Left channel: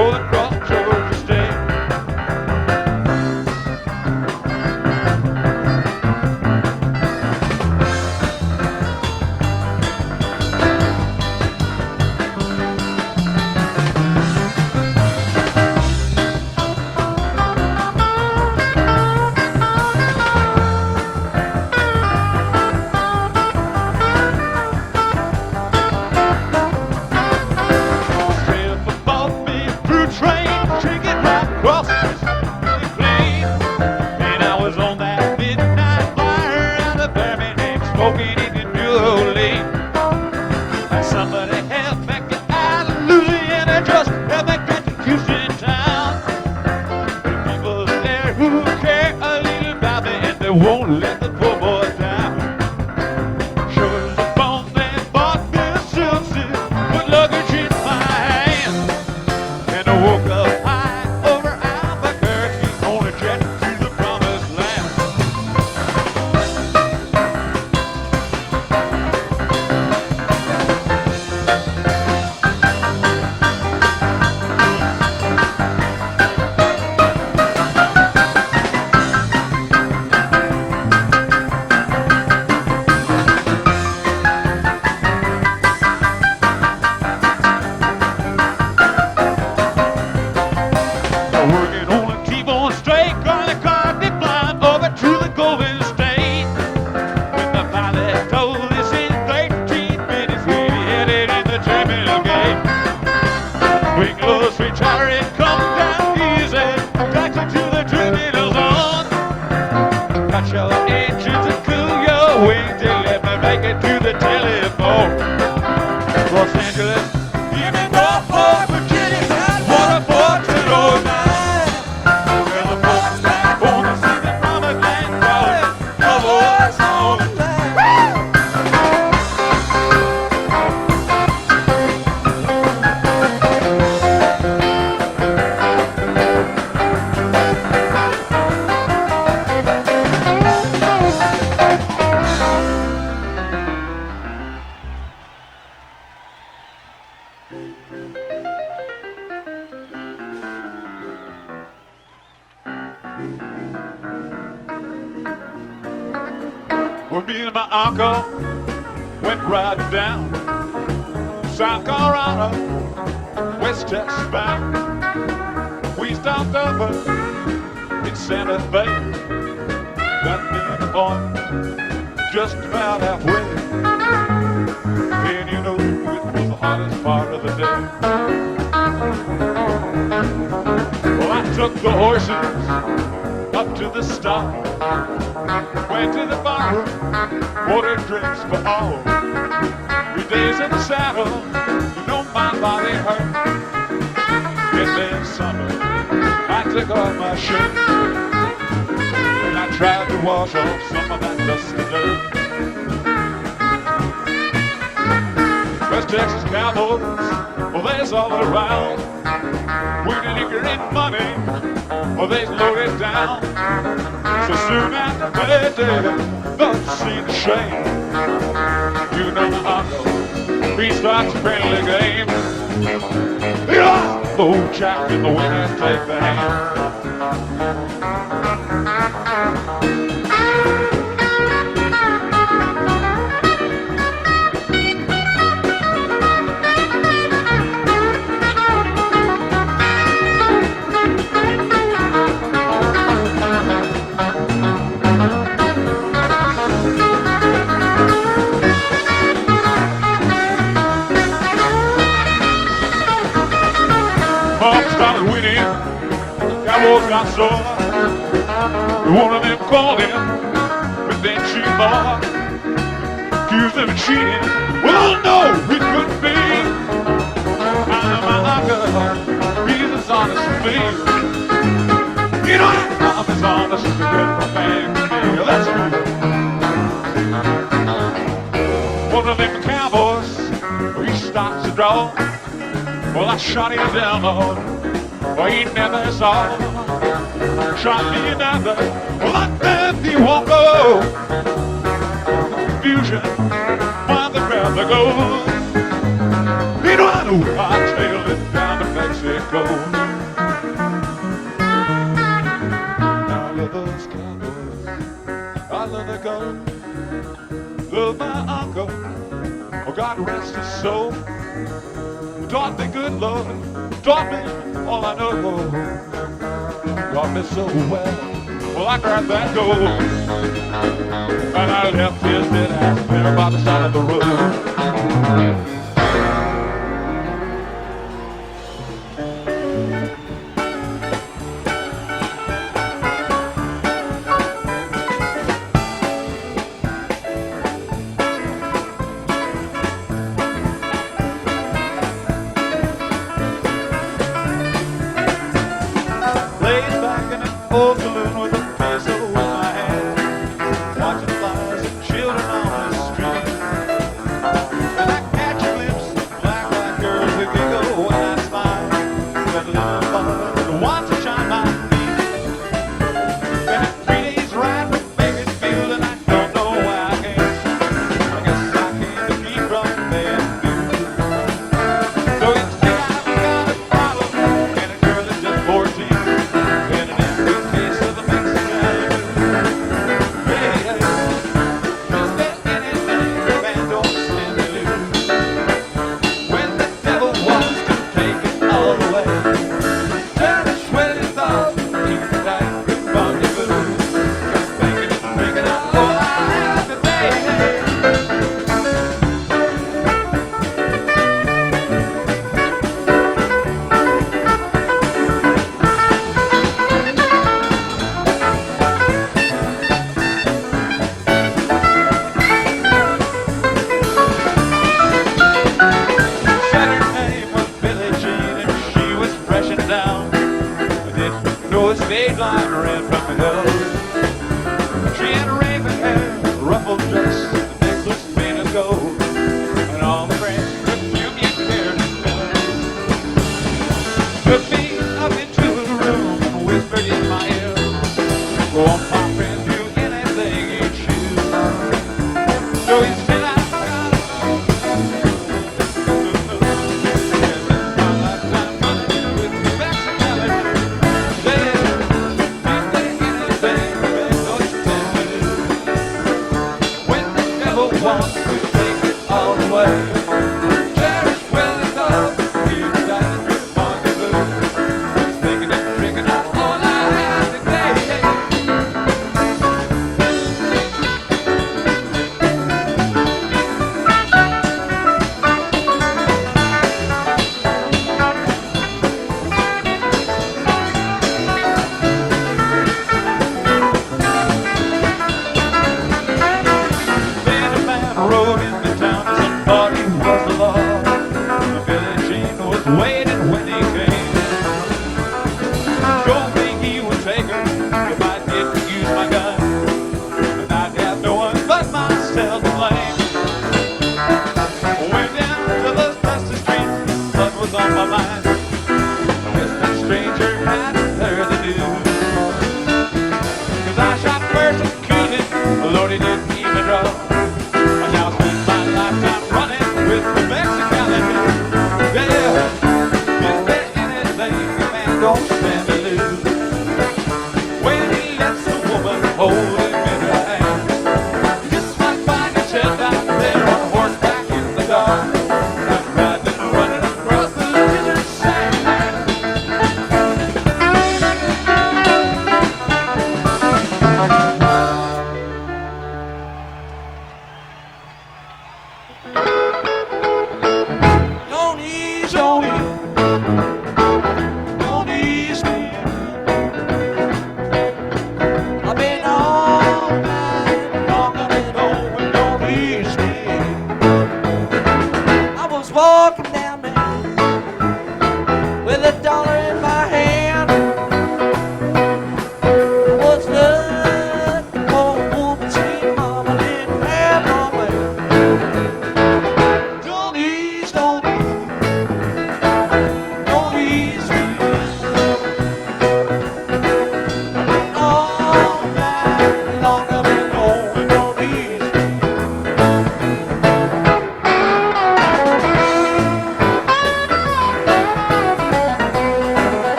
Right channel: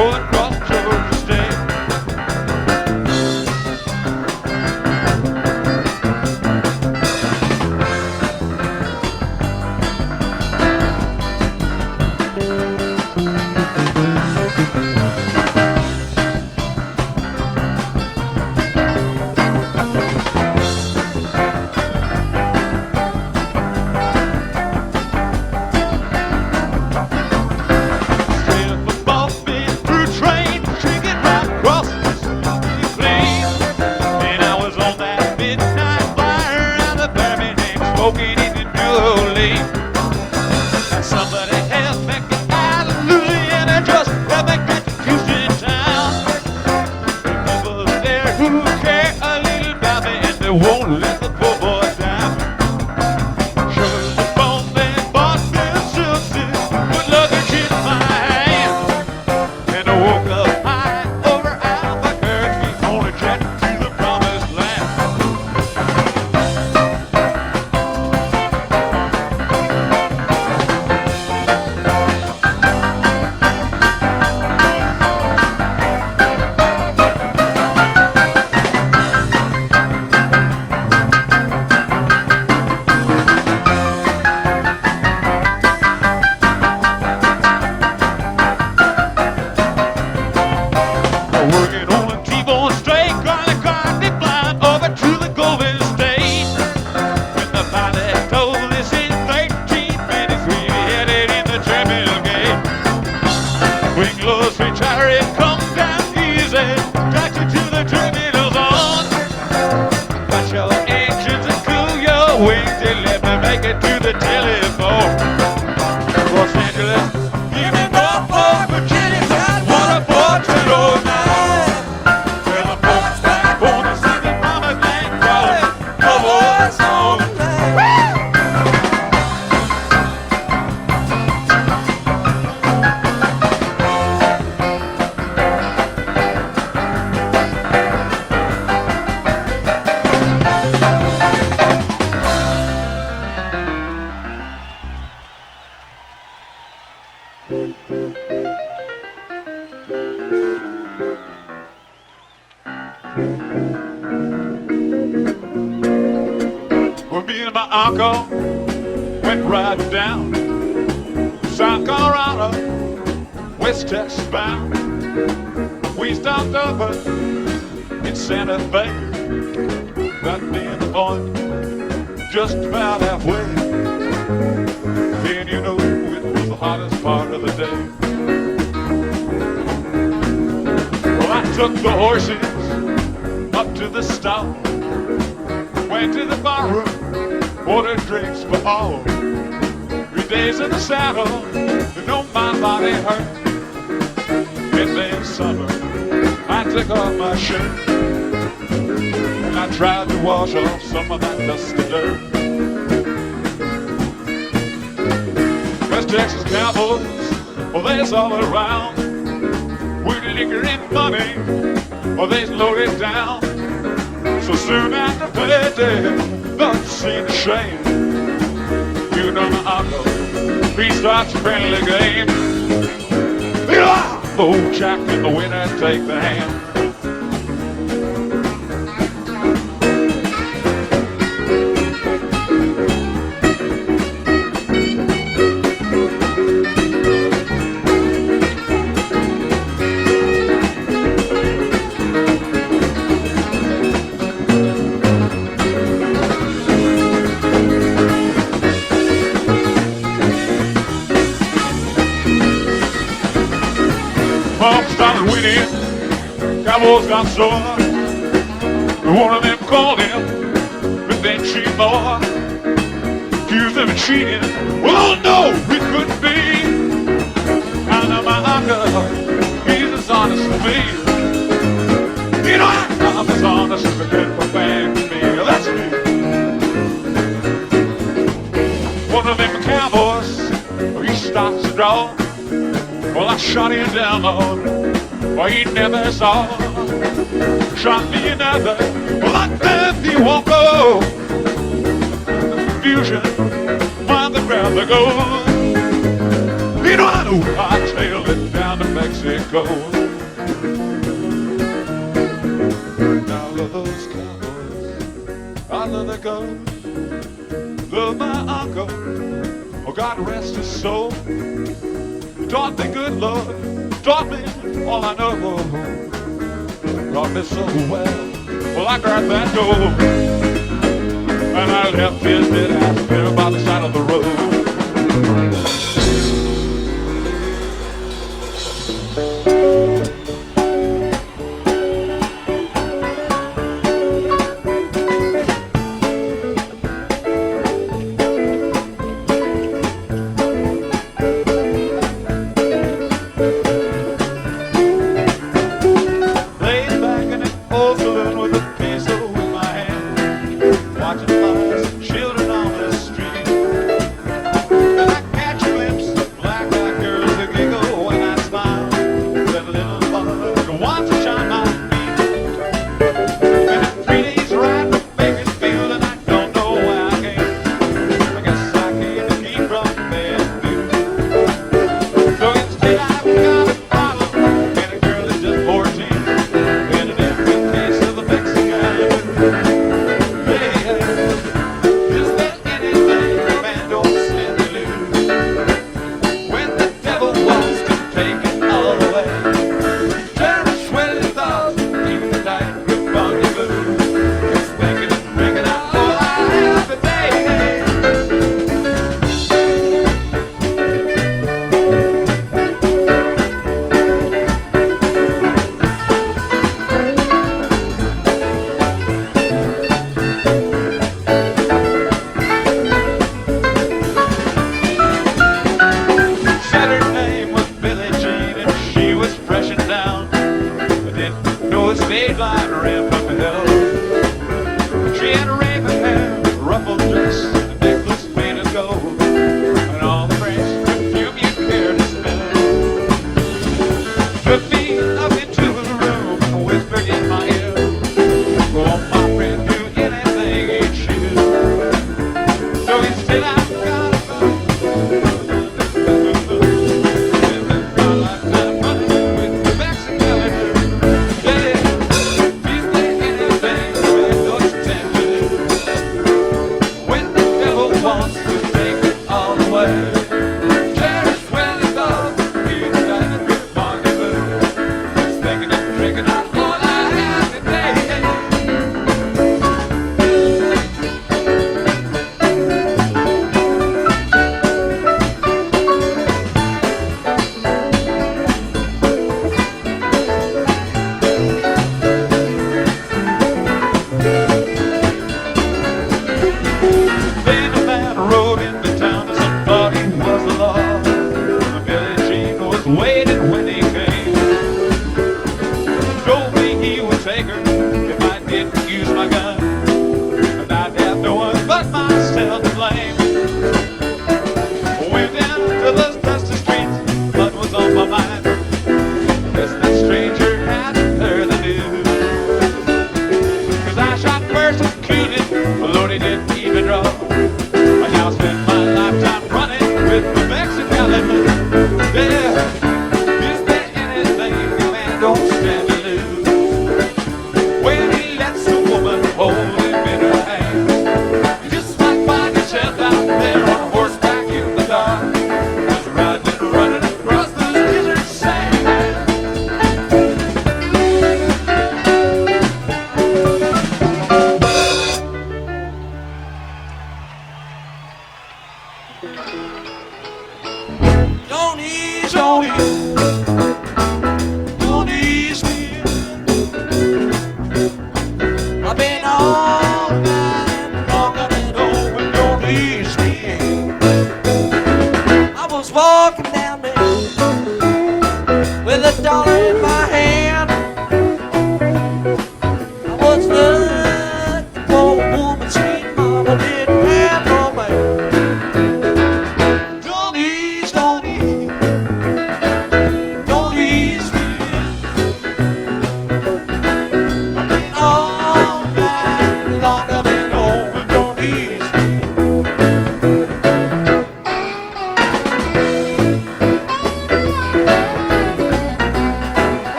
rolling across Georgia State. Smoking in the New Orleans. Somebody help me get out of Louisiana, just help me get to Houston town. The people there who care a little about me, and they won't let the poor boy down. Sugar the bone, they bought me a silver, put luggage in my hand, and I woke up high over Albuquerque on a jet to the promised land. Working on a T-bone straight, garlic garden blind over to the Golden State. When the pilot told us in 13 minutes, we headed in the terminal gate. Wingless retiring, come down easy, taxi to the terminal zone. Got your engines and cool your wings, and let me make it to the telephone. Los Angeles, give me Norfolk, Virginia, what a fortune overnight. Well, me and my uncle went riding down South Colorado, West Texas bound. We stopped over in Santa Fe, got me and the boy just about halfway. And you know, it was the hottest part of the day. Well, I took the horses up to the stall, went to the barroom, ordered drinks for all. 3 days in the saddle, you know my body hurt. In midsummer, I took off my shirt, and I tried to wash off some of that dust and dirt. West Texas cowboys, well, they's all around. With liquor and money, well, they's loaded down. So soon after payday, don't you see the shame? You know my uncle, he starts a friendly game. Old Jack in the winter, take the hand. Pump started winning, Cowboys got sore. One of them called him with that cheap boy, accused him of cheating. Well, no, it couldn't be. I know my uncle, he's as honest as me. You know, I'm as honest as a good bang to me. That's me. One of them cowboys, he starts to draw. Well, I shot him down, Lord. Well, he never saw. Shot me another. Well, I bet he won't go. Confusion, while the crowd they go. You know, I know I tailed it down to Mexico. uncle, love my uncle. Oh, God rest his soul. He taught me good love, taught me all I know. Taught me so well. Well, I grabbed that door and I left his dead ass there by the side of the road.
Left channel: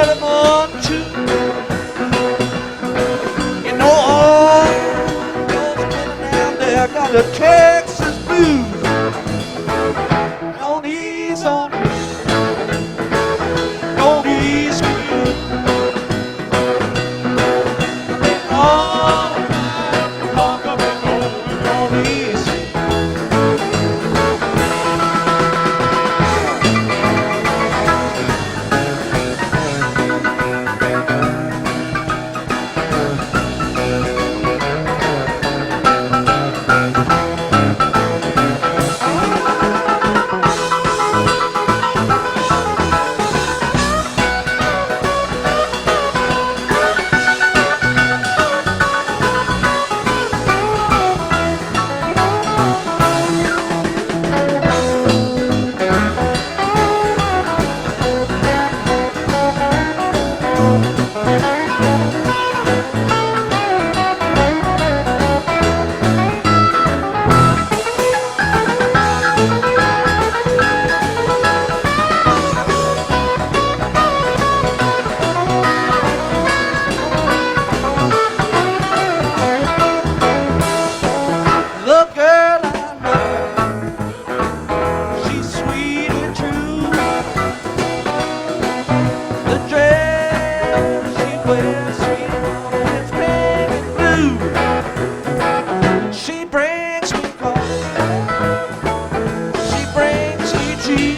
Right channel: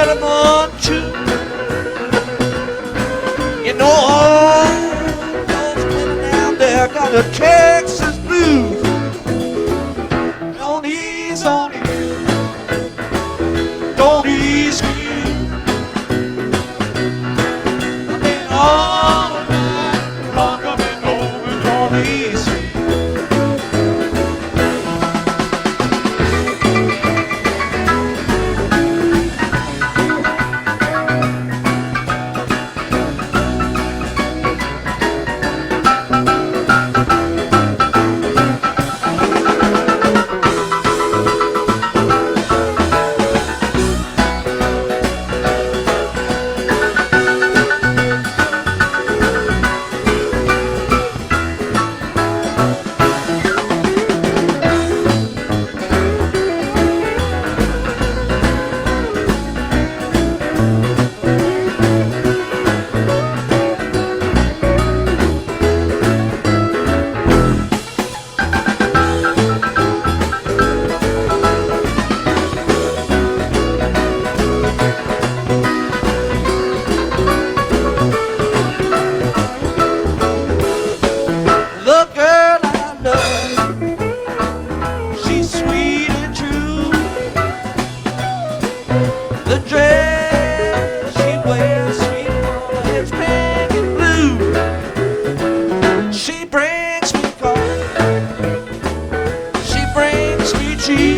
Cinnamon chew. You know all those women out there got the Texas blues. Don't ease on me, don't ease me. I've been all night long, I've been over, don't ease me. The girl I love, she's sweet and true. The dress she wears, sweet and it's pink and blue. She brings me coffee, she brings me tea.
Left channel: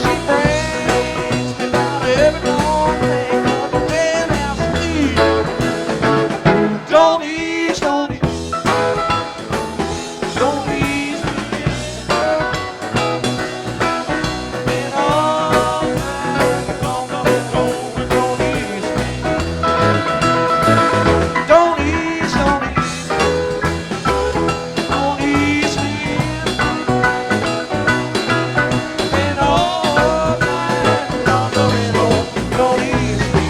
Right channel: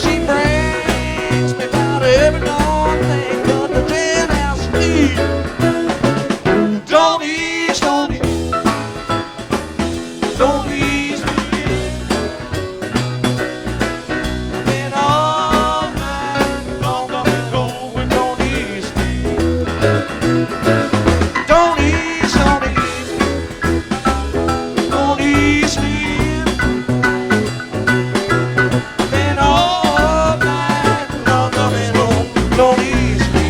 She brings me about every long thing but the jailhouse need. Don't ease, don't ease, don't ease me in. Been all night long, I've been going, don't ease me. Don't ease, don't ease, don't ease me in. Been all night long, I've been going, don't ease me.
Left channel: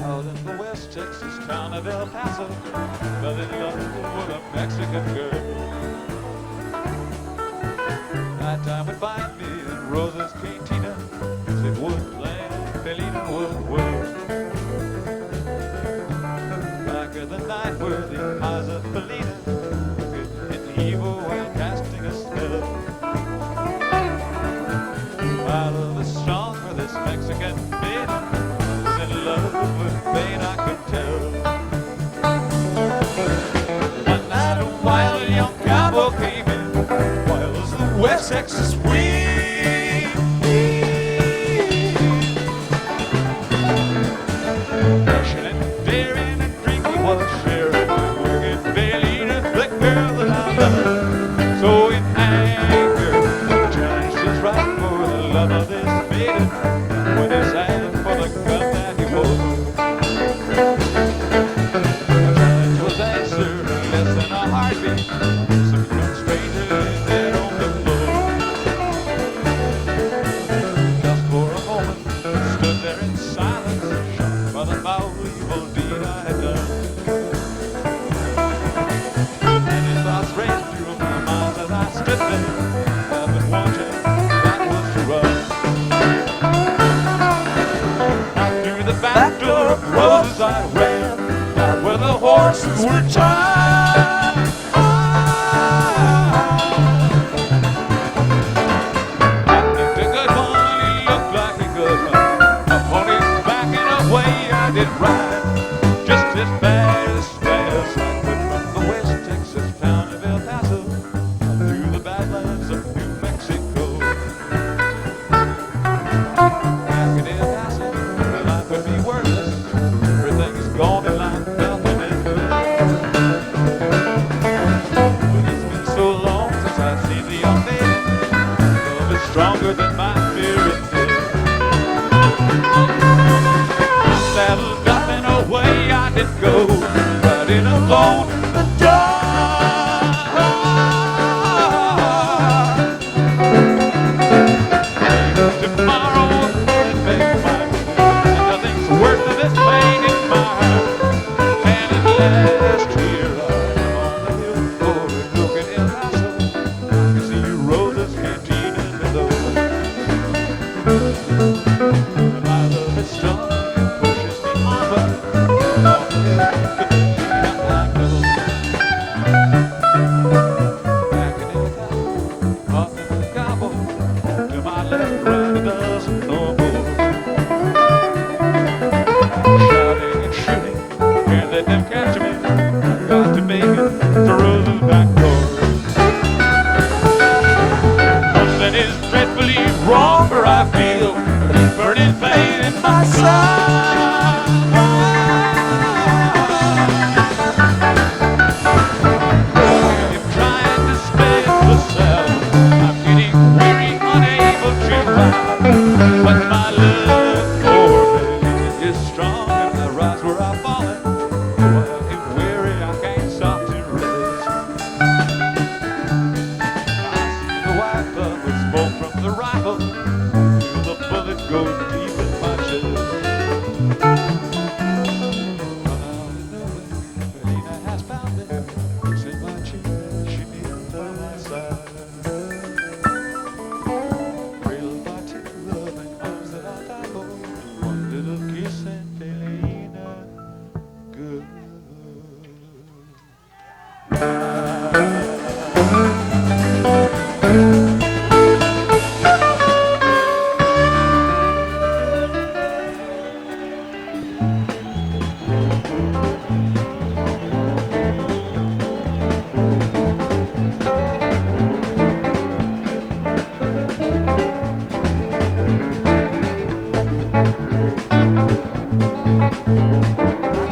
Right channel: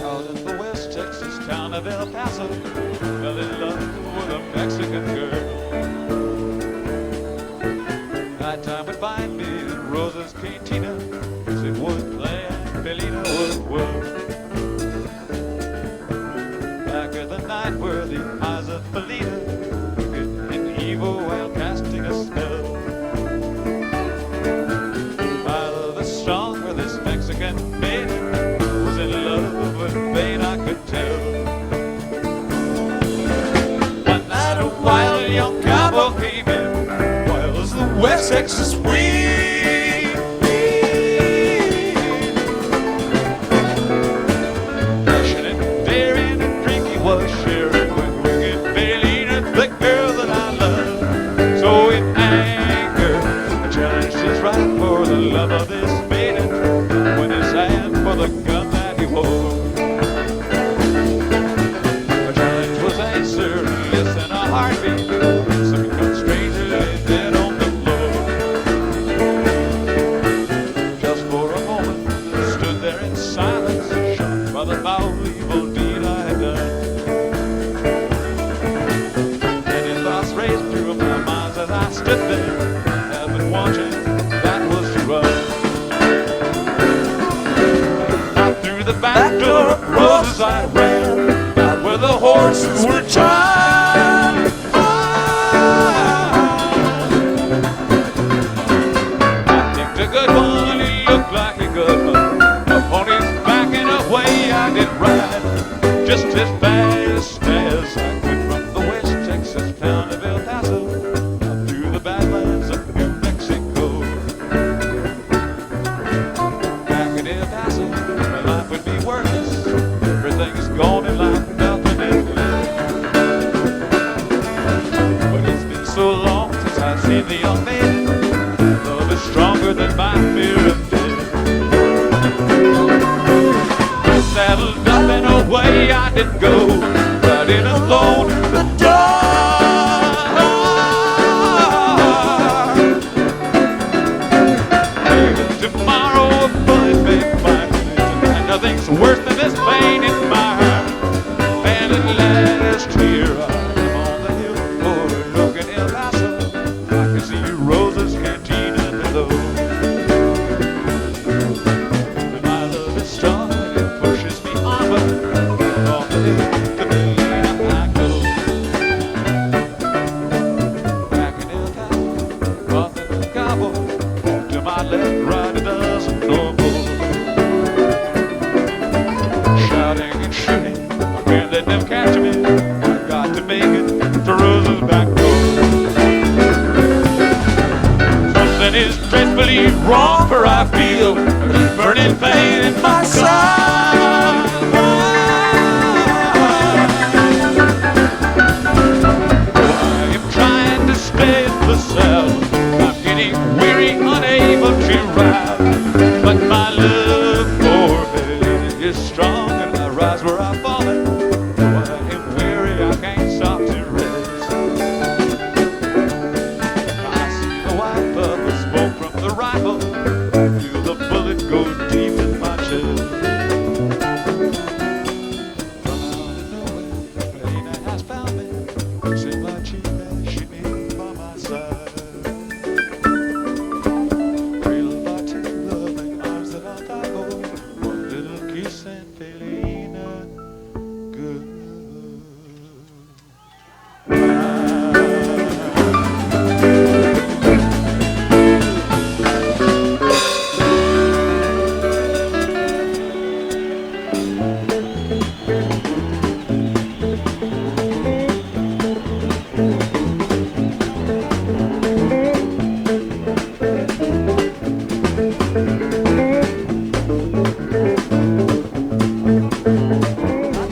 Out in the West Texas town of El Paso, fell in love with a Mexican girl. Nighttime would find me in Rosa's cantina, it would play and Felina would whirl. Back in the night were the eyes of Felina, wicked and evil while casting a spell. While the stronger this Mexican maiden was in love with Fate, I could tell. One night a wild young cowboy came in, wild as the West Texas wind. Passionate, daring, and drinking was sharing with wicked Felina, the girl that I love. So in anger, I challenged his right for the love of this maiden, with his hand for the gun that he wore. My challenge was answered in less than a heartbeat. Some young stranger lay dead on the floor. Just for a moment, stood there in silence, shocked by the foul evil deed I had done. Many thoughts raced through my mind as I stood there. I've been watching, that was to run. The back door of Rosa's I ran, back where the horses were tied. I picked a good one, he looked like a good one. A pony's backing away, I did ride just as fast as I could from the West Texas town of El Paso up to the Badlands of New Mexico. Back in El Paso, my life would be worthless. Everything's gone and like nothing is left. But it's been so long since I've seen the young maiden. Love is stronger than my fear of death. I saddled up and away I did go, riding alone in the dark. track door. Something is dreadfully wrong, for I feel a burning pain in my side. I'm trying to stay the saddle. I'm getting weary, unable to ride, but my love for Billy is strong, and I rise where I fall. Though I am weary, I can't stop to rest. I see the white bubbles smoke from the rifle, feel the bullet go deep in my chest. From out of nowhere, Helena has found me, kissing my cheek as she kneels by my side. Cradled by two loving arms that I'll die for, one little kiss and Helena good.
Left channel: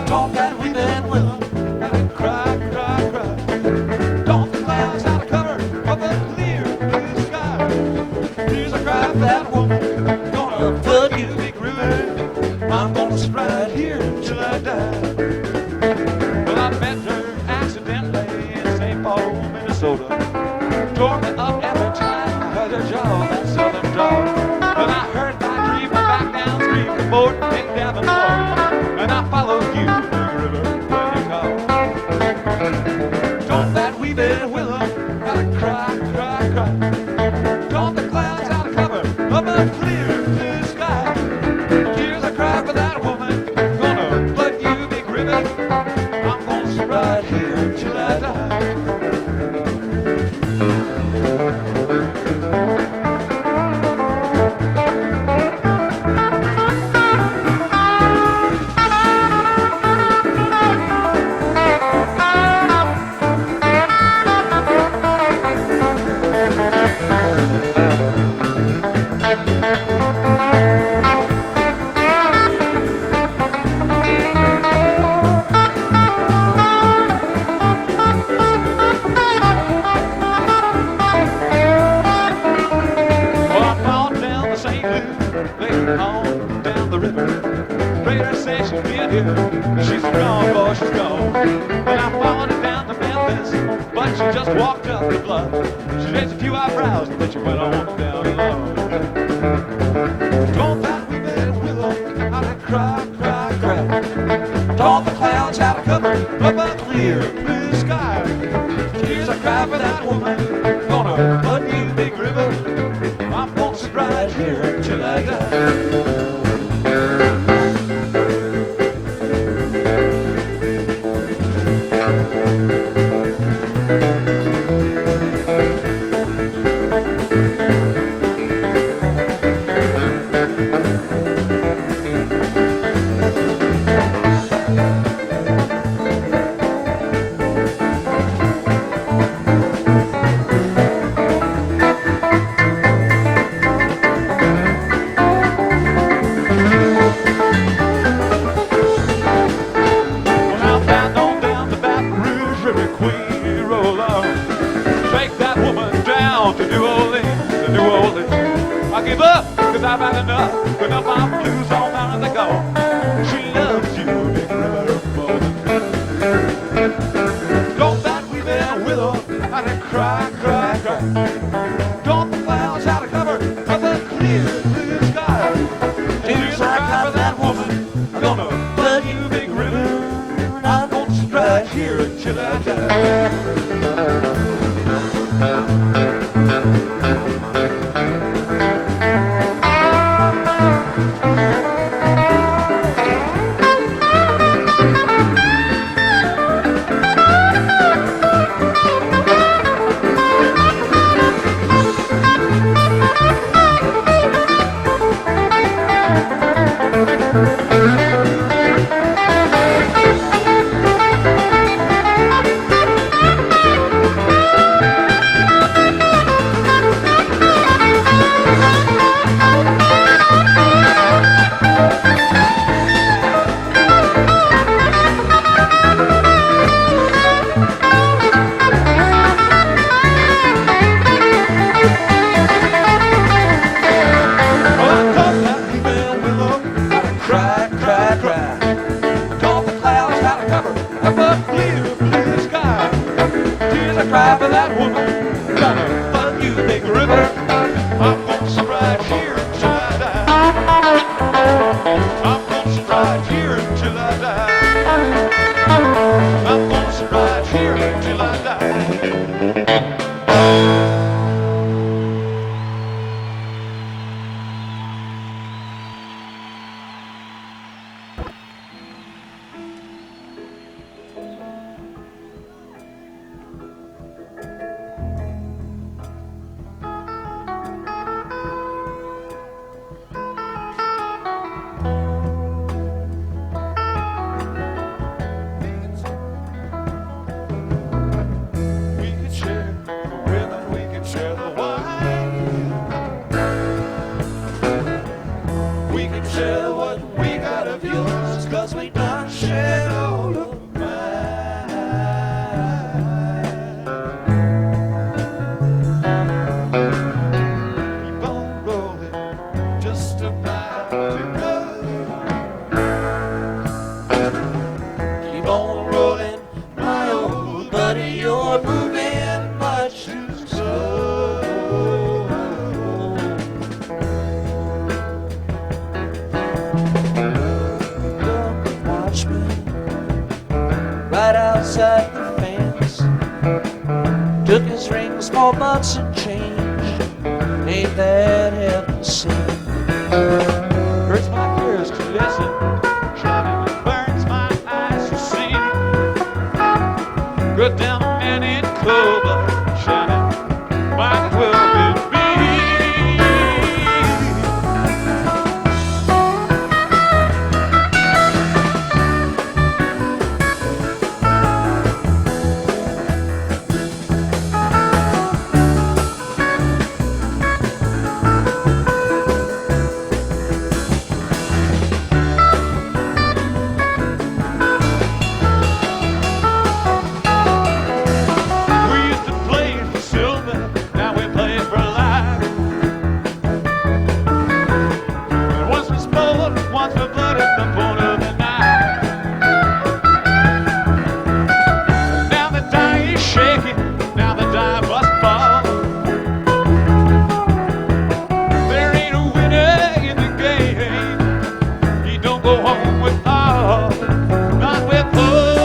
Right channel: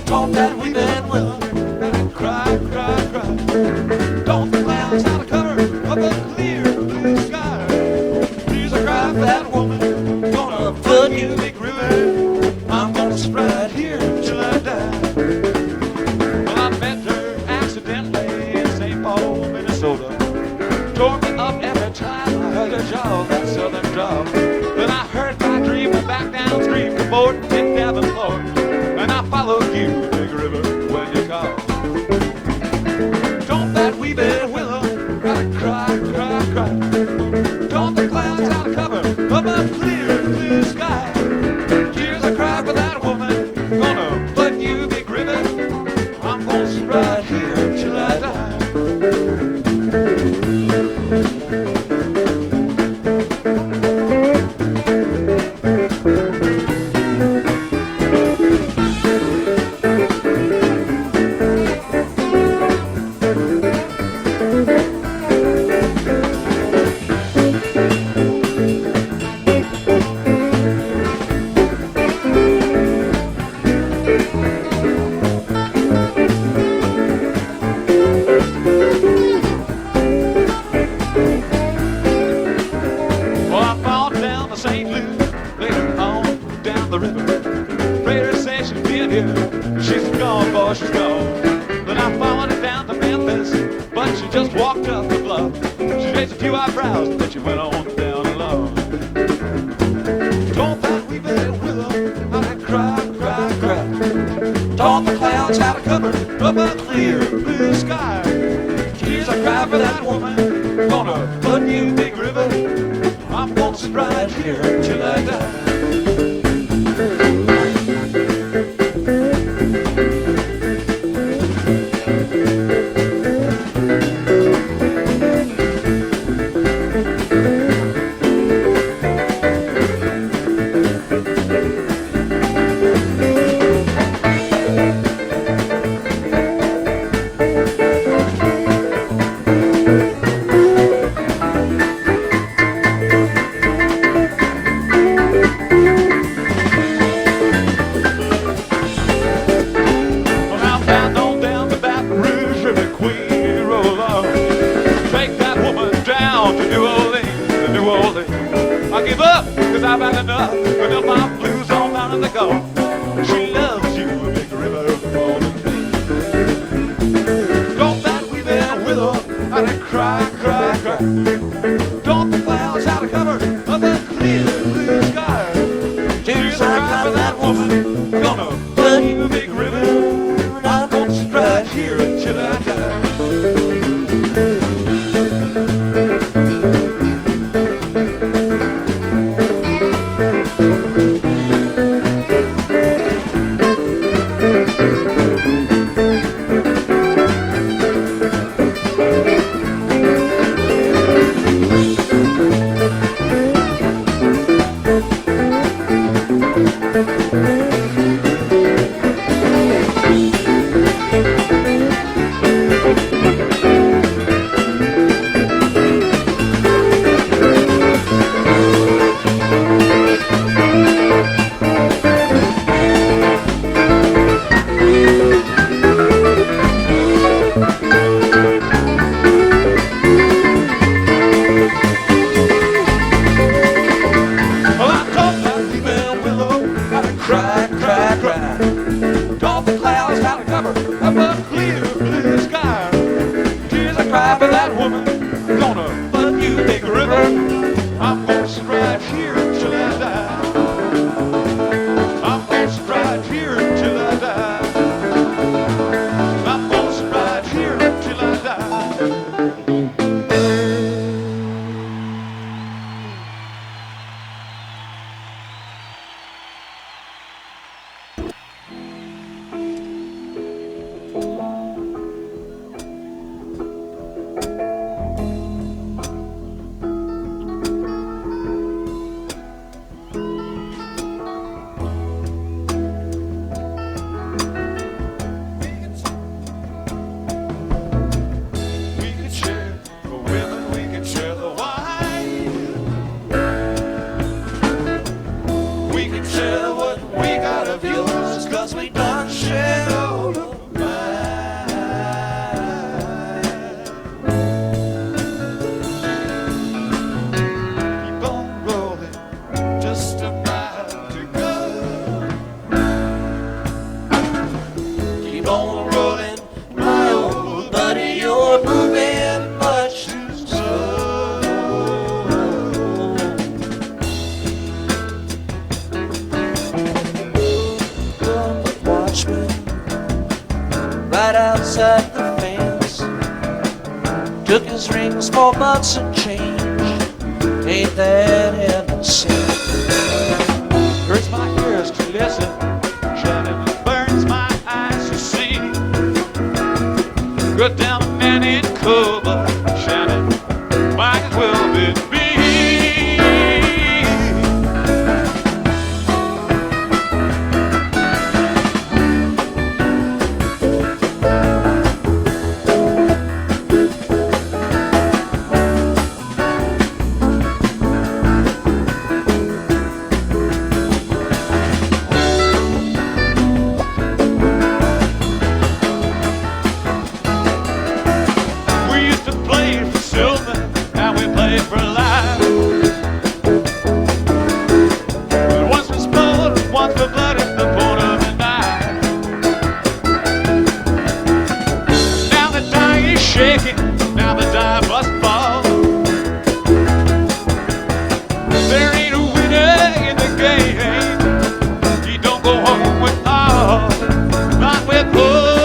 Talk that we been with her, and cry, cry, cry. Don't the clouds out of cover of a clear blue sky. Tears I cry for that woman, gonna flood you, big river. I'm gonna stride here till I die. Well, I met her accidentally in St. Paul, Minnesota. Tore me up every time I heard her jaw, that southern drawl. But I heard my dream went back downstream to Morton in Davenport, and I followed you, big river, when you call. Don't that wee bit willow gotta cry, cry, cry. Don't the clouds out of cover of a clear blue sky. Tears I cry for that woman, gonna flood you, big river. I'm gonna stride here till I die. Well, I followed down the St. Louis, later on down the river. Raider says she's been here, she's gone, boy, she's gone. Then I followed her down to Memphis, but she just walked up the bluff. She raised a few eyebrows, but she went on down alone. Don't that wee bit of willow, I cry, cry, cry. Don't the clouds out of cover of a clear blue sky. Tears I cry for that woman, gonna flood you, big river. I'm gonna stride here till I die. I give up, cause I've had enough of my blues all down in the gulf. She loves you, big river, more than me. Don't that wee bit willow, and I cry, cry, cry. Don't the clouds out of cover of a clear blue sky. Tears I cry for that woman, gonna flood you, big river. I'm gonna stride here until I die. woman, gonna fuck you, Big River. I'm gonna stride here till I die. I'm gonna stride here till I die. I'm gonna stride here till I die. We could share the women, we could share the wine. We could share what we got of yours, 'cause we done shared all of mine. Keep on rolling, just about to go. Keep on rolling, my old buddy, you're moving much too slow. The watchman right outside the fence took his ring, small butts and change. Ain't that heaven sent? Hurts my ears to listen, shouting and burns my eyes to see. Good down a man in cover, shouting, might as well be me. We used to play for silver, now we play for life. Once for sport, once for blood at the point of the knife. Now the die is shaking, now the die must fall. There ain't a winner in the game, you don't go home with all, not with hope.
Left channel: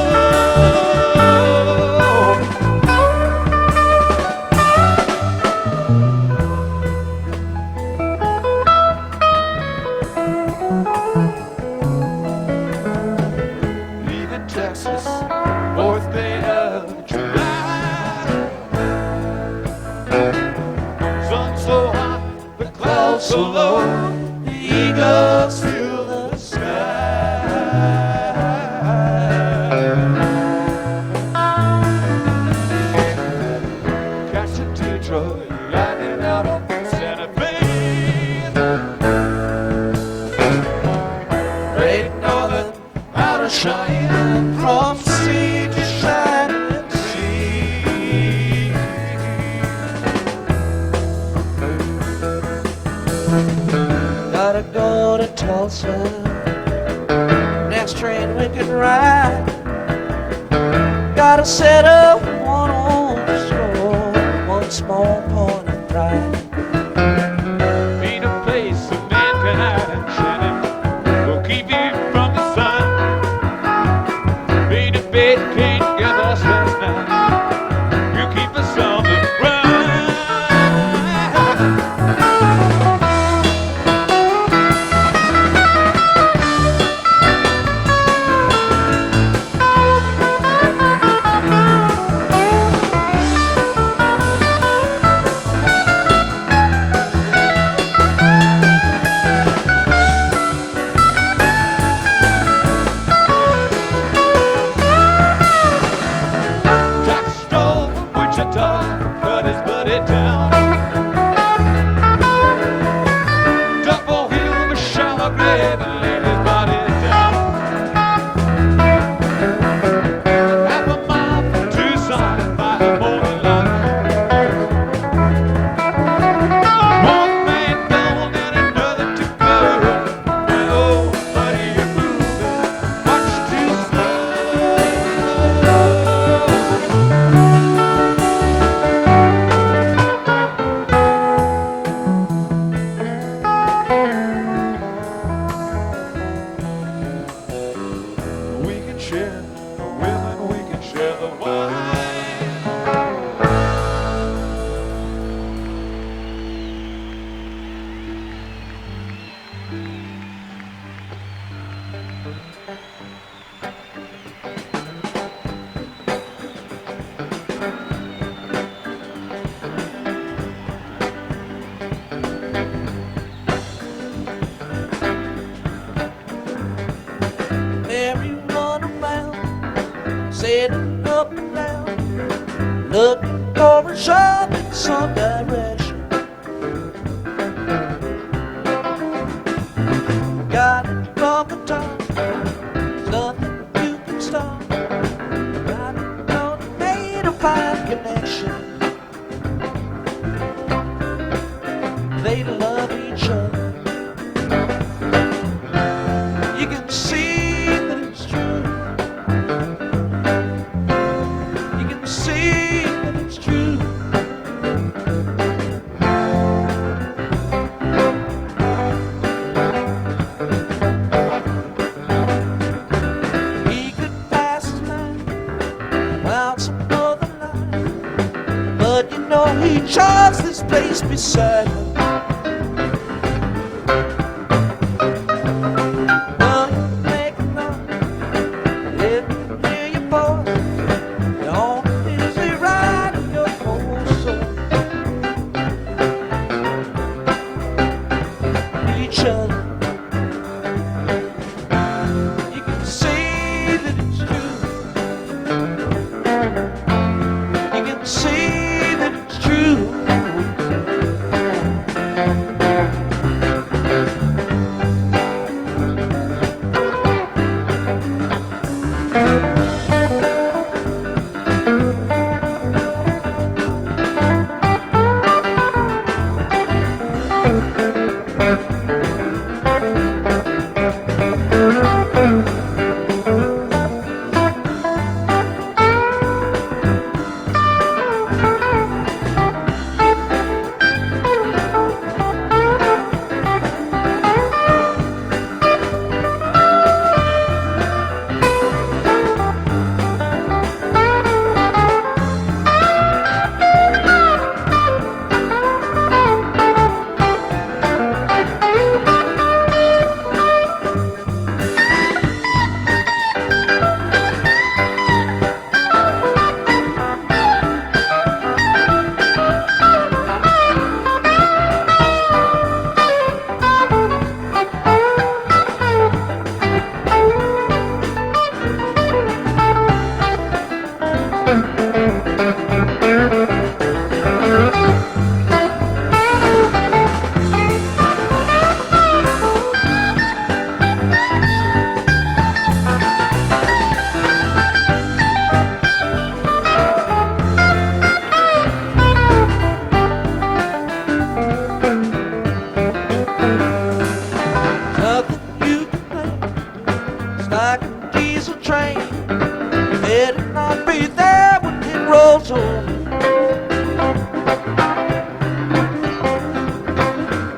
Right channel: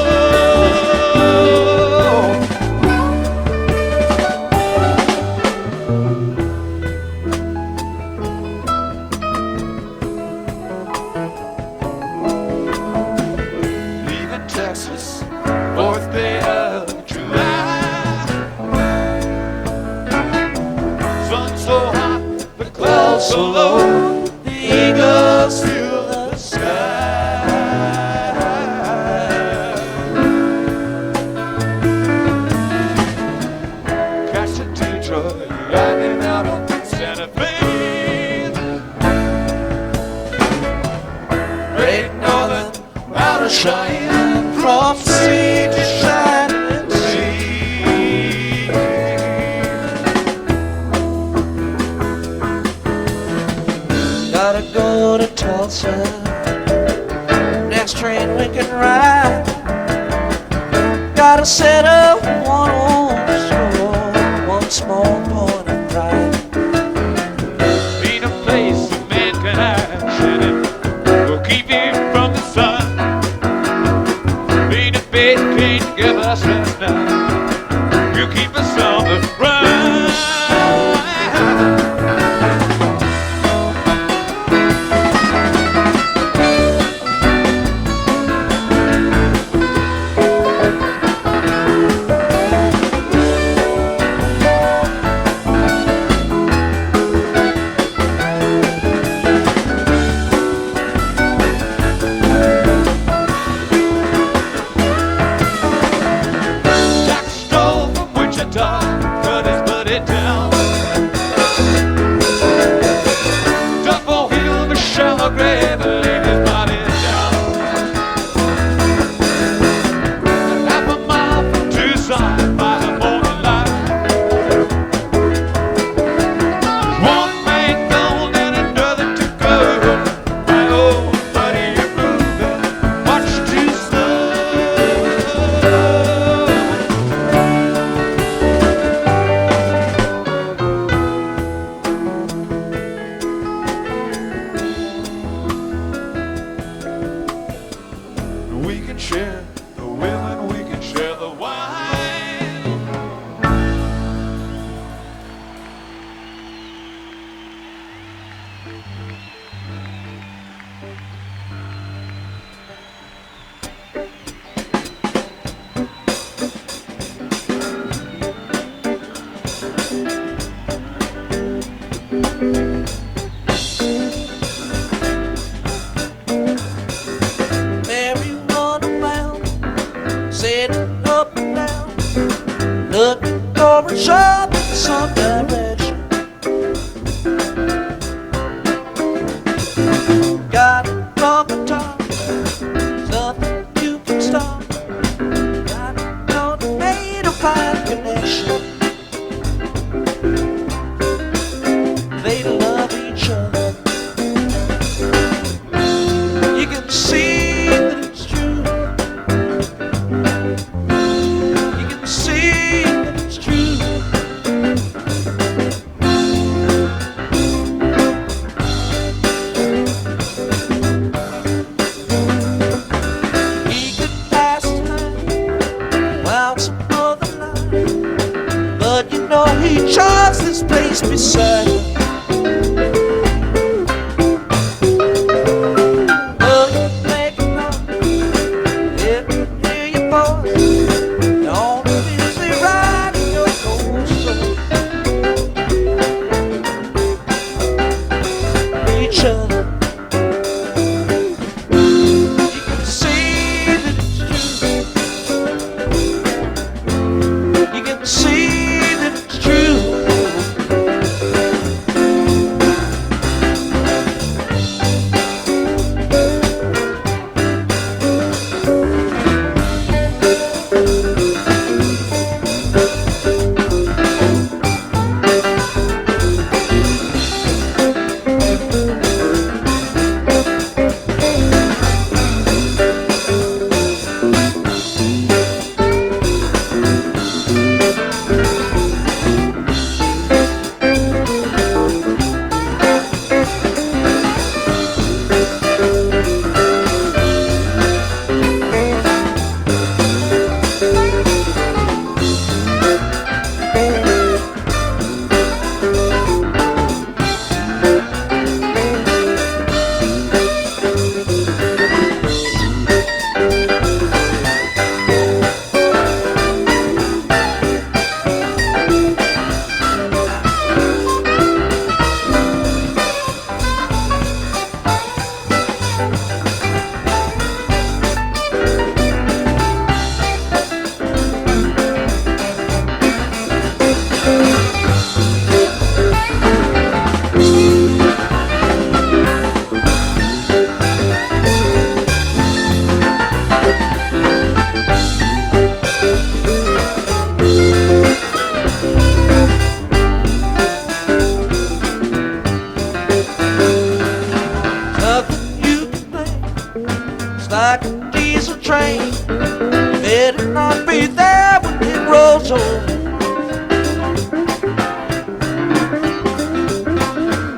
Leaving Texas, 4th day of July. Sun so hot, the clouds so low, the eagles fill the sky. Catch a Detroit lightning out on Santa Fe. Great Northern out of Cheyenne, from sea to shining sea. Gotta go to Tulsa, next train we can ride. Gotta set up one old store, one small point of pride. Ain't a place a man can hide, Shannon, will keep him from the sun. Ain't a bed can't give us rest now, you keep us on the run. Jack stole from Wichita, cut his buddy down. Double hill of a shallow grave and laid his body down. Half a mile from Tucson by the morning light. One man gone and another to go. My old buddy, you're moving much too slow. was up in some direction. Got it from the top, there's nothing you can stop. Got it on the made a fine connection. They love each other. You can see that it's true. You can see that it's true. He could pass his mind while some other line, but you know he chose this place beside her. Like a diesel train, better not be there when it rolls over.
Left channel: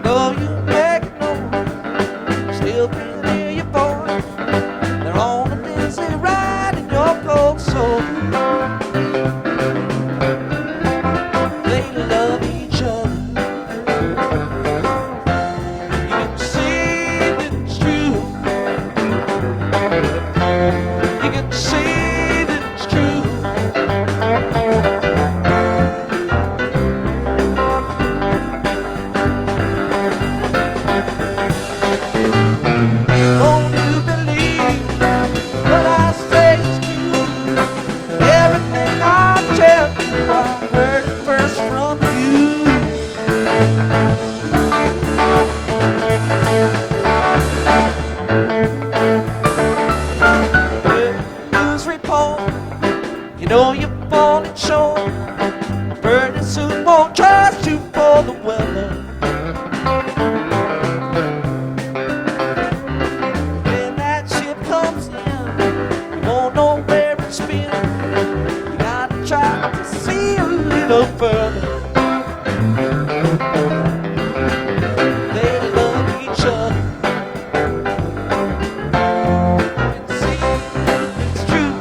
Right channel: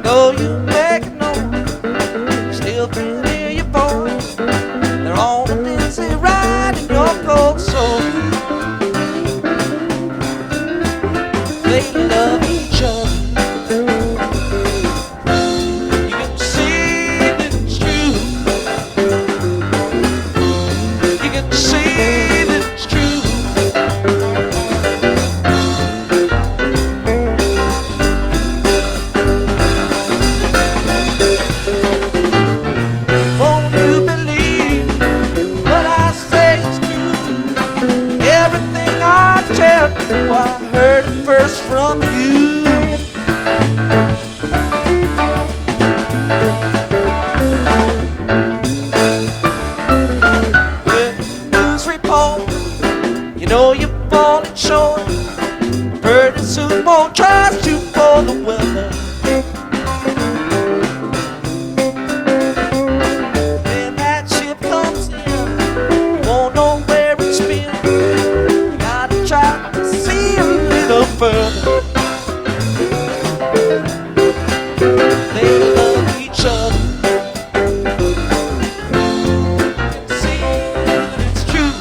Though you make it known, still can't hear your voice. They're on a dizzy ride in your cold soul. They love each other. I heard it first from you. With news report, you know you're falling short. Pretty soon won't trust you for the weather. When that ship comes in, you won't know where it's been. You gotta try to see a little further. They love each other. You can see that it's true.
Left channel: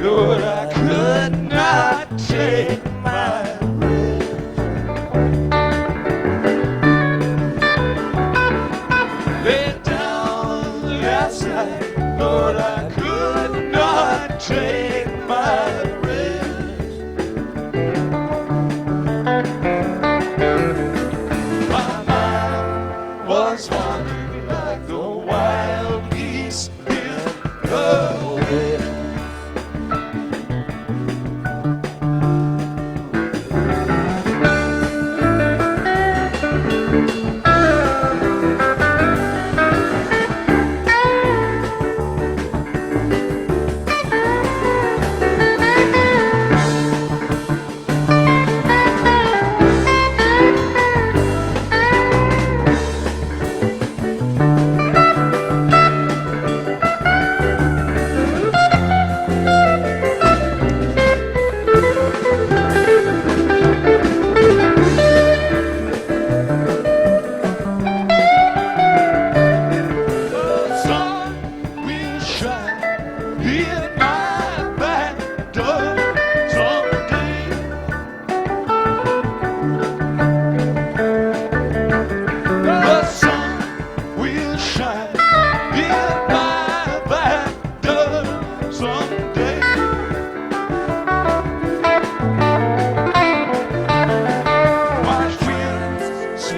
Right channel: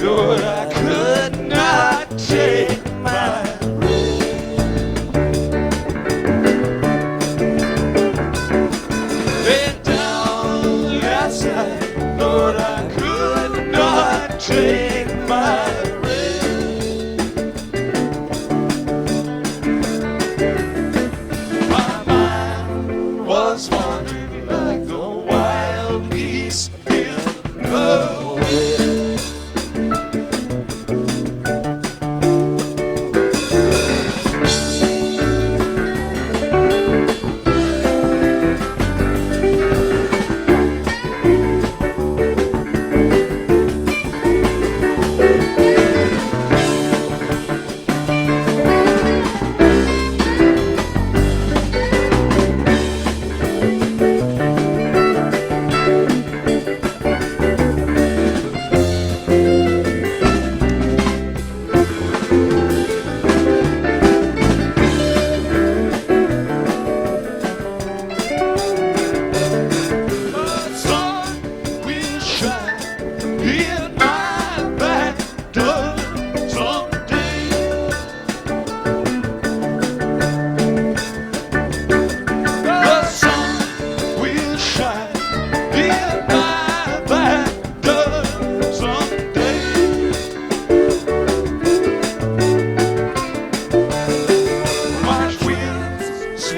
Lord, I could not take my lay down last night. Lord, I could not take my rest. My mind was wandering like the wild geese in the west.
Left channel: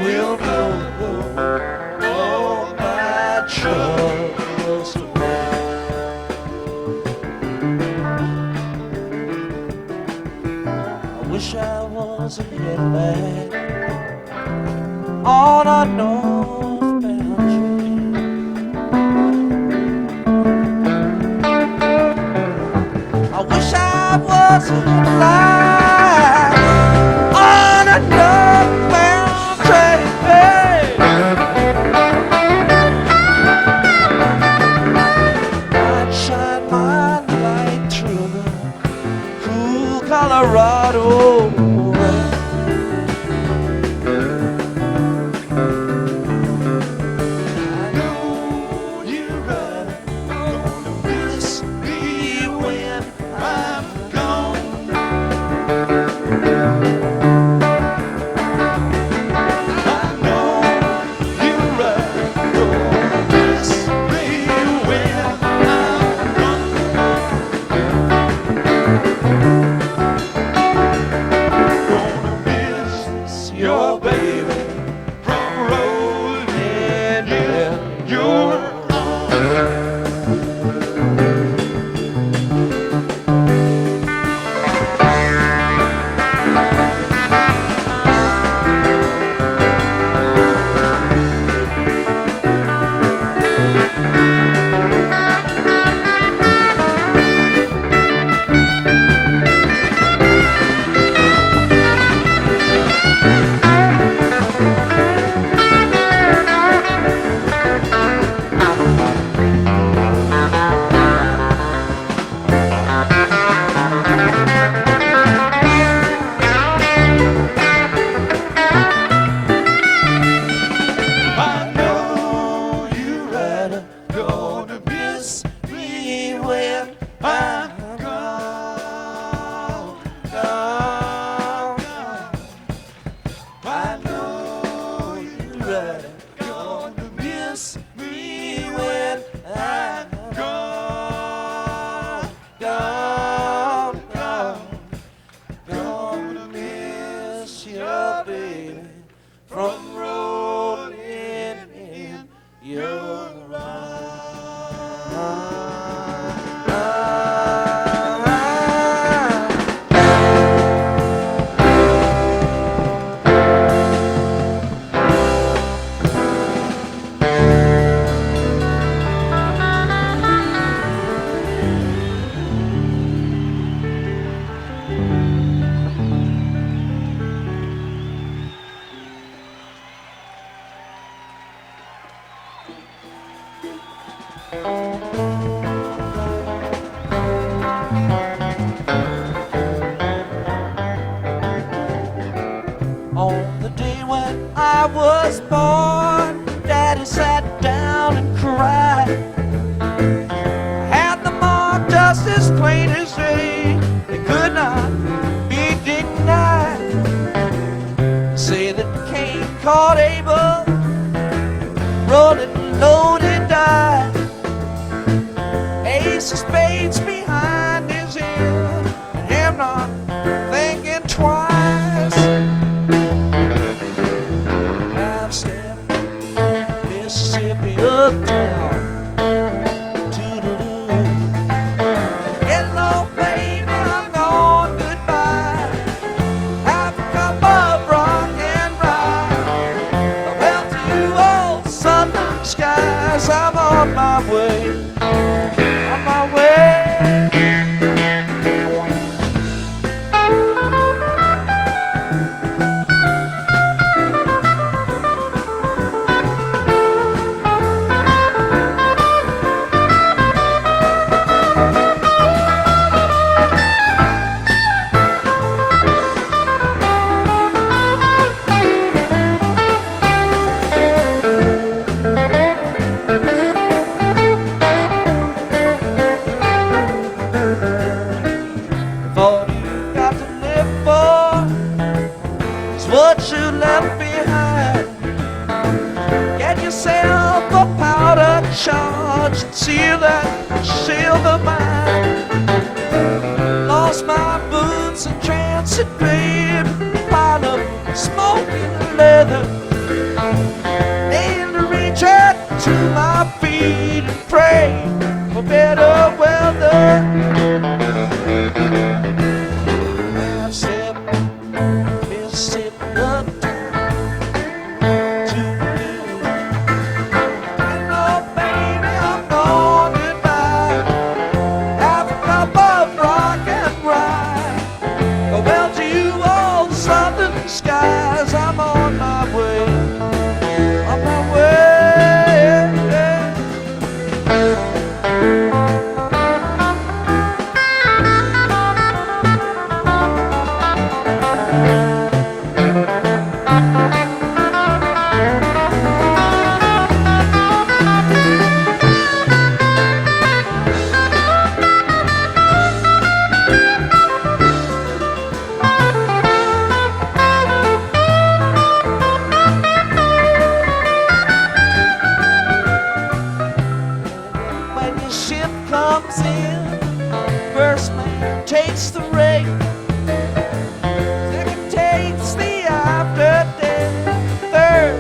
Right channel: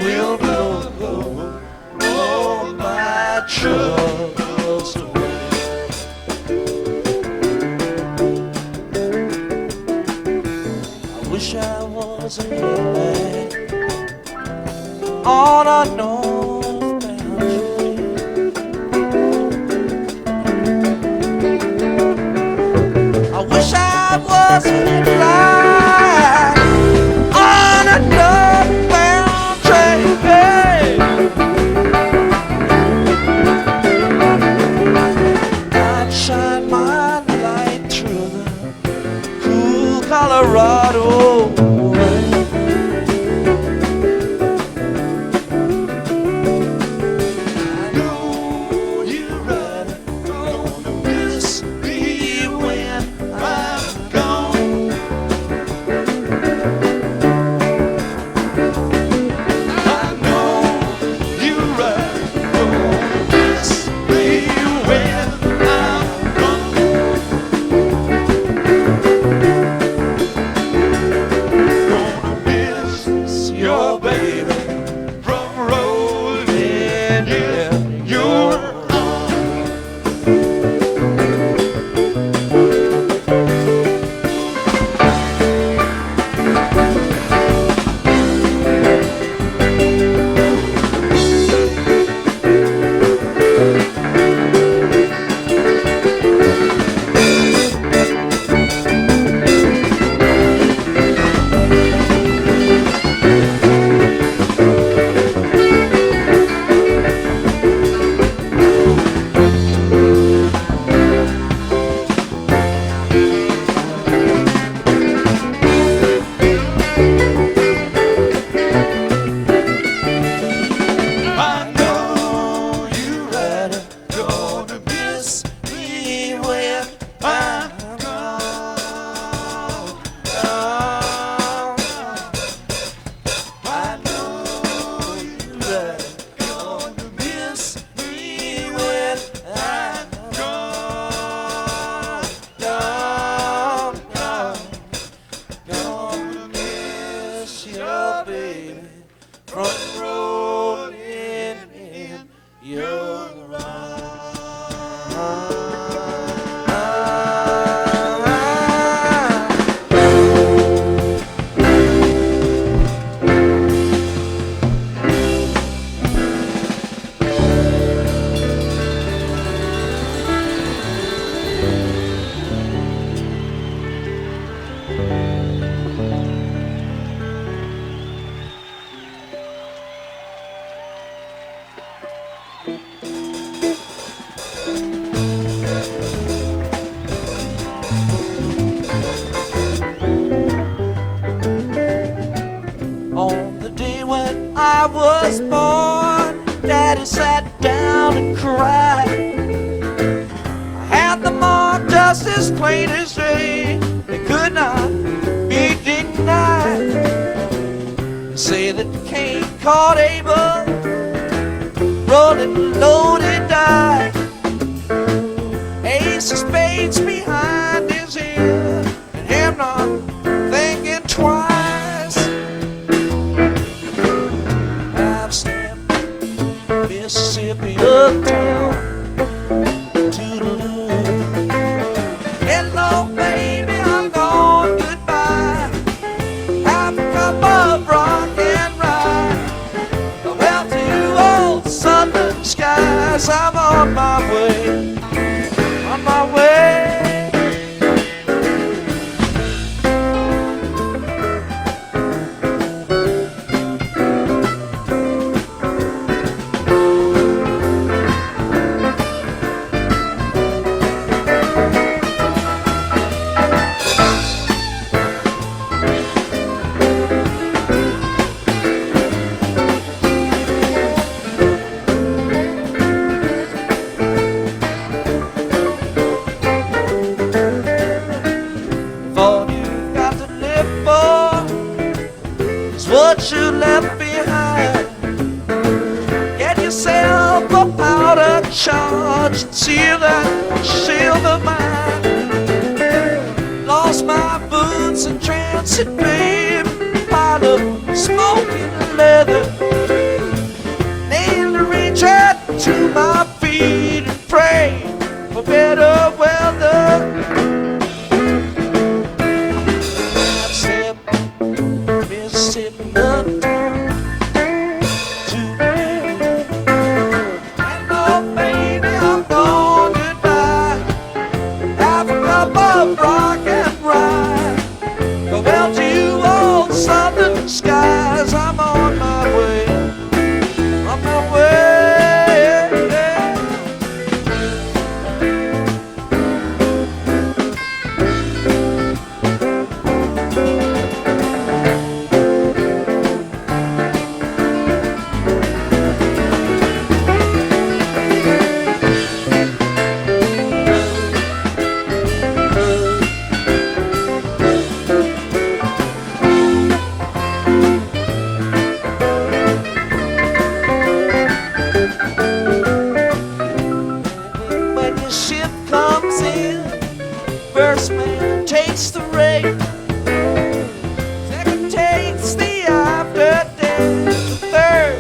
Will blow all my troubles away. I wish I was a hitman on a northbound train. I wish I was a hitman on a northbound train. I'd shine my light through the cool Colorado wind. I know you're right, gonna miss me when I'm gone. I know you're right, gonna miss me when I'm gonna miss your baby from rolling in your arms. I know you're right, gonna miss me when I'm gone. I know you're right, gonna miss me when I'm gone. Gonna miss your baby from rolling in your arms. On the day when I was born, Daddy sat down and cried. I had the mark just as plain as day. say that Cain caught Abel rolling loaded dice. Ace of spades behind his ear, and him not thinking twice. I've stepped Mississippi uptown. Toodaloo. Hello, baby, I'm gone, goodbye. Have a cup of rock and rye. Well, to you old southern skies, I'm on my way. On my way. All you got to live for is what you left behind. Get yourself a powder charge and seal that silver mine. Lost my boots in transit, babe, pile of smoking leather. Need to reach out to my feet and pray for better weather. Mississippi uptown to you. Hello, baby, I'm gone, goodbye. Have a cup of rock and rye. Well, to you old southern skies, I'm on my way. On my way. When your ship comes in, first man takes the rail, second takes the afterdeck, the third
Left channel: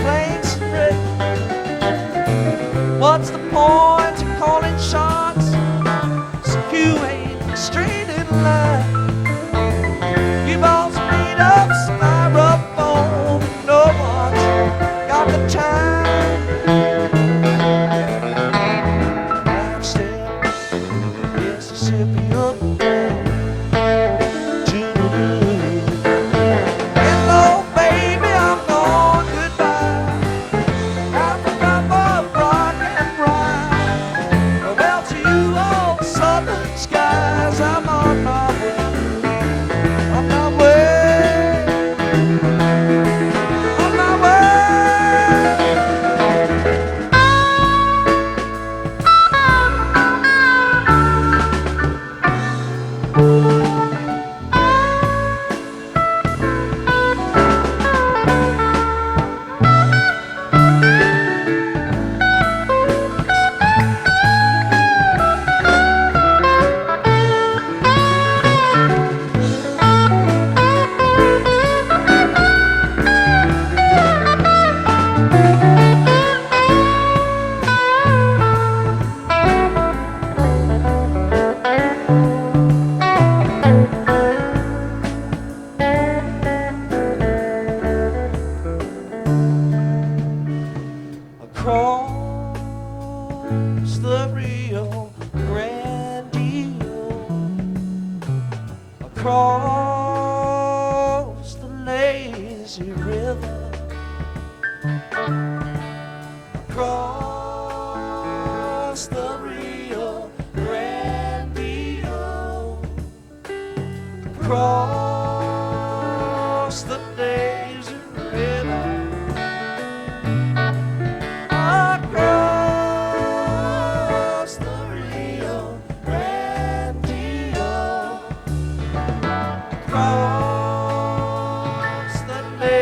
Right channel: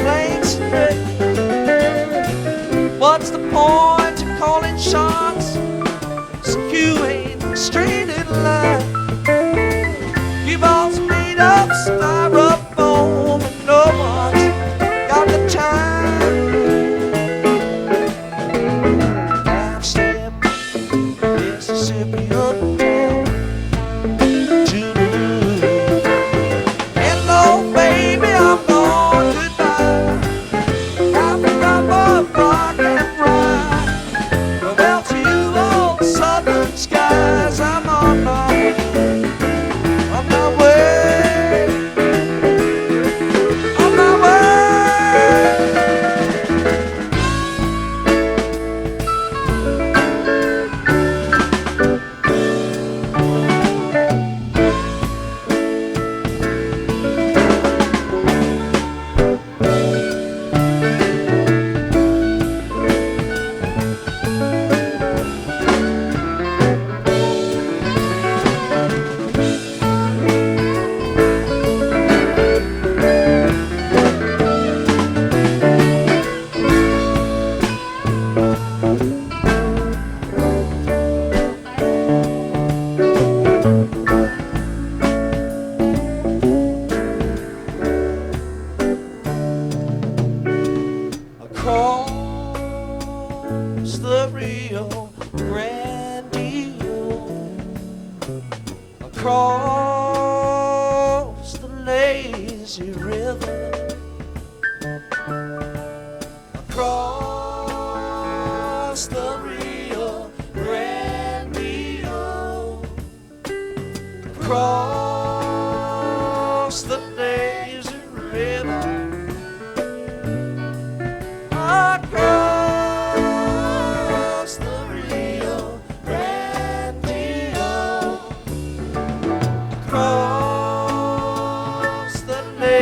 planes the rail. What's the point of calling shots so you ain't straight in line? You've all made up styrofoam and no one's got the time. Mississippi uptown to hello, baby, I'm gone, goodbye. Have a cup of rock and rye. Well, to you old southern skies, I'm on my way. On my way. On my way. Across the Rio Grande, across the lazy river, across the Rio Grande, across the lazy river. Across the Rio Grande, across the lake.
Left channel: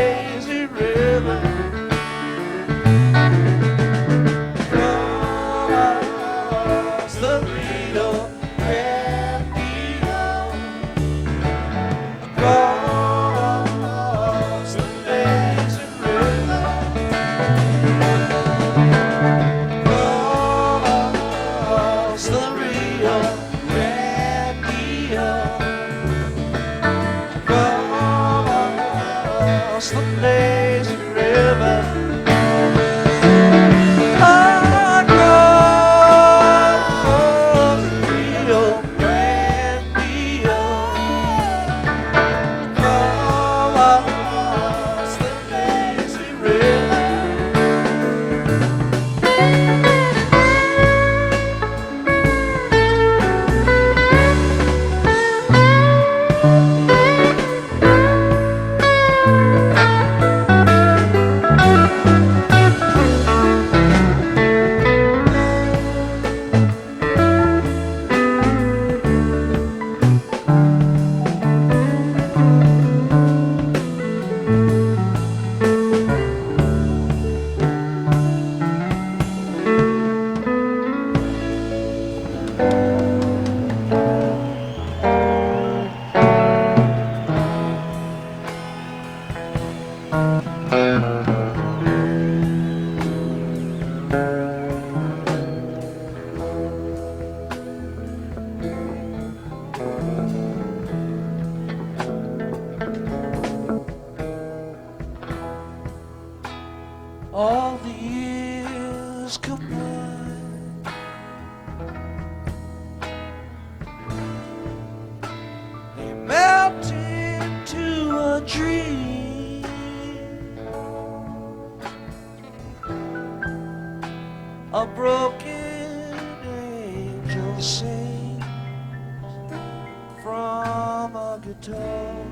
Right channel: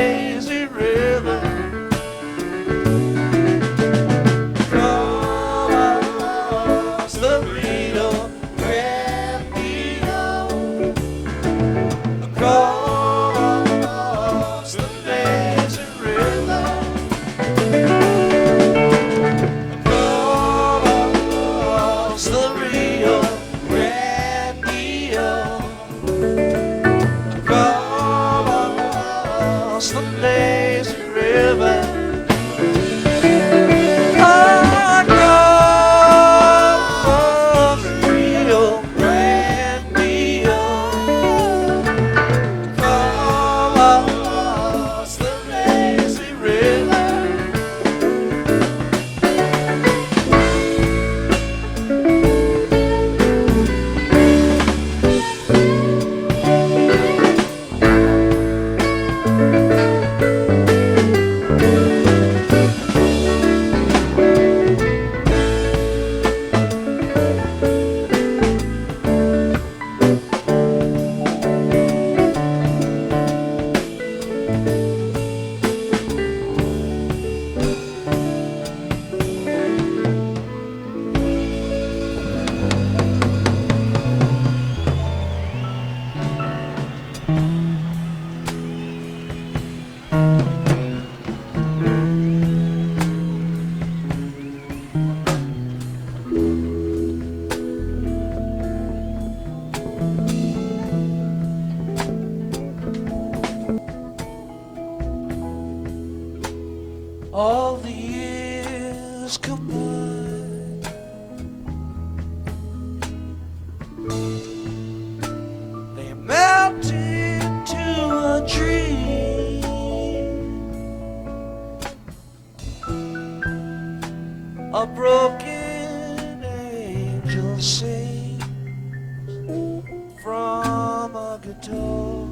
from a guitar.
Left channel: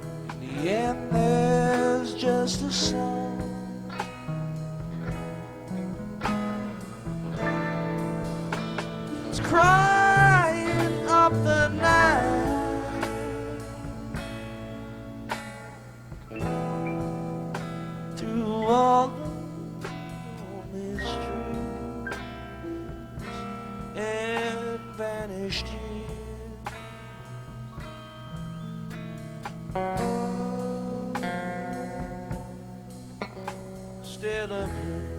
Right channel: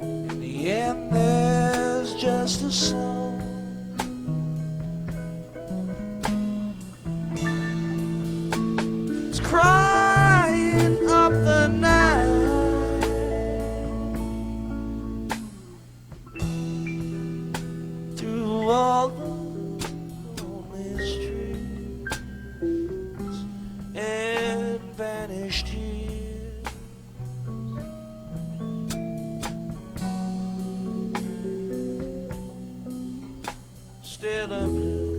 In the end, there's just a song. It's crying up the night. Through all the lonely streets and vanished years, still a blue.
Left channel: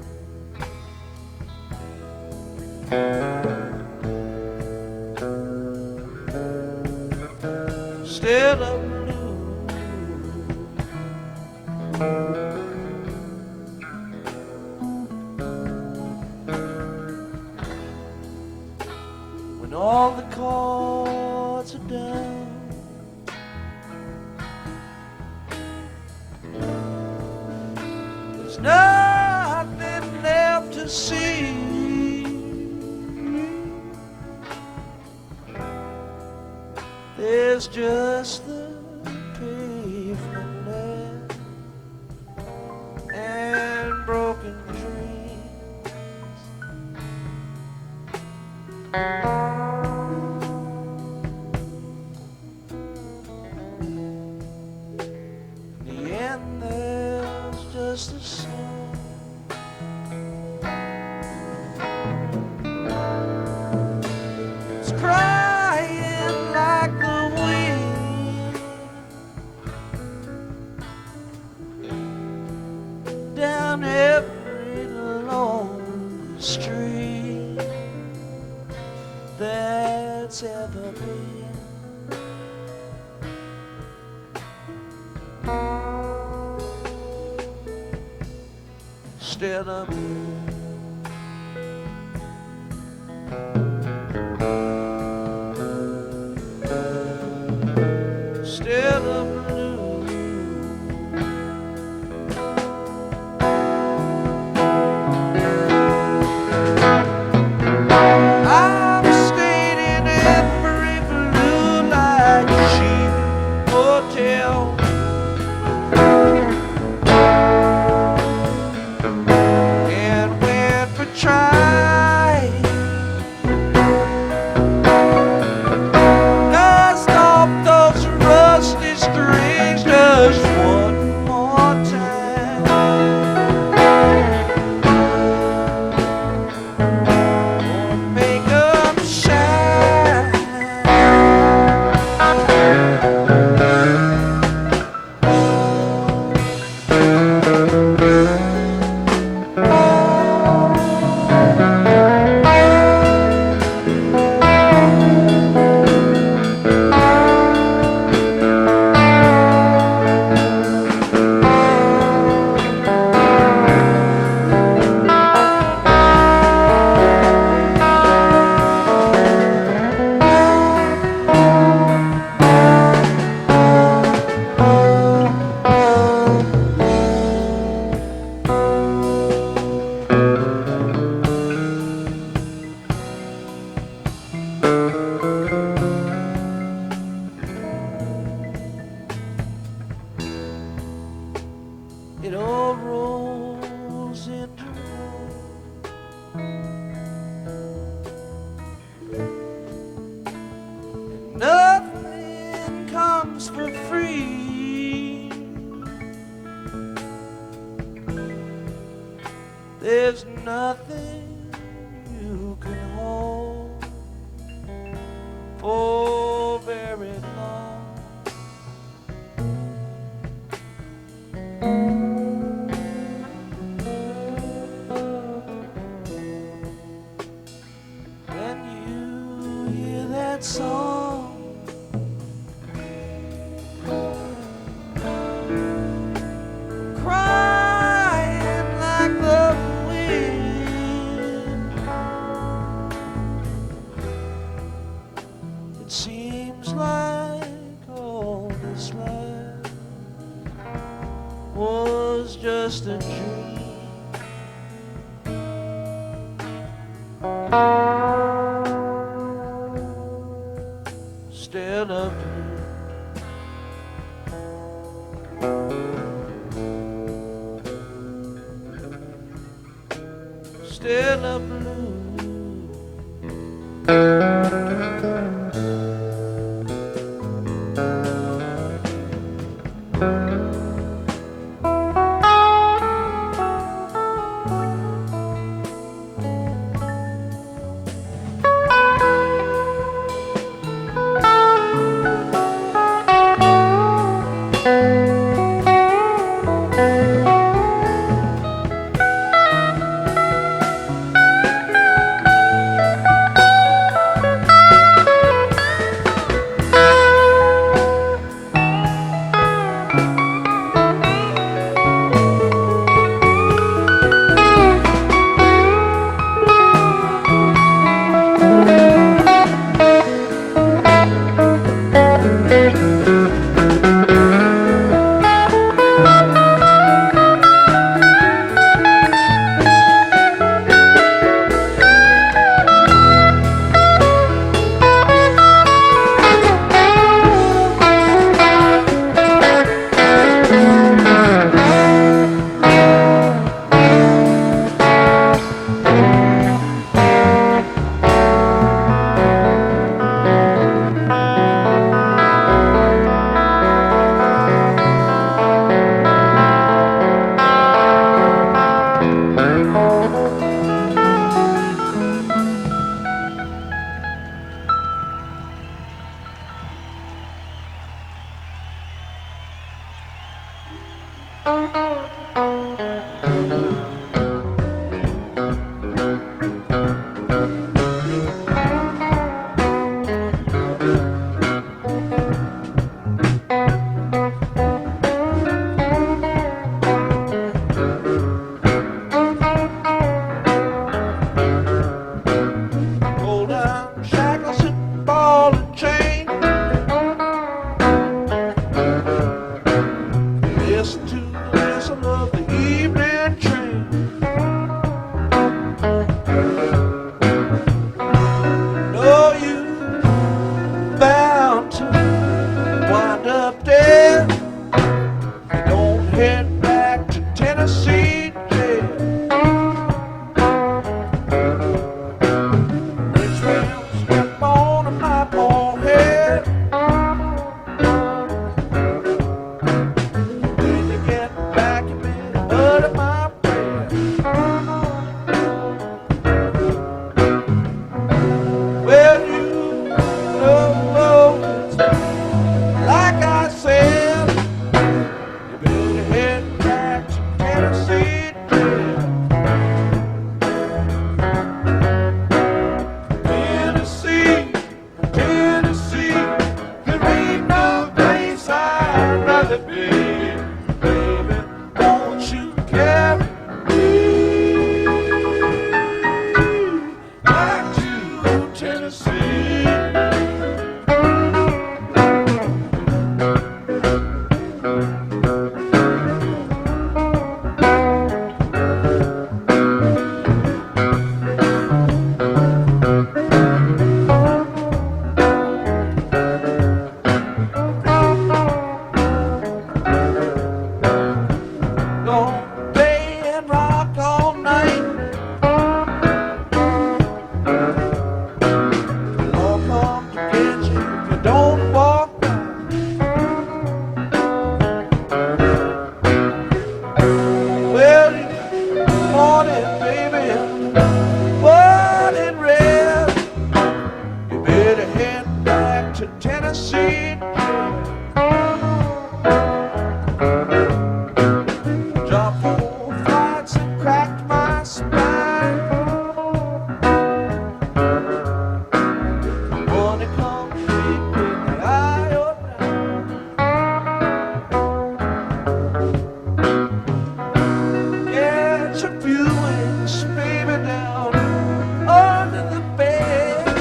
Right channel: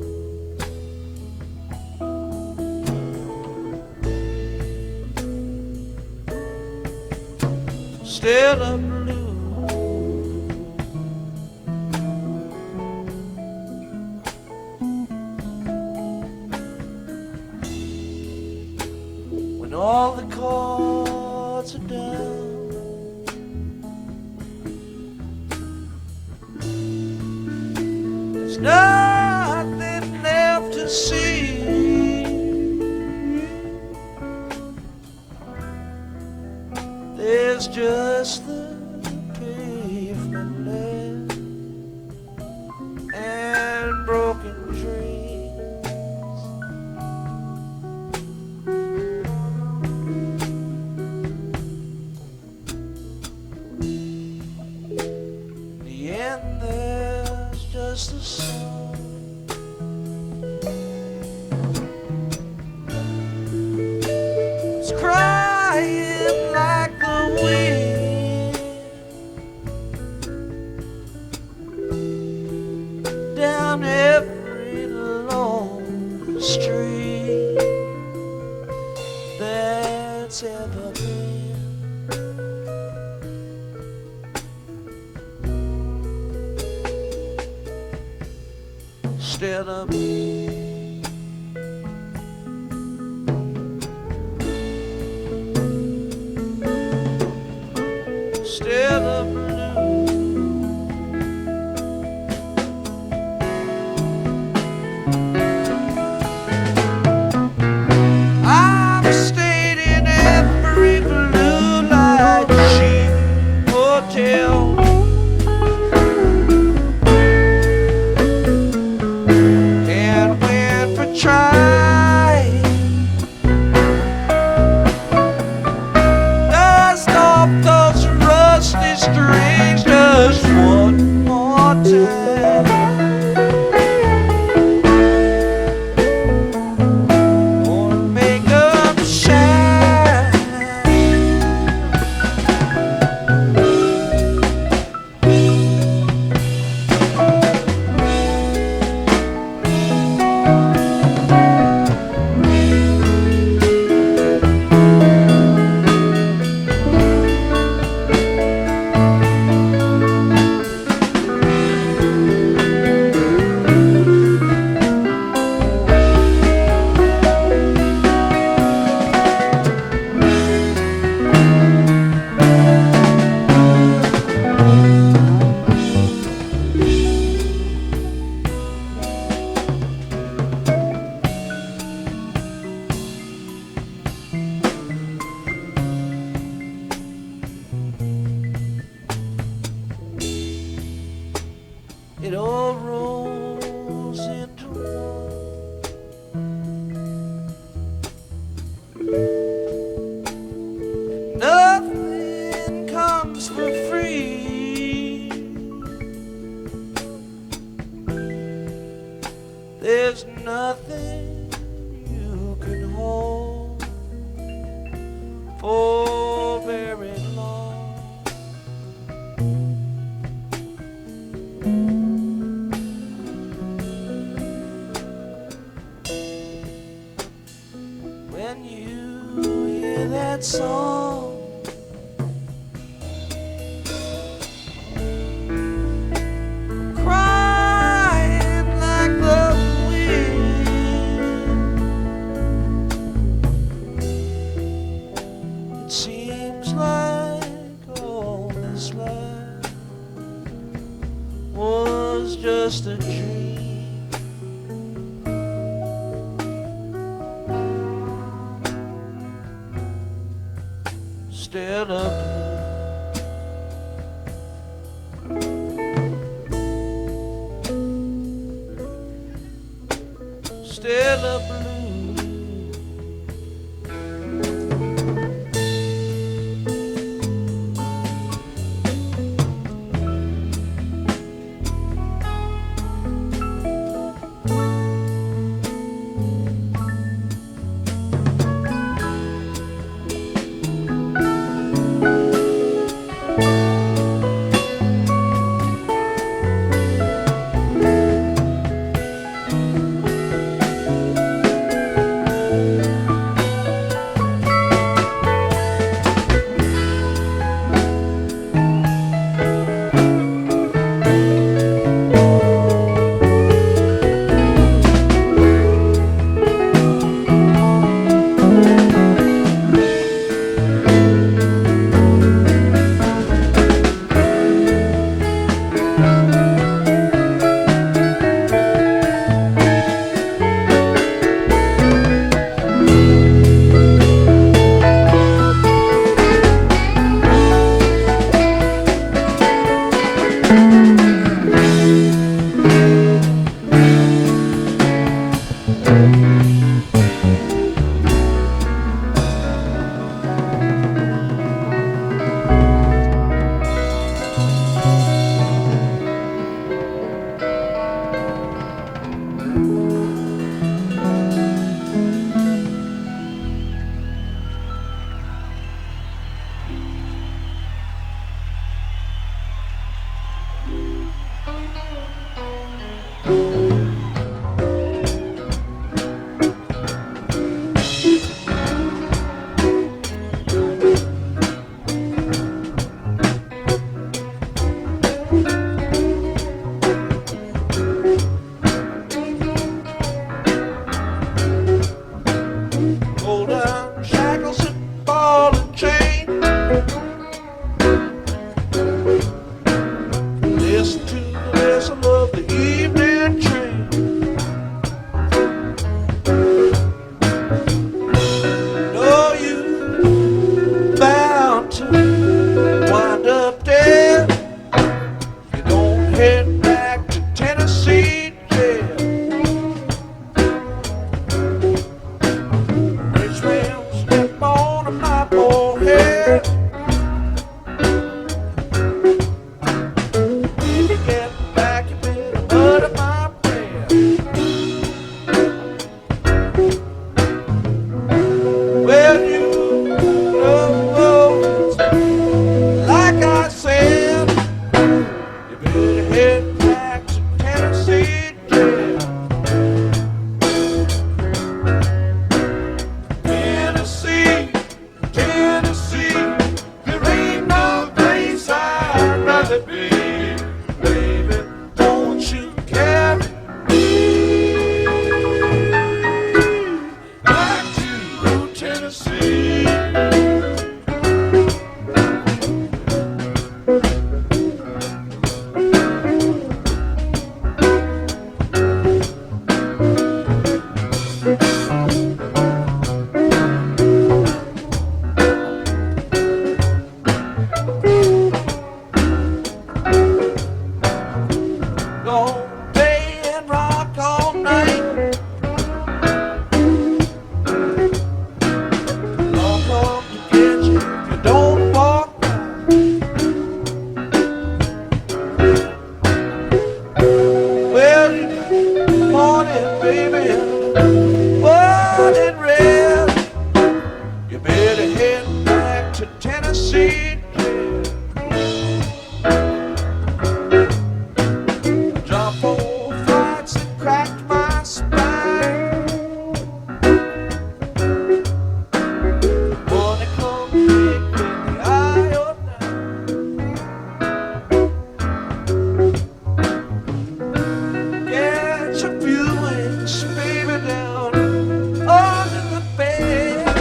Still a blue. When all the chords are down, there's nothing left to see. There's just the pavement left and broken dreams. In the end, there's just a song. It's crying like the wind down every lonely street that's ever been. Still a blue. Still a blue. I've stayed in every blue light cheap hotel. And went for try. Dust off those rusty strings just one more time. Gonna make 'em shine. It all rolls into one, and nothing comes for free. There's nothing you can hold for very long. When you hear that song, crying like the wind, it seems like all this life was just a dream. Still a blue. Still a blue. Golden shackles and ball and chain. Listen to the whistle of the evening train. Know you bound to wind up dead. You don't head back to Tennessee jail. Step on my forehead. When you get back, you better utter my prayer. Well, you know, like I said, you better head back to Tennessee jail. Tennessee, there ain't no place I'd rather be. Baby, won't you carry me back to Tennessee? Gonna play and rock all night. I'll come to get you if you don't walk right. Well, you morning, baby, morning red. You better head back to Tennessee. Drop 4 flights and cracked my spine. Wanna come big in the eye of night. Get your feelings, baby, down under the bed.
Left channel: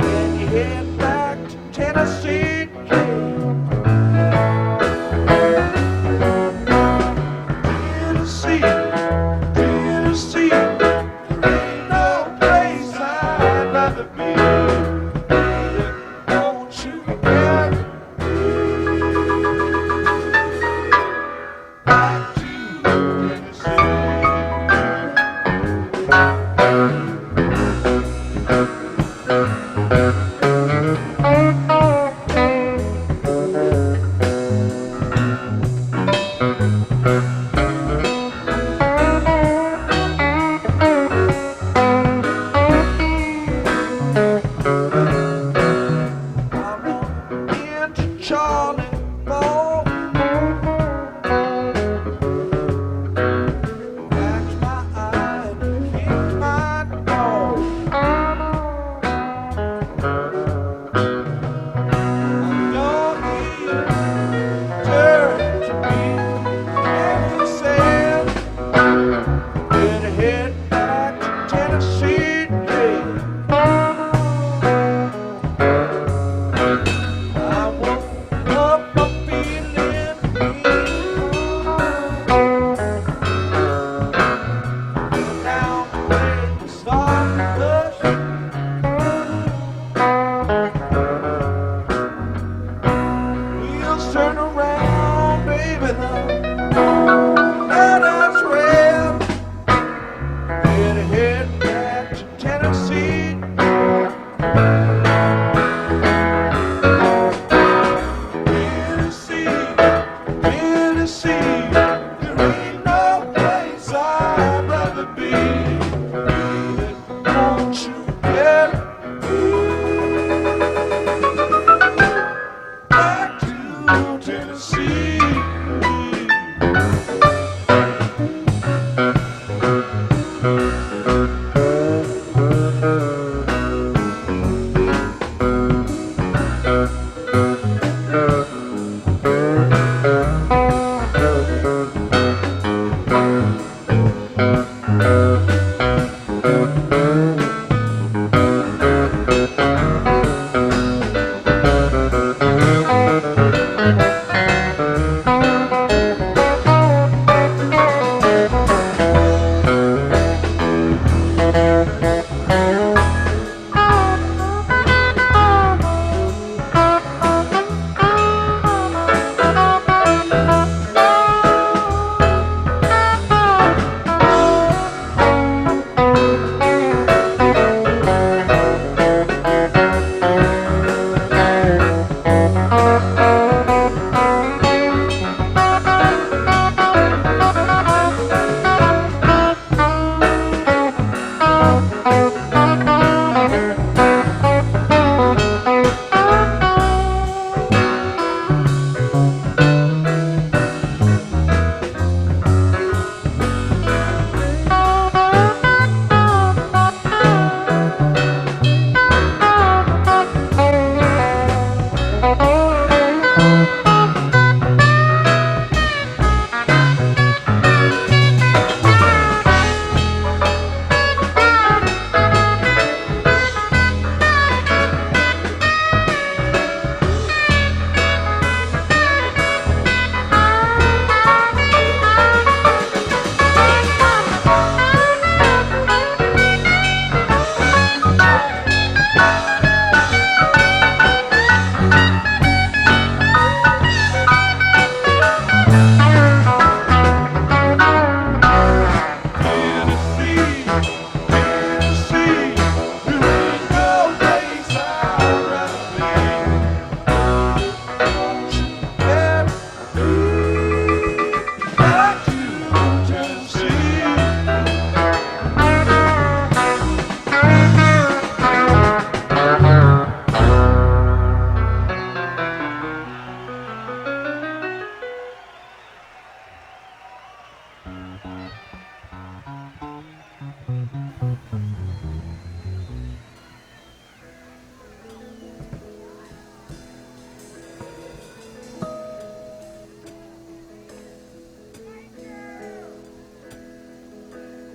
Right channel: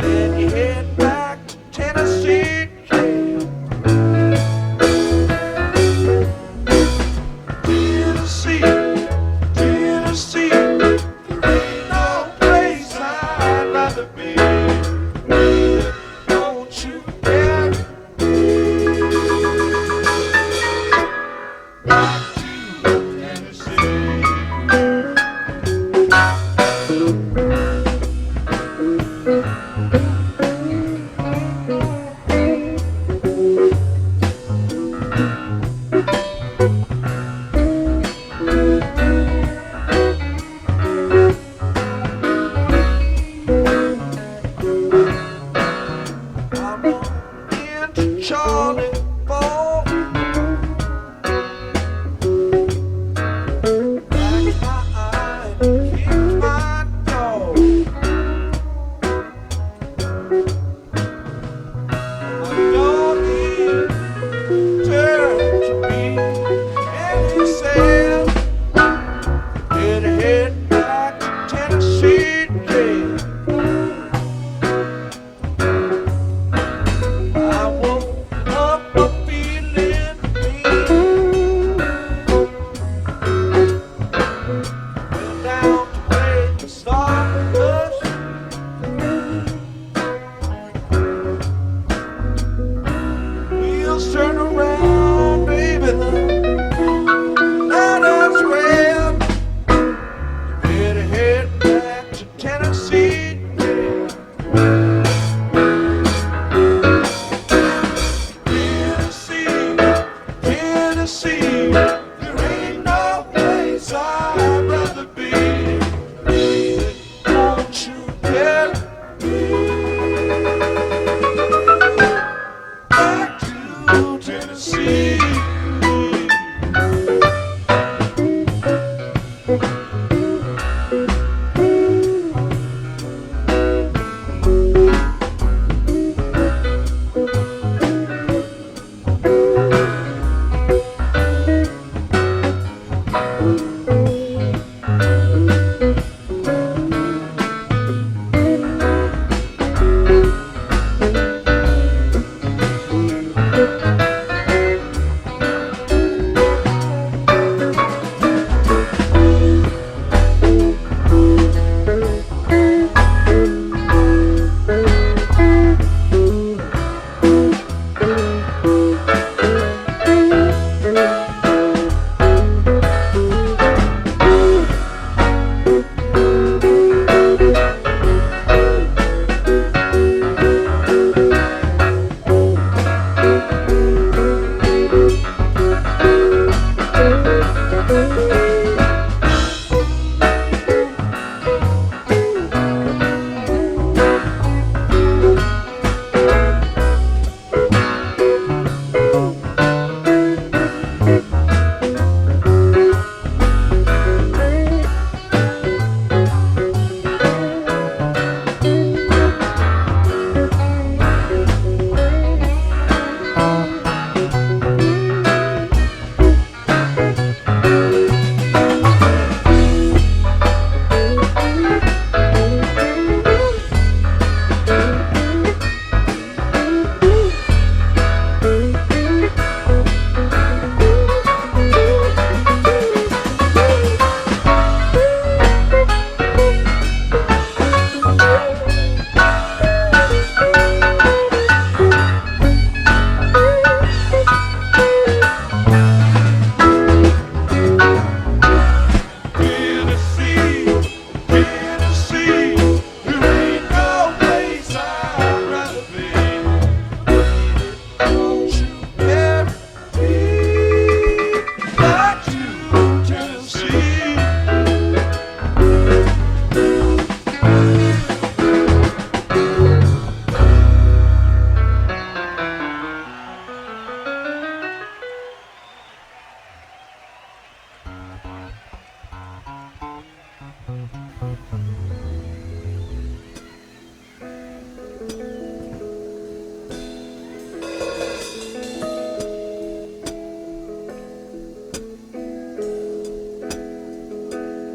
Then you head back to Tennessee jail.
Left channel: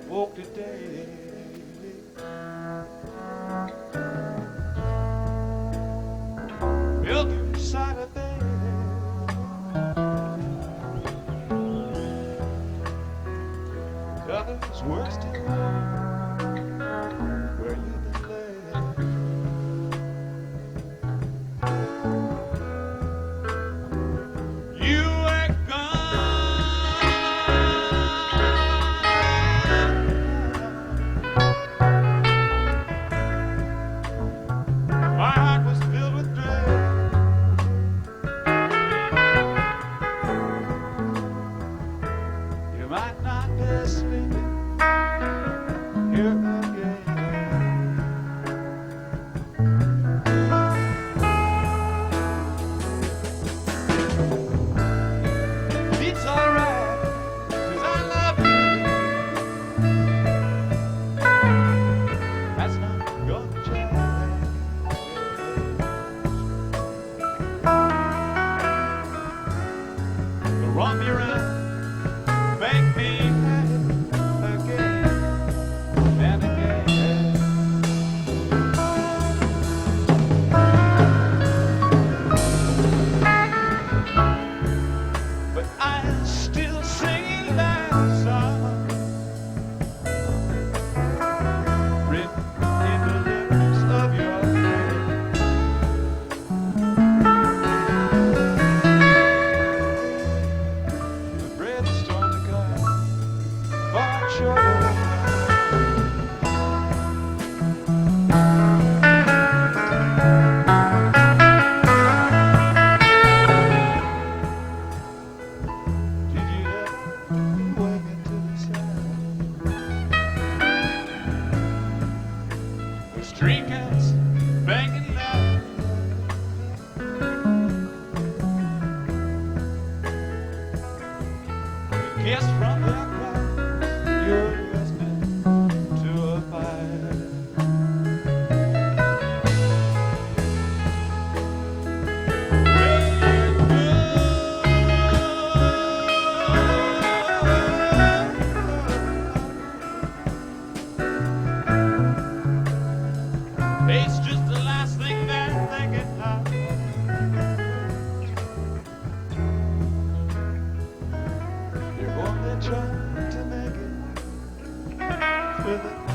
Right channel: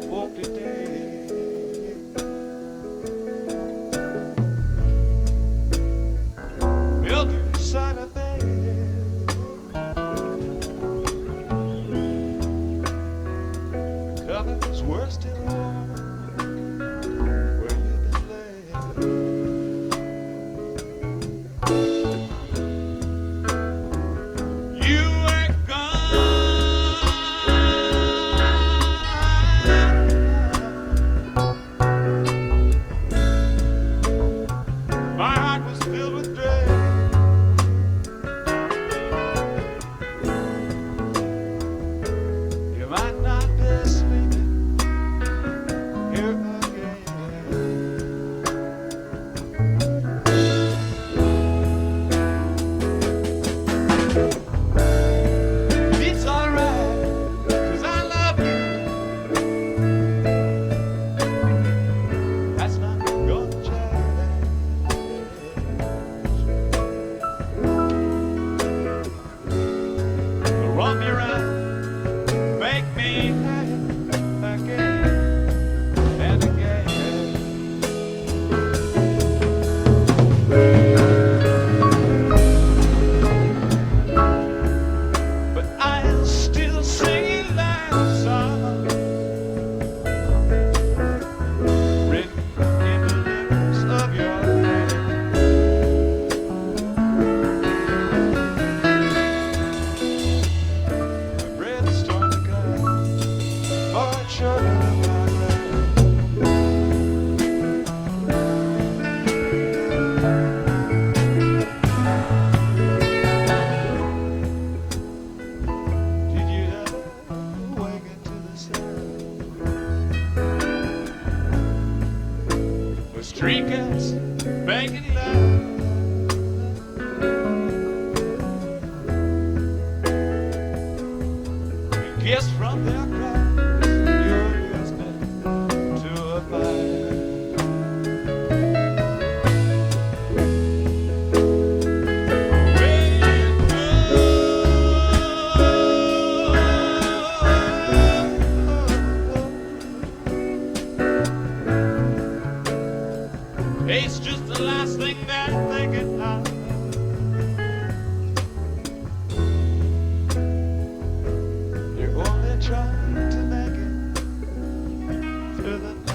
Walk today, built inside a bed. Covers were still warm where you've been laid. You ain't my heart was filled with dread. You might not be sleeping here again. It's alright, 'cause I love you. That's not gonna change. Run me around, make me happy again and again. But I'll still sing that song written in the lyrics of your name. Storm to come, far short of my Did you ever awaken to the sound of street cats banging loud? Kiss from their cries, you're listening to a fire. When you go, into the night.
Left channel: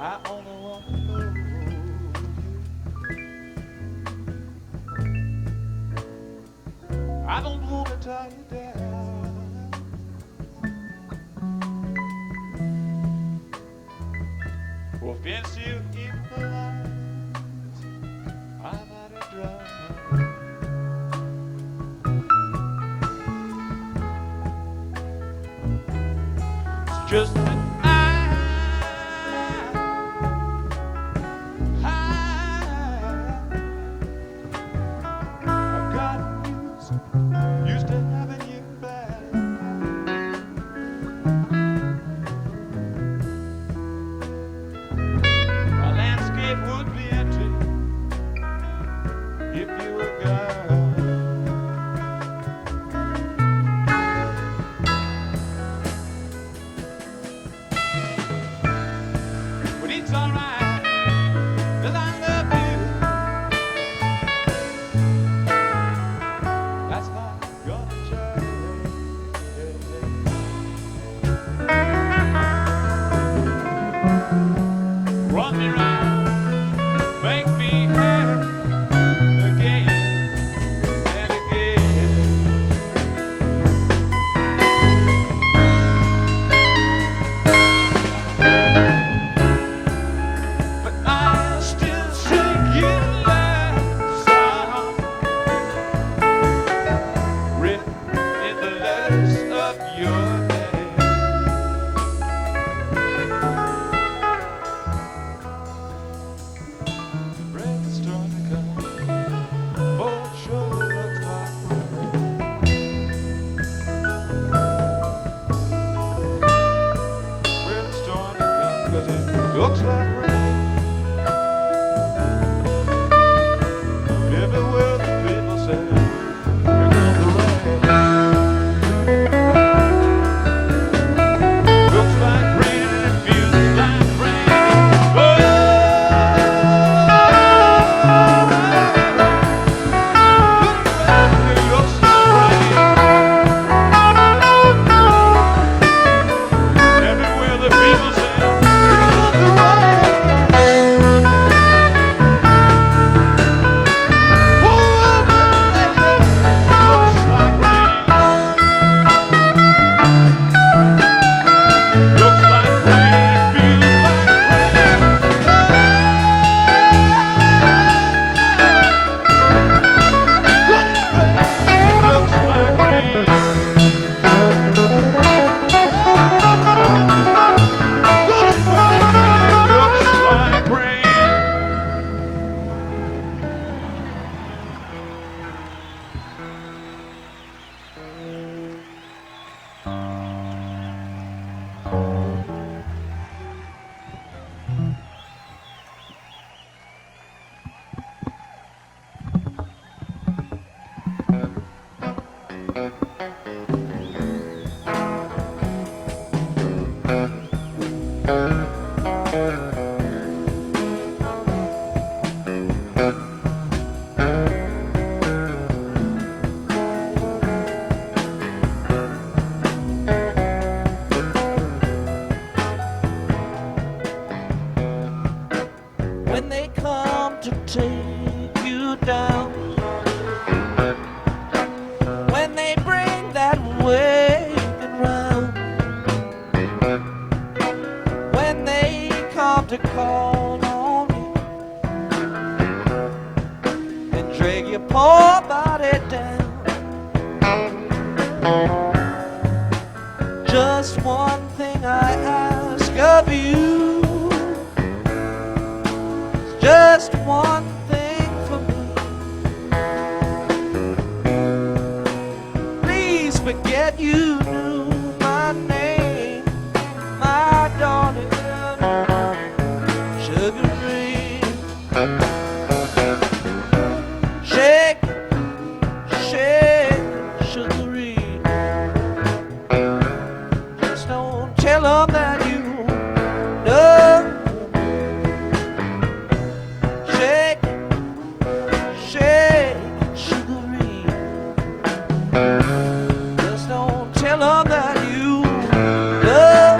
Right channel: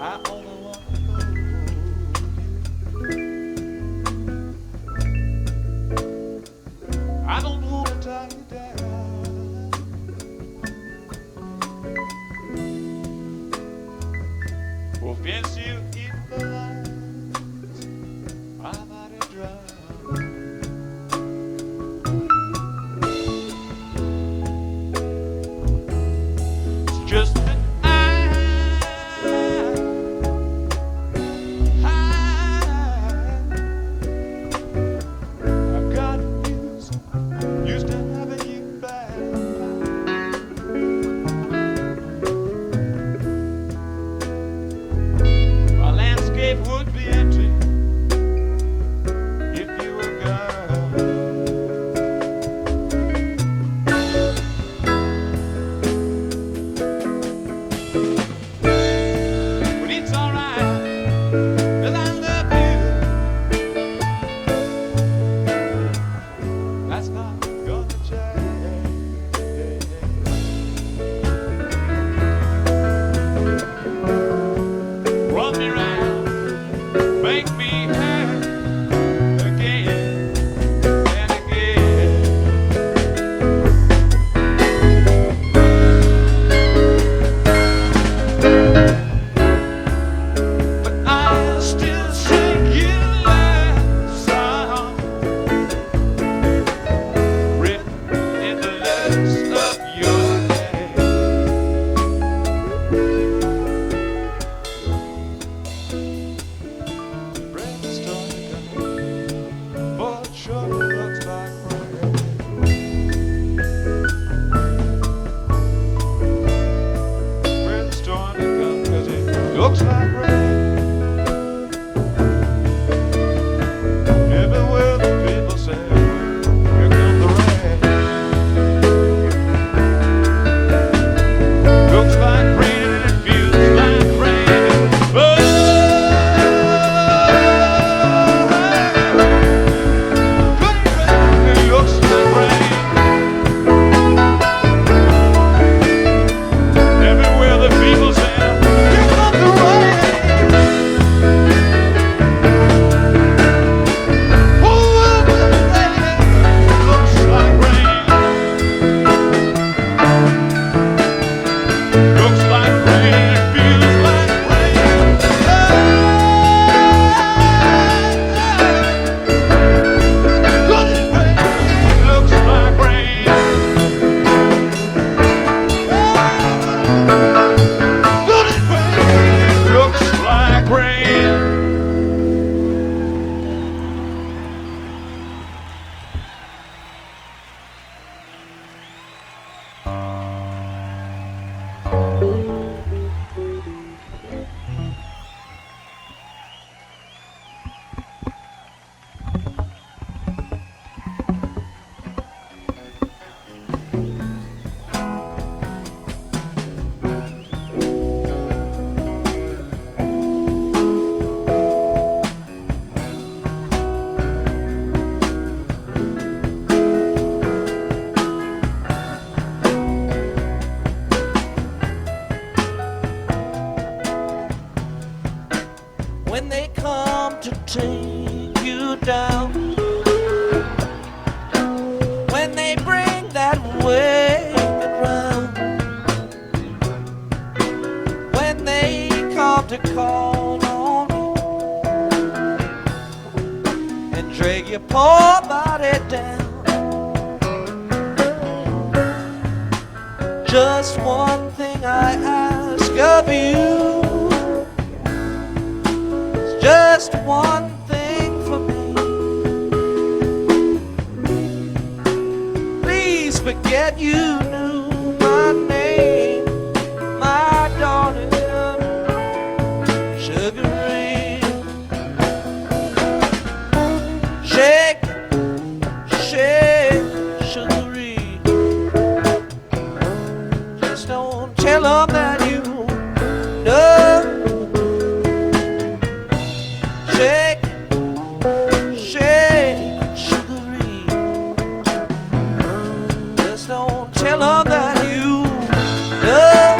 I only want to know you. I don't want to tie you down. Or fence you in the lines. I might have drowned. It's just that used to having you back. My landscape would be empty if you were gone. But it's alright, 'cause I love you. That's not gonna change. Run me round, make me happy again and again. But I still sing you last song written in the letters of your name. Breath is starting to come, but it sure looks like rain. Breath is starting to come, 'cause it looks like rain. Everywhere the people say, here comes the rain. Looks like rain and it feels like rain. Oh, it looks like rain. Everywhere the people say, here comes the rain. When they come to take you down. When they bring that wagon round, when they come to call on you and drag your poor body down, just one thing I ask of you, just one thing for me. Please forget you knew my name, my darling, Sugar Ray. Shake, shake, Sugar Ray. Just don't tell 'em that you know. Shake, shake, Sugar Ray. Just don't tell 'em that you know.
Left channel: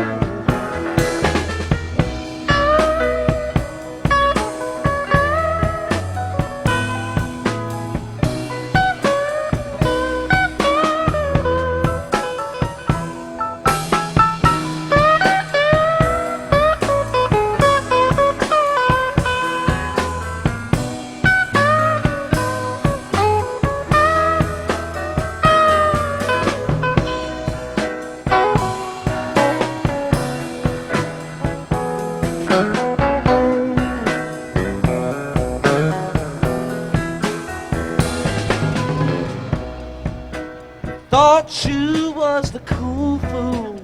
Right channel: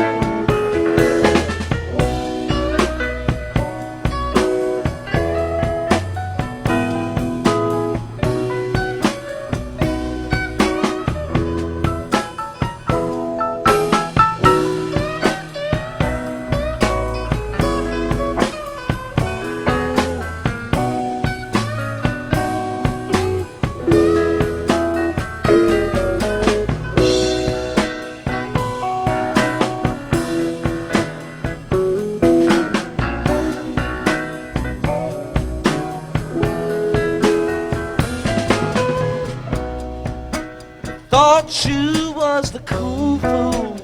Thought you was the cool fool,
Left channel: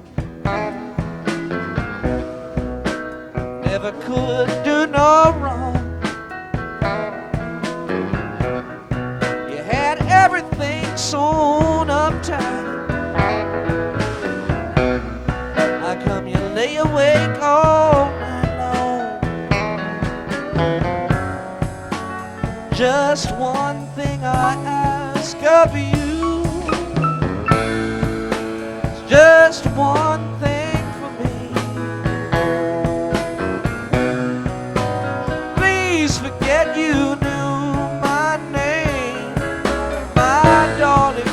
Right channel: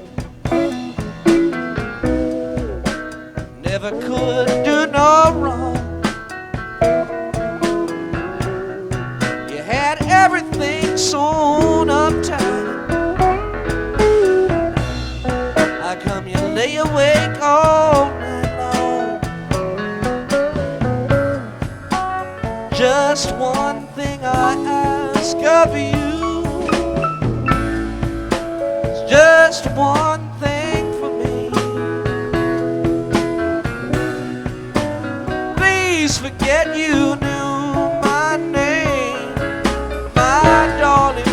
never could do no wrong. You had everything sewn up tight. How come you lay awake all night long? Just one thing I ask of you, just one thing for me. Please forget you knew my name, my darling,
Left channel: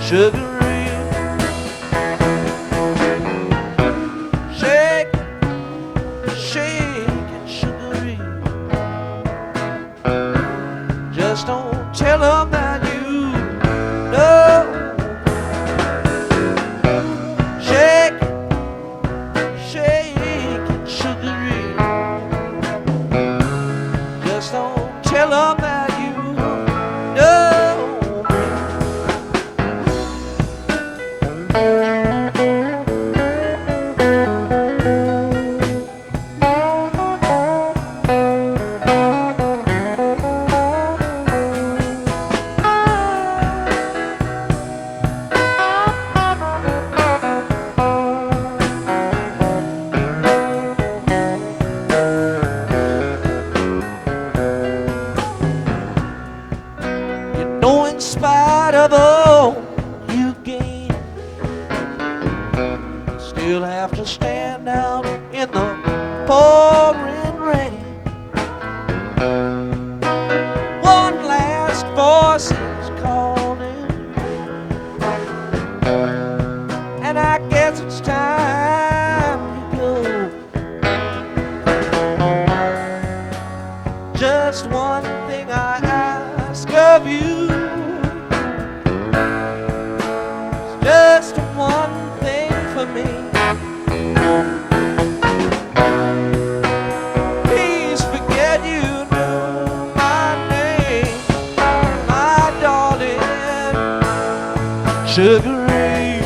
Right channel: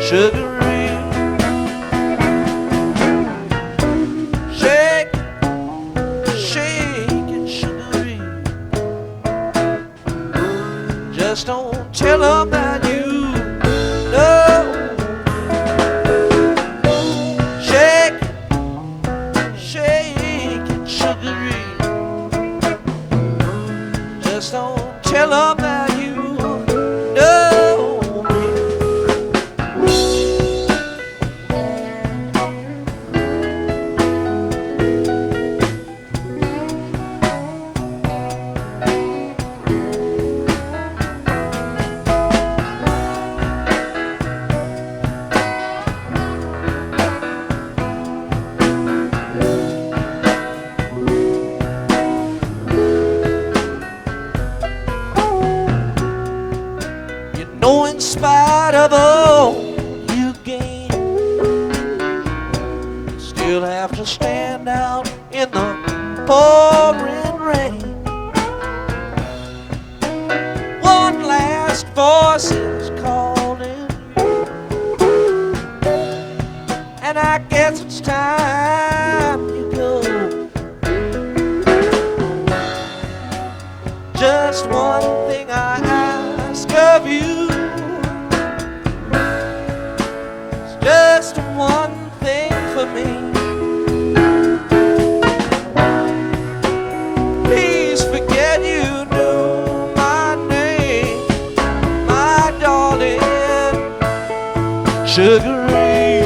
Sugar Ray. Shake, shake it, Sugar Ray. Just don't tell 'em that you know. Shake, shake it, Sugar Ray. Just don't tell 'em that you know me. No, in spite of all you gain, still have to stand out in the pouring rain. One last voice is calling, and I guess it's time you go. Just one thing I ask of you, just one thing for me. Please forget you knew my name, my darling, Sugar Ray.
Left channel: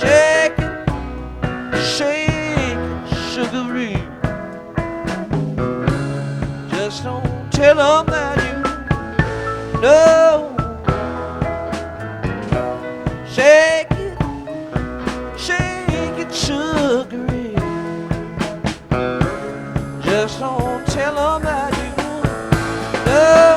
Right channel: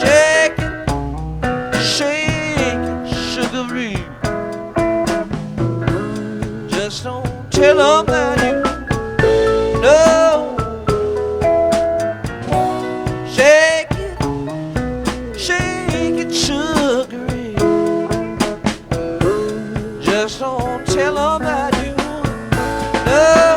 Shake it, shake it, Sugar Ray. Just don't tell 'em that you know. Shake it, Sugar Ray. Just don't tell 'em that you know.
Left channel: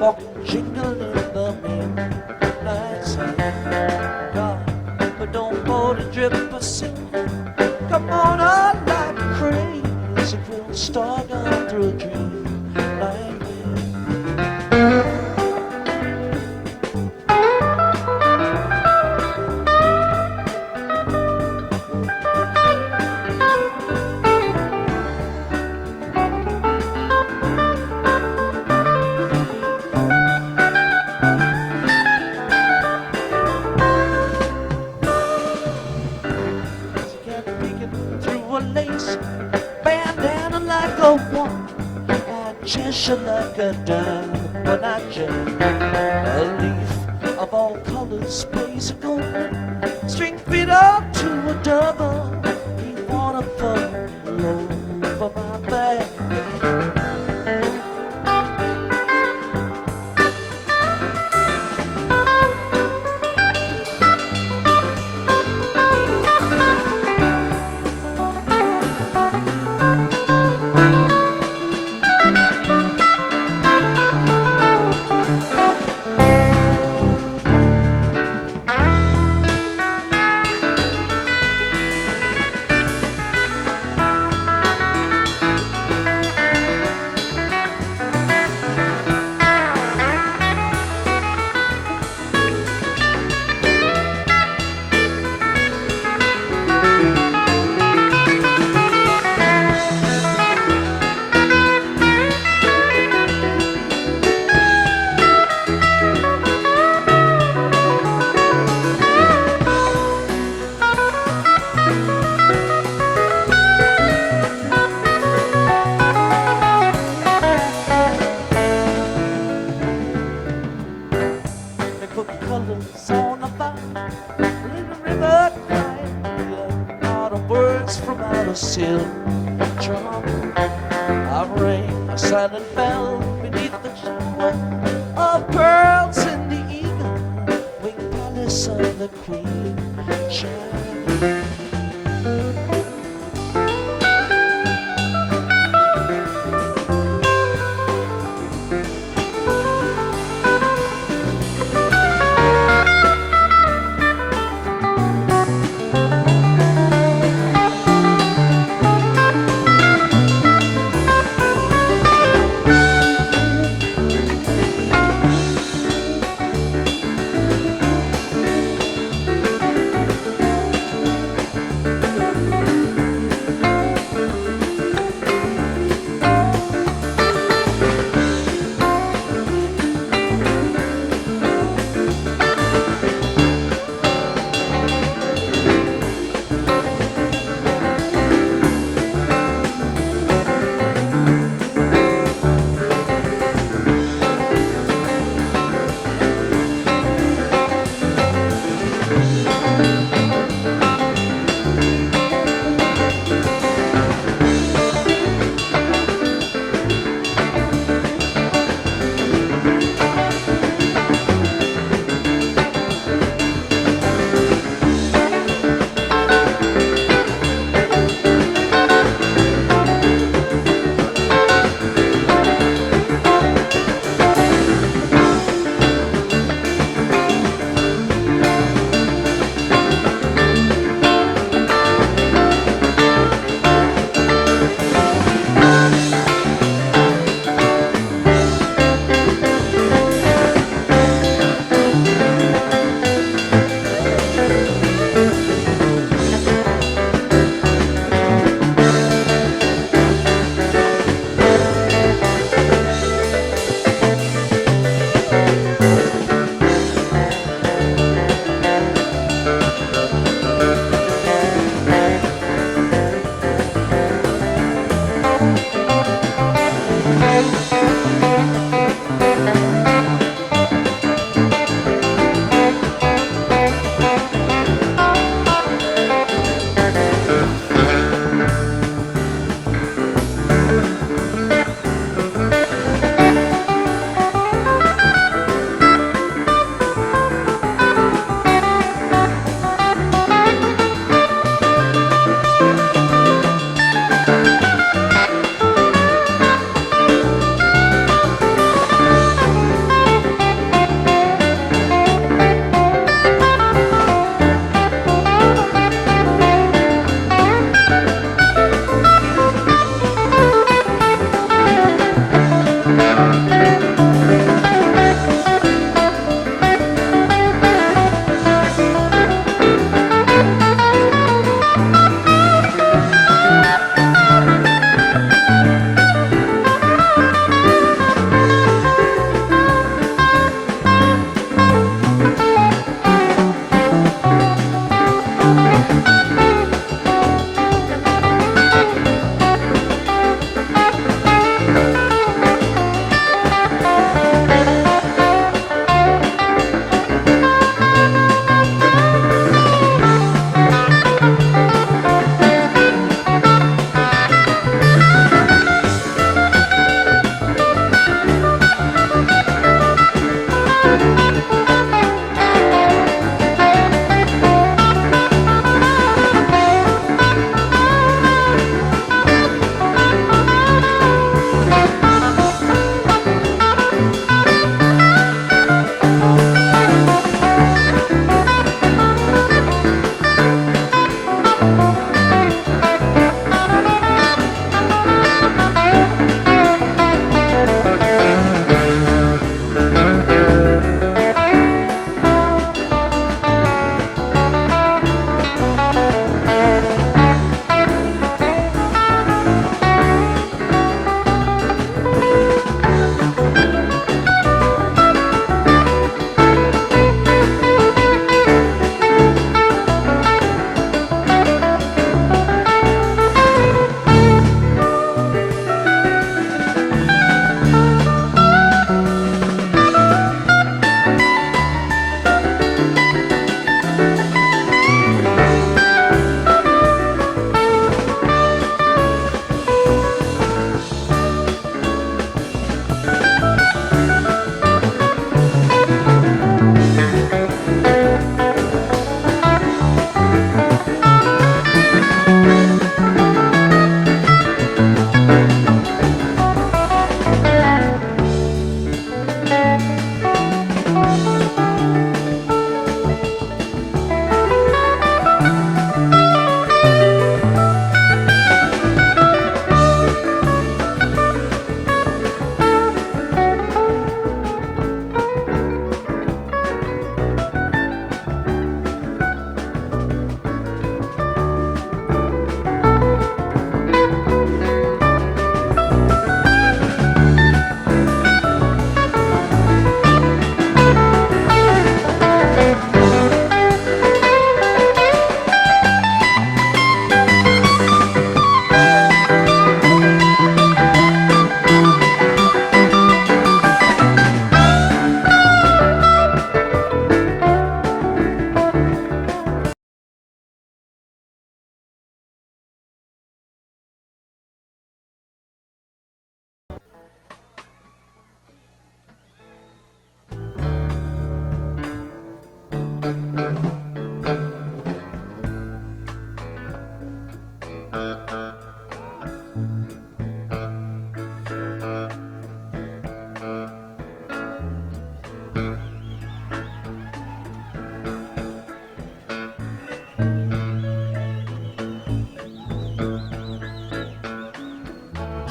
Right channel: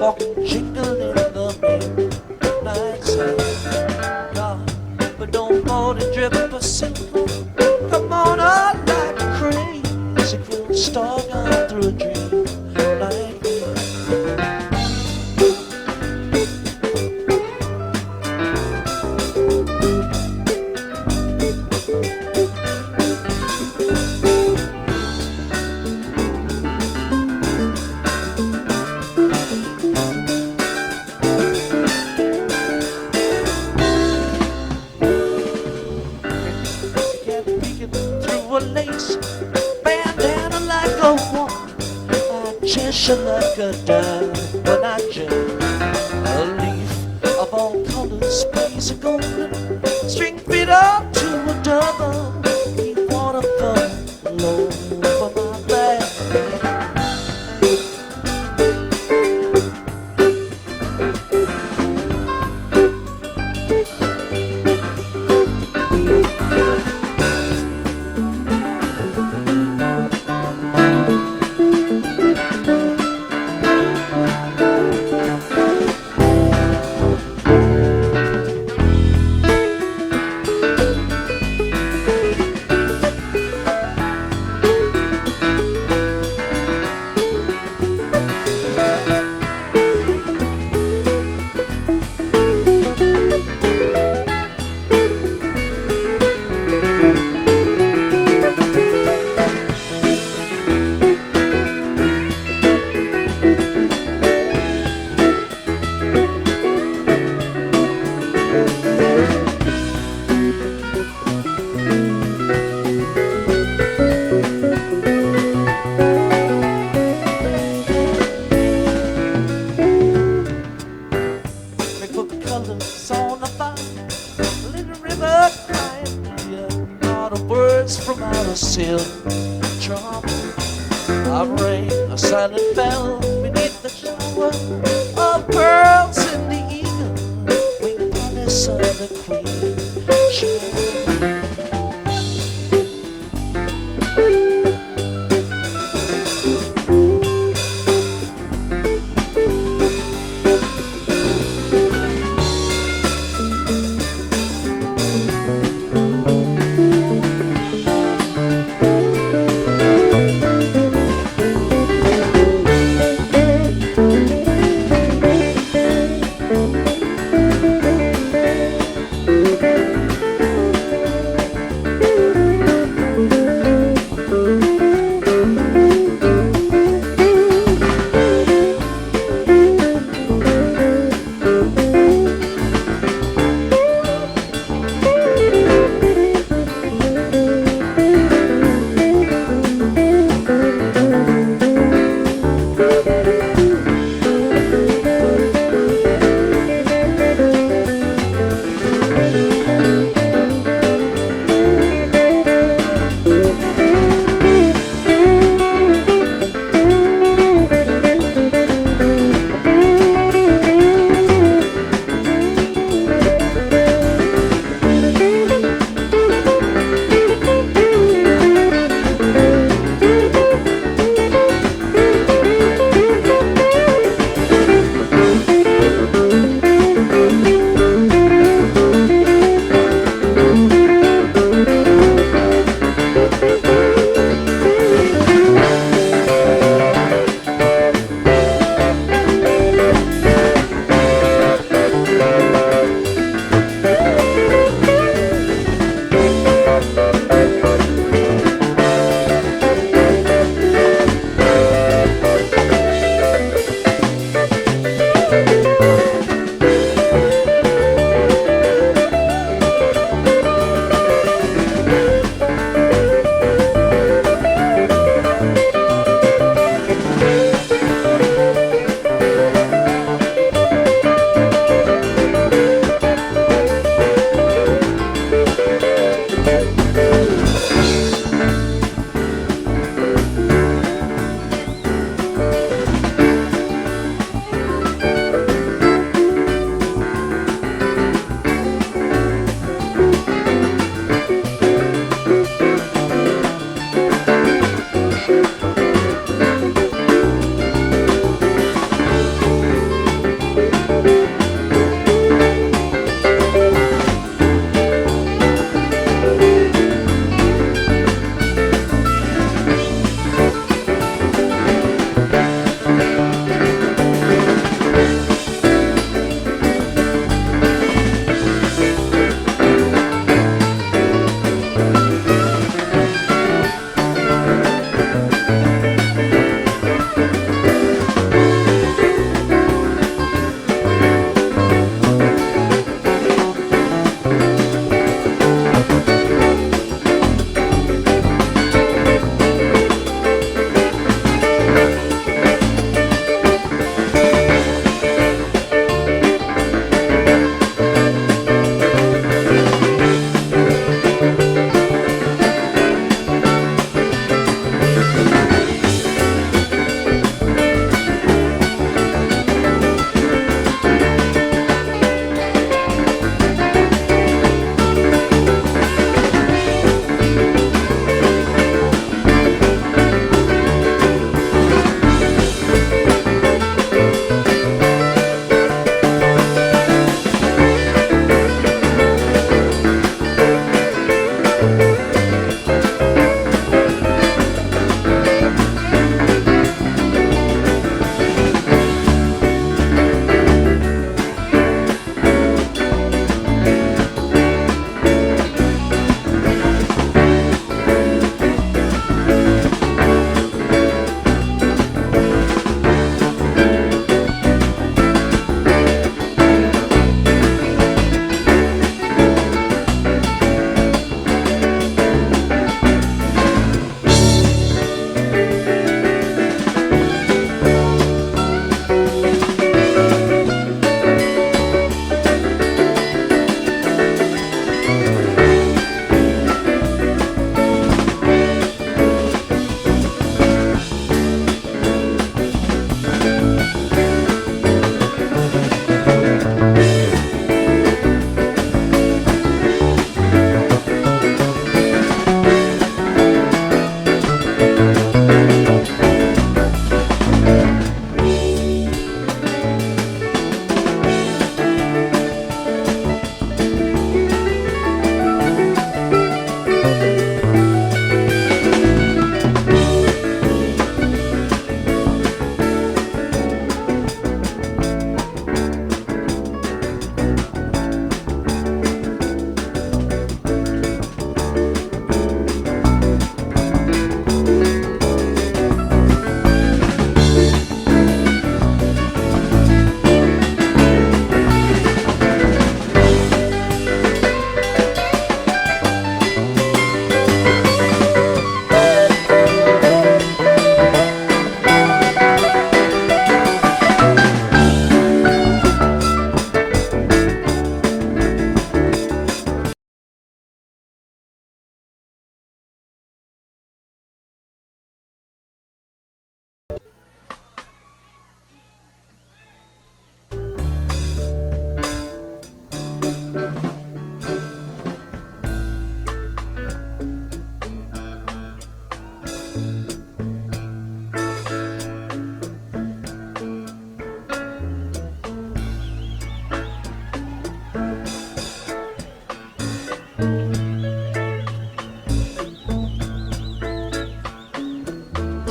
walk jingle in the midnight sun. God, but don't hold a drip of silver. Come on up like crazy, we'll start down through a dream like this. Through a lace bandana like a woman, I Cheshire like a dime when I jam. A leaf of all colors plays a golden string fit up to a double. We wanna fall over my back. Colors on the fire, little river crying, not of words from out of silk drum. Of rain, a silent bell beneath the shower of pearls in the eagle wing palace of the queen. Shine.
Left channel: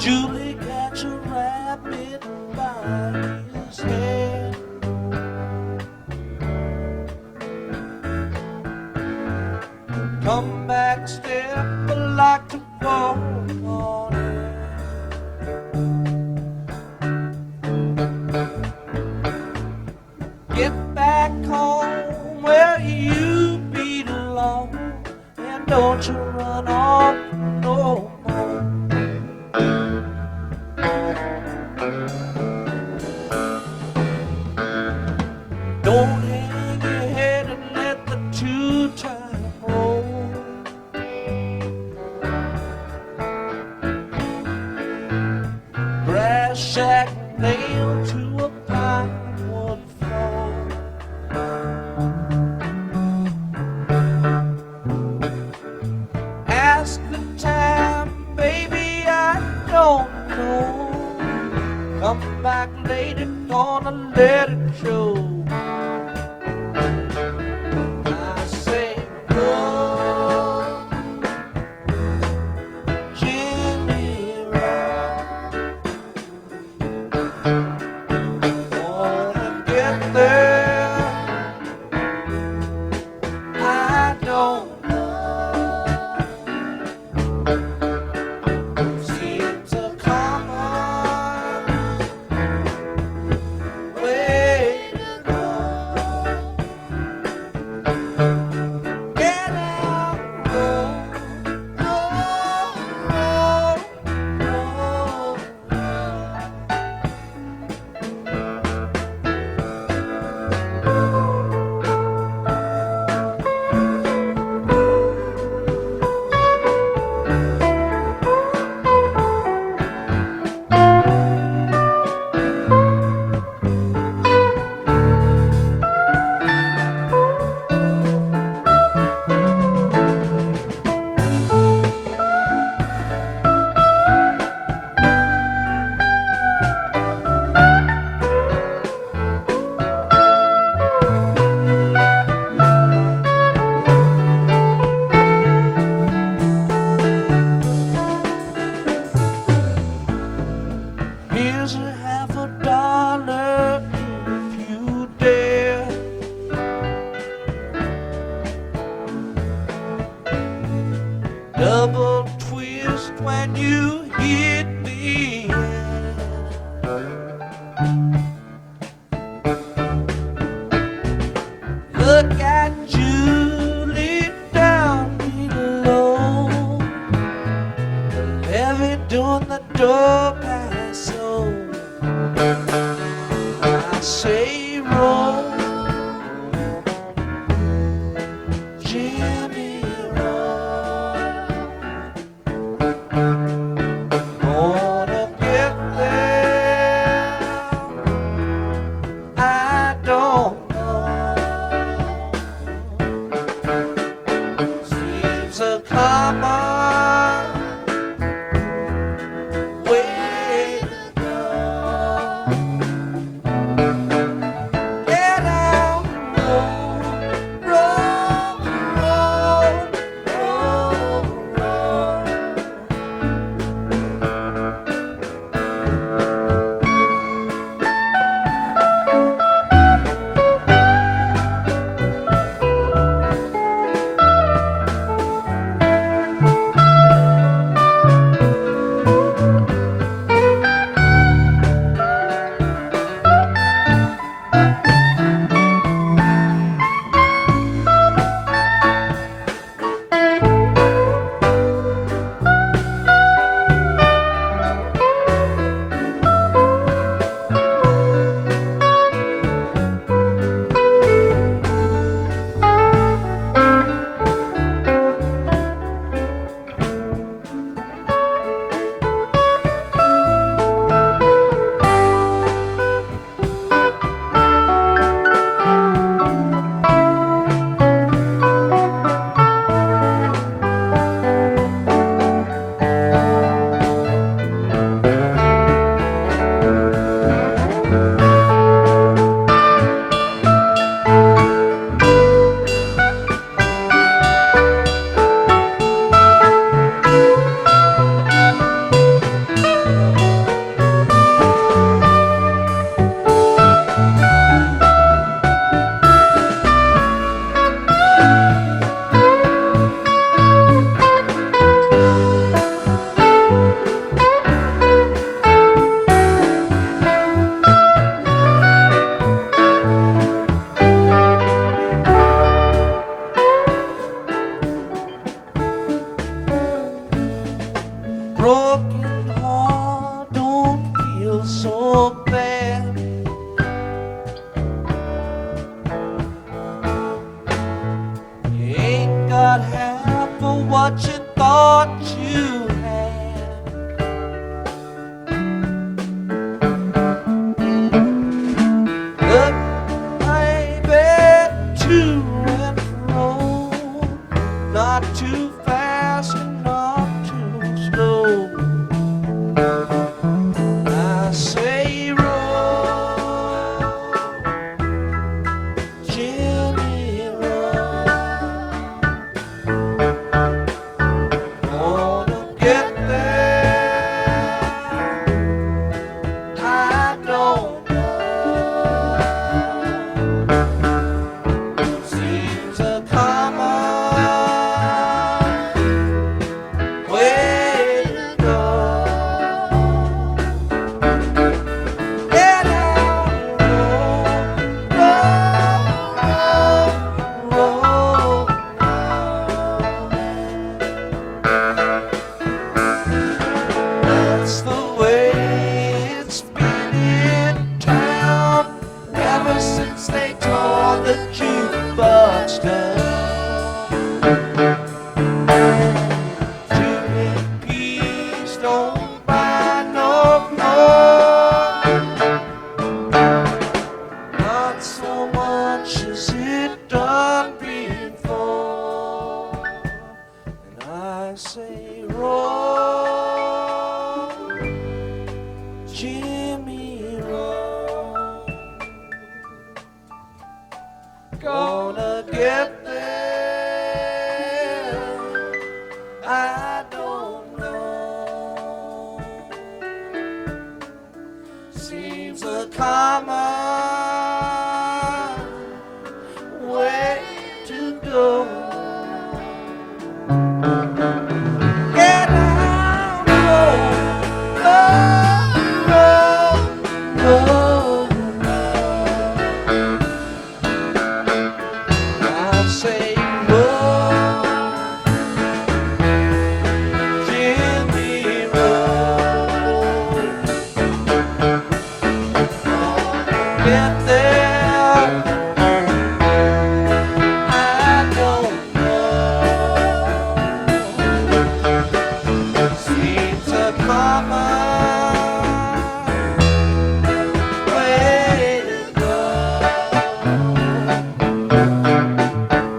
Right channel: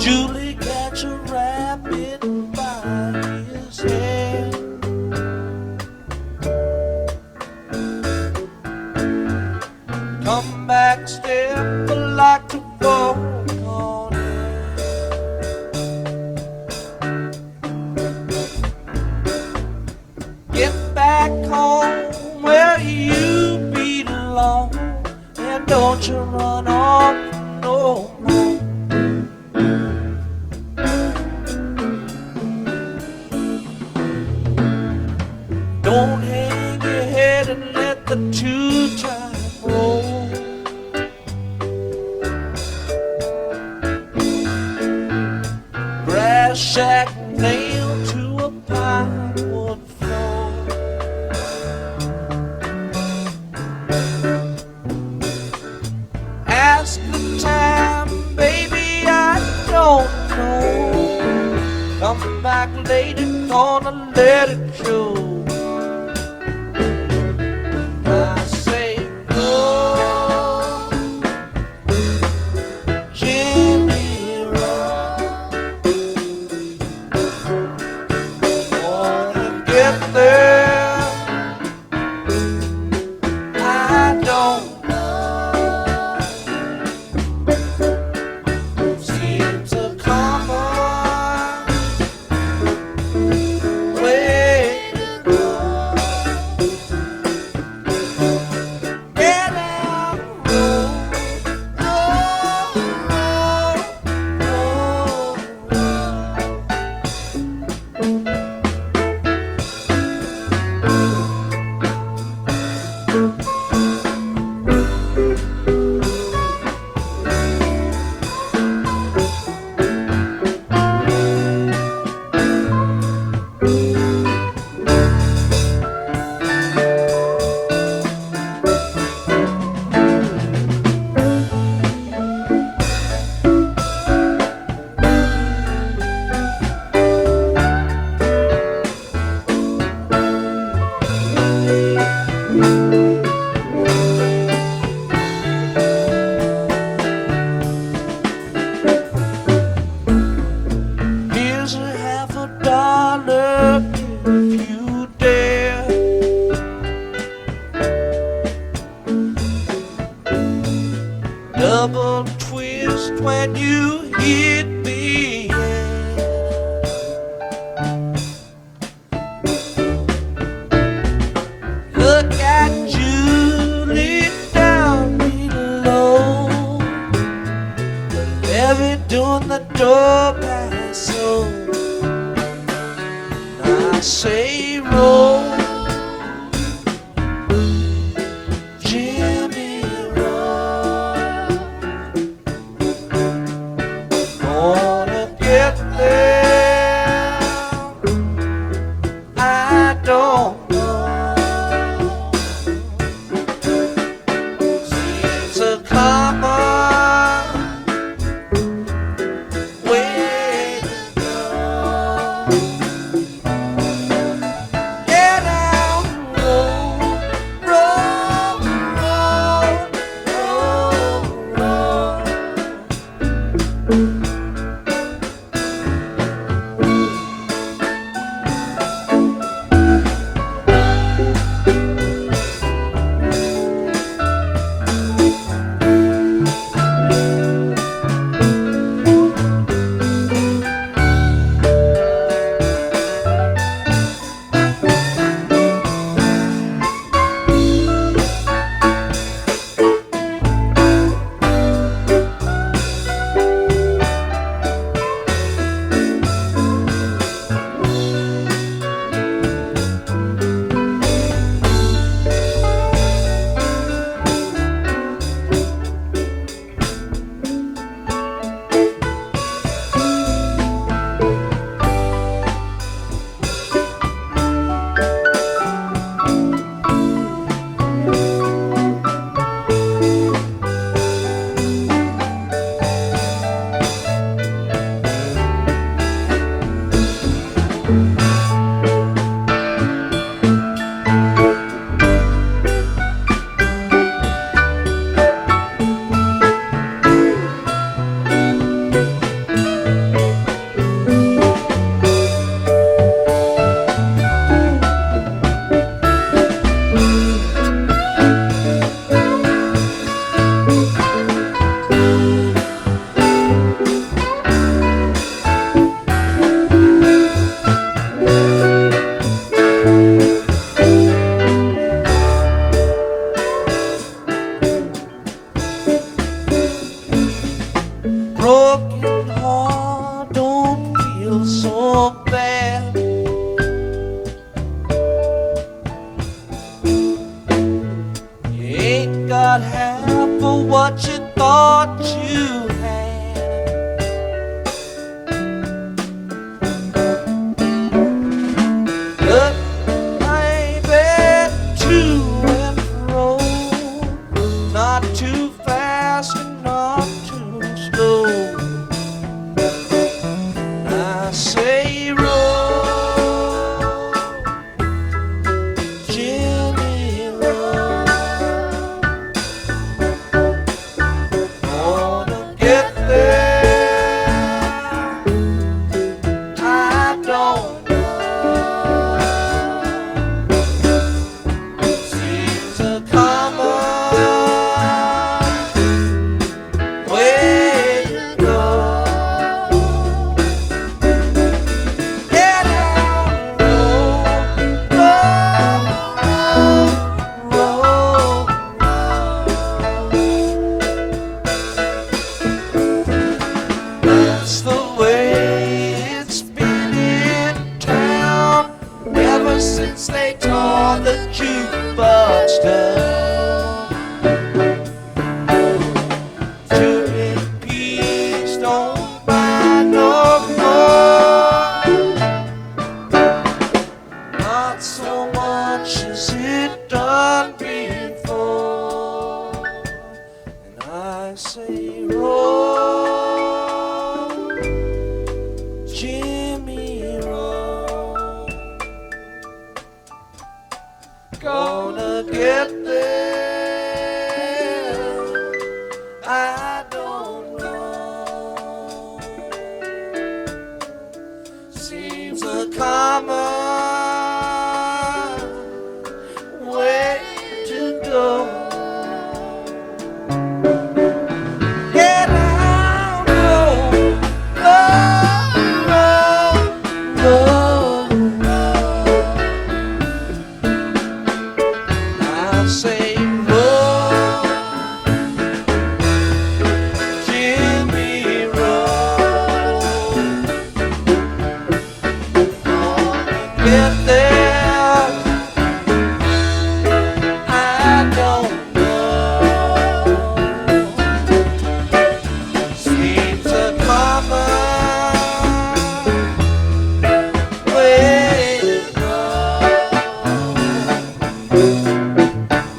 Julie catch a rabbit by his hair. Come back, step like to walk on air. Get back home where you belong, and don't you run off no more. Don't hang your head and let the two-time roll. Brass shack nailed to a pine wood floor. Ask the time, baby, I don't know. Come back later, gonna let it show. I say, oh, Jimmy Rock, wanna get there, I don't know. Seems a common way to go. Get out, roll, roll, roll, roll. Here's a $50 if you dare. Double twist when you hit me. Look at Julie down below. The levee doing the door pass. So I say roll, Jimmy roll. Gonna get there, I don't know. Seems a common way to go. Get so bad. You ain't got half of what you thought you had. Look, baby, to and fro, not too fast and not too slow. I say roll, Jimmy, roll. Gonna get there, I don't know. Seems a common way to go. Get out, roll, roll, That's the way it's been in town ever since they tore the jukebox down. 2 rupees don't buy no more, not so much as it done before. And I say roll, Jimmy, roll. Gonna get there, I don't know. Seems a common way to go. Get out, roll, roll, roll, roll. I say roll, Jimmy, roll. Gonna get there, I don't know. Seems a common way to go.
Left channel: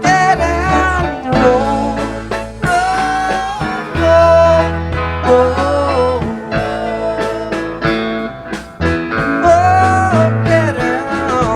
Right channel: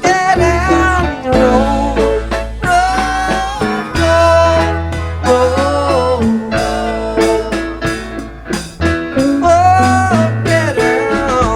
Get out, roll, roll, roll, roll. Oh, get out,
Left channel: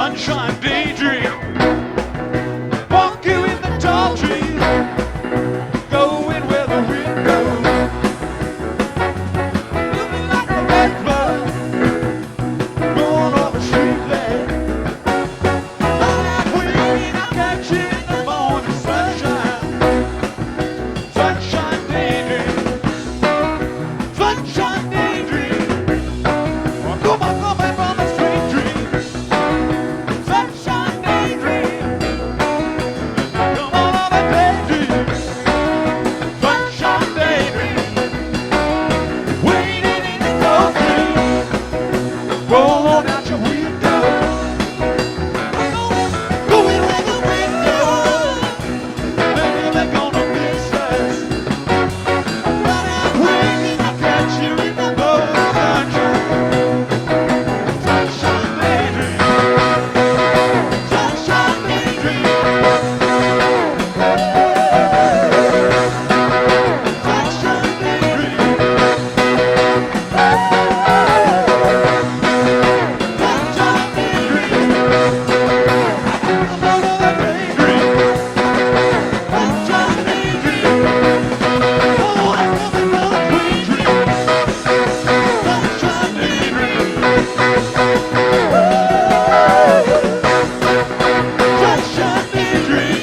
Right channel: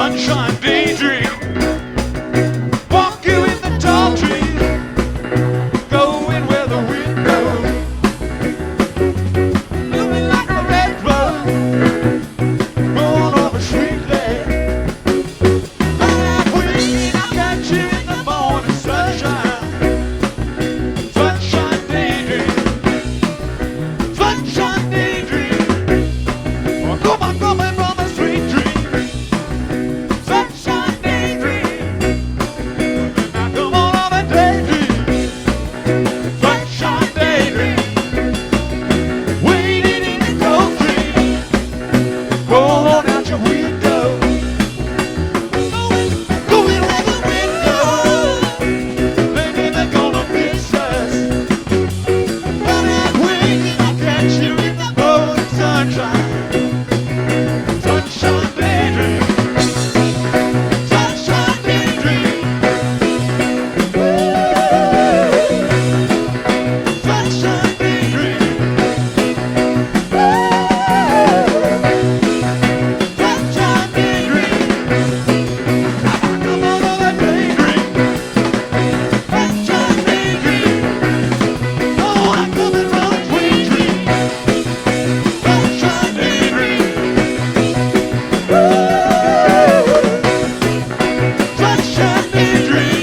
sunshine daydream. Walk you in the tall trees, going where the wind goes. Feeling like a red bug, going over street there. Like when I catch you in the morning sunshine, sunshine daydream, sunshine daydream. Oh, come on, from a sweet dream, sunshine daydream. Now come on, I'm a daydream, sunshine daydream. Waiting in the cold cream, roll on out your window, going where the wind goes. Maybe they're gonna miss us, but I'm waiting to catch you in the morning sunshine, sunshine daydream, sunshine daydream, sunshine daydream, sunshine daydream. Come on, other daydream, sunshine daydream. Oh, I'm coming from a sweet dream, sunshine daydream. Sunshine daydream.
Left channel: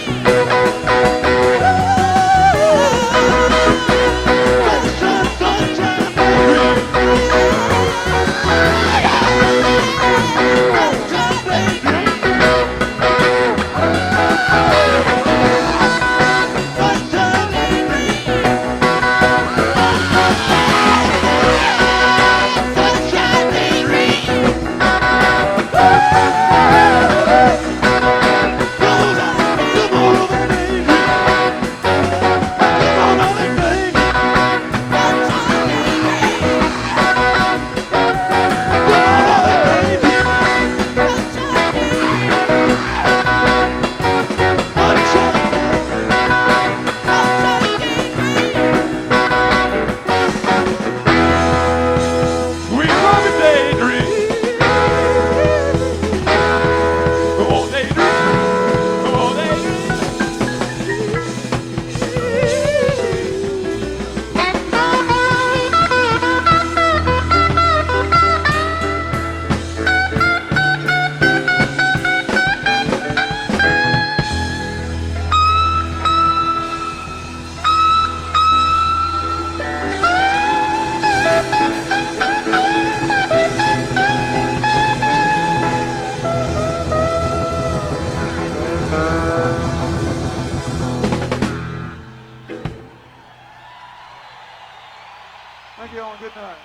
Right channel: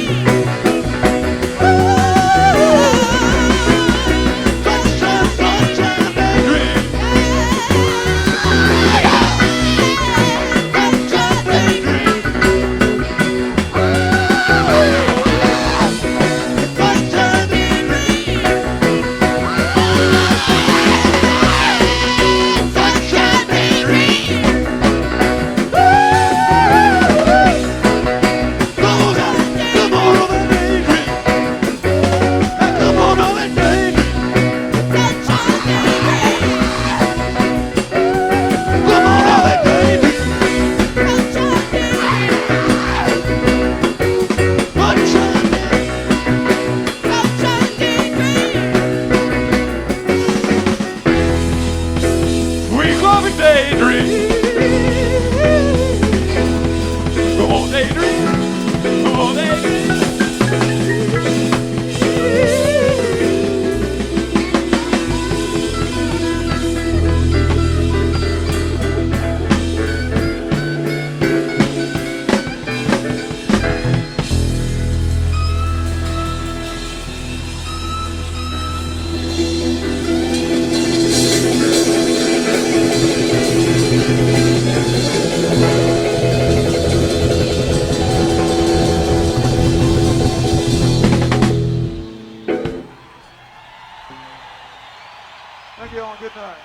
Sunshine, sunshine daydream. Sunshine daydream. Sunshine daydream. Sunshine daydream. Come on, over daydream. Come on, over daydream. Come on, over daydream. We love a daydream. Come on, daydream. Come on, daydream. Thank you all. Good night.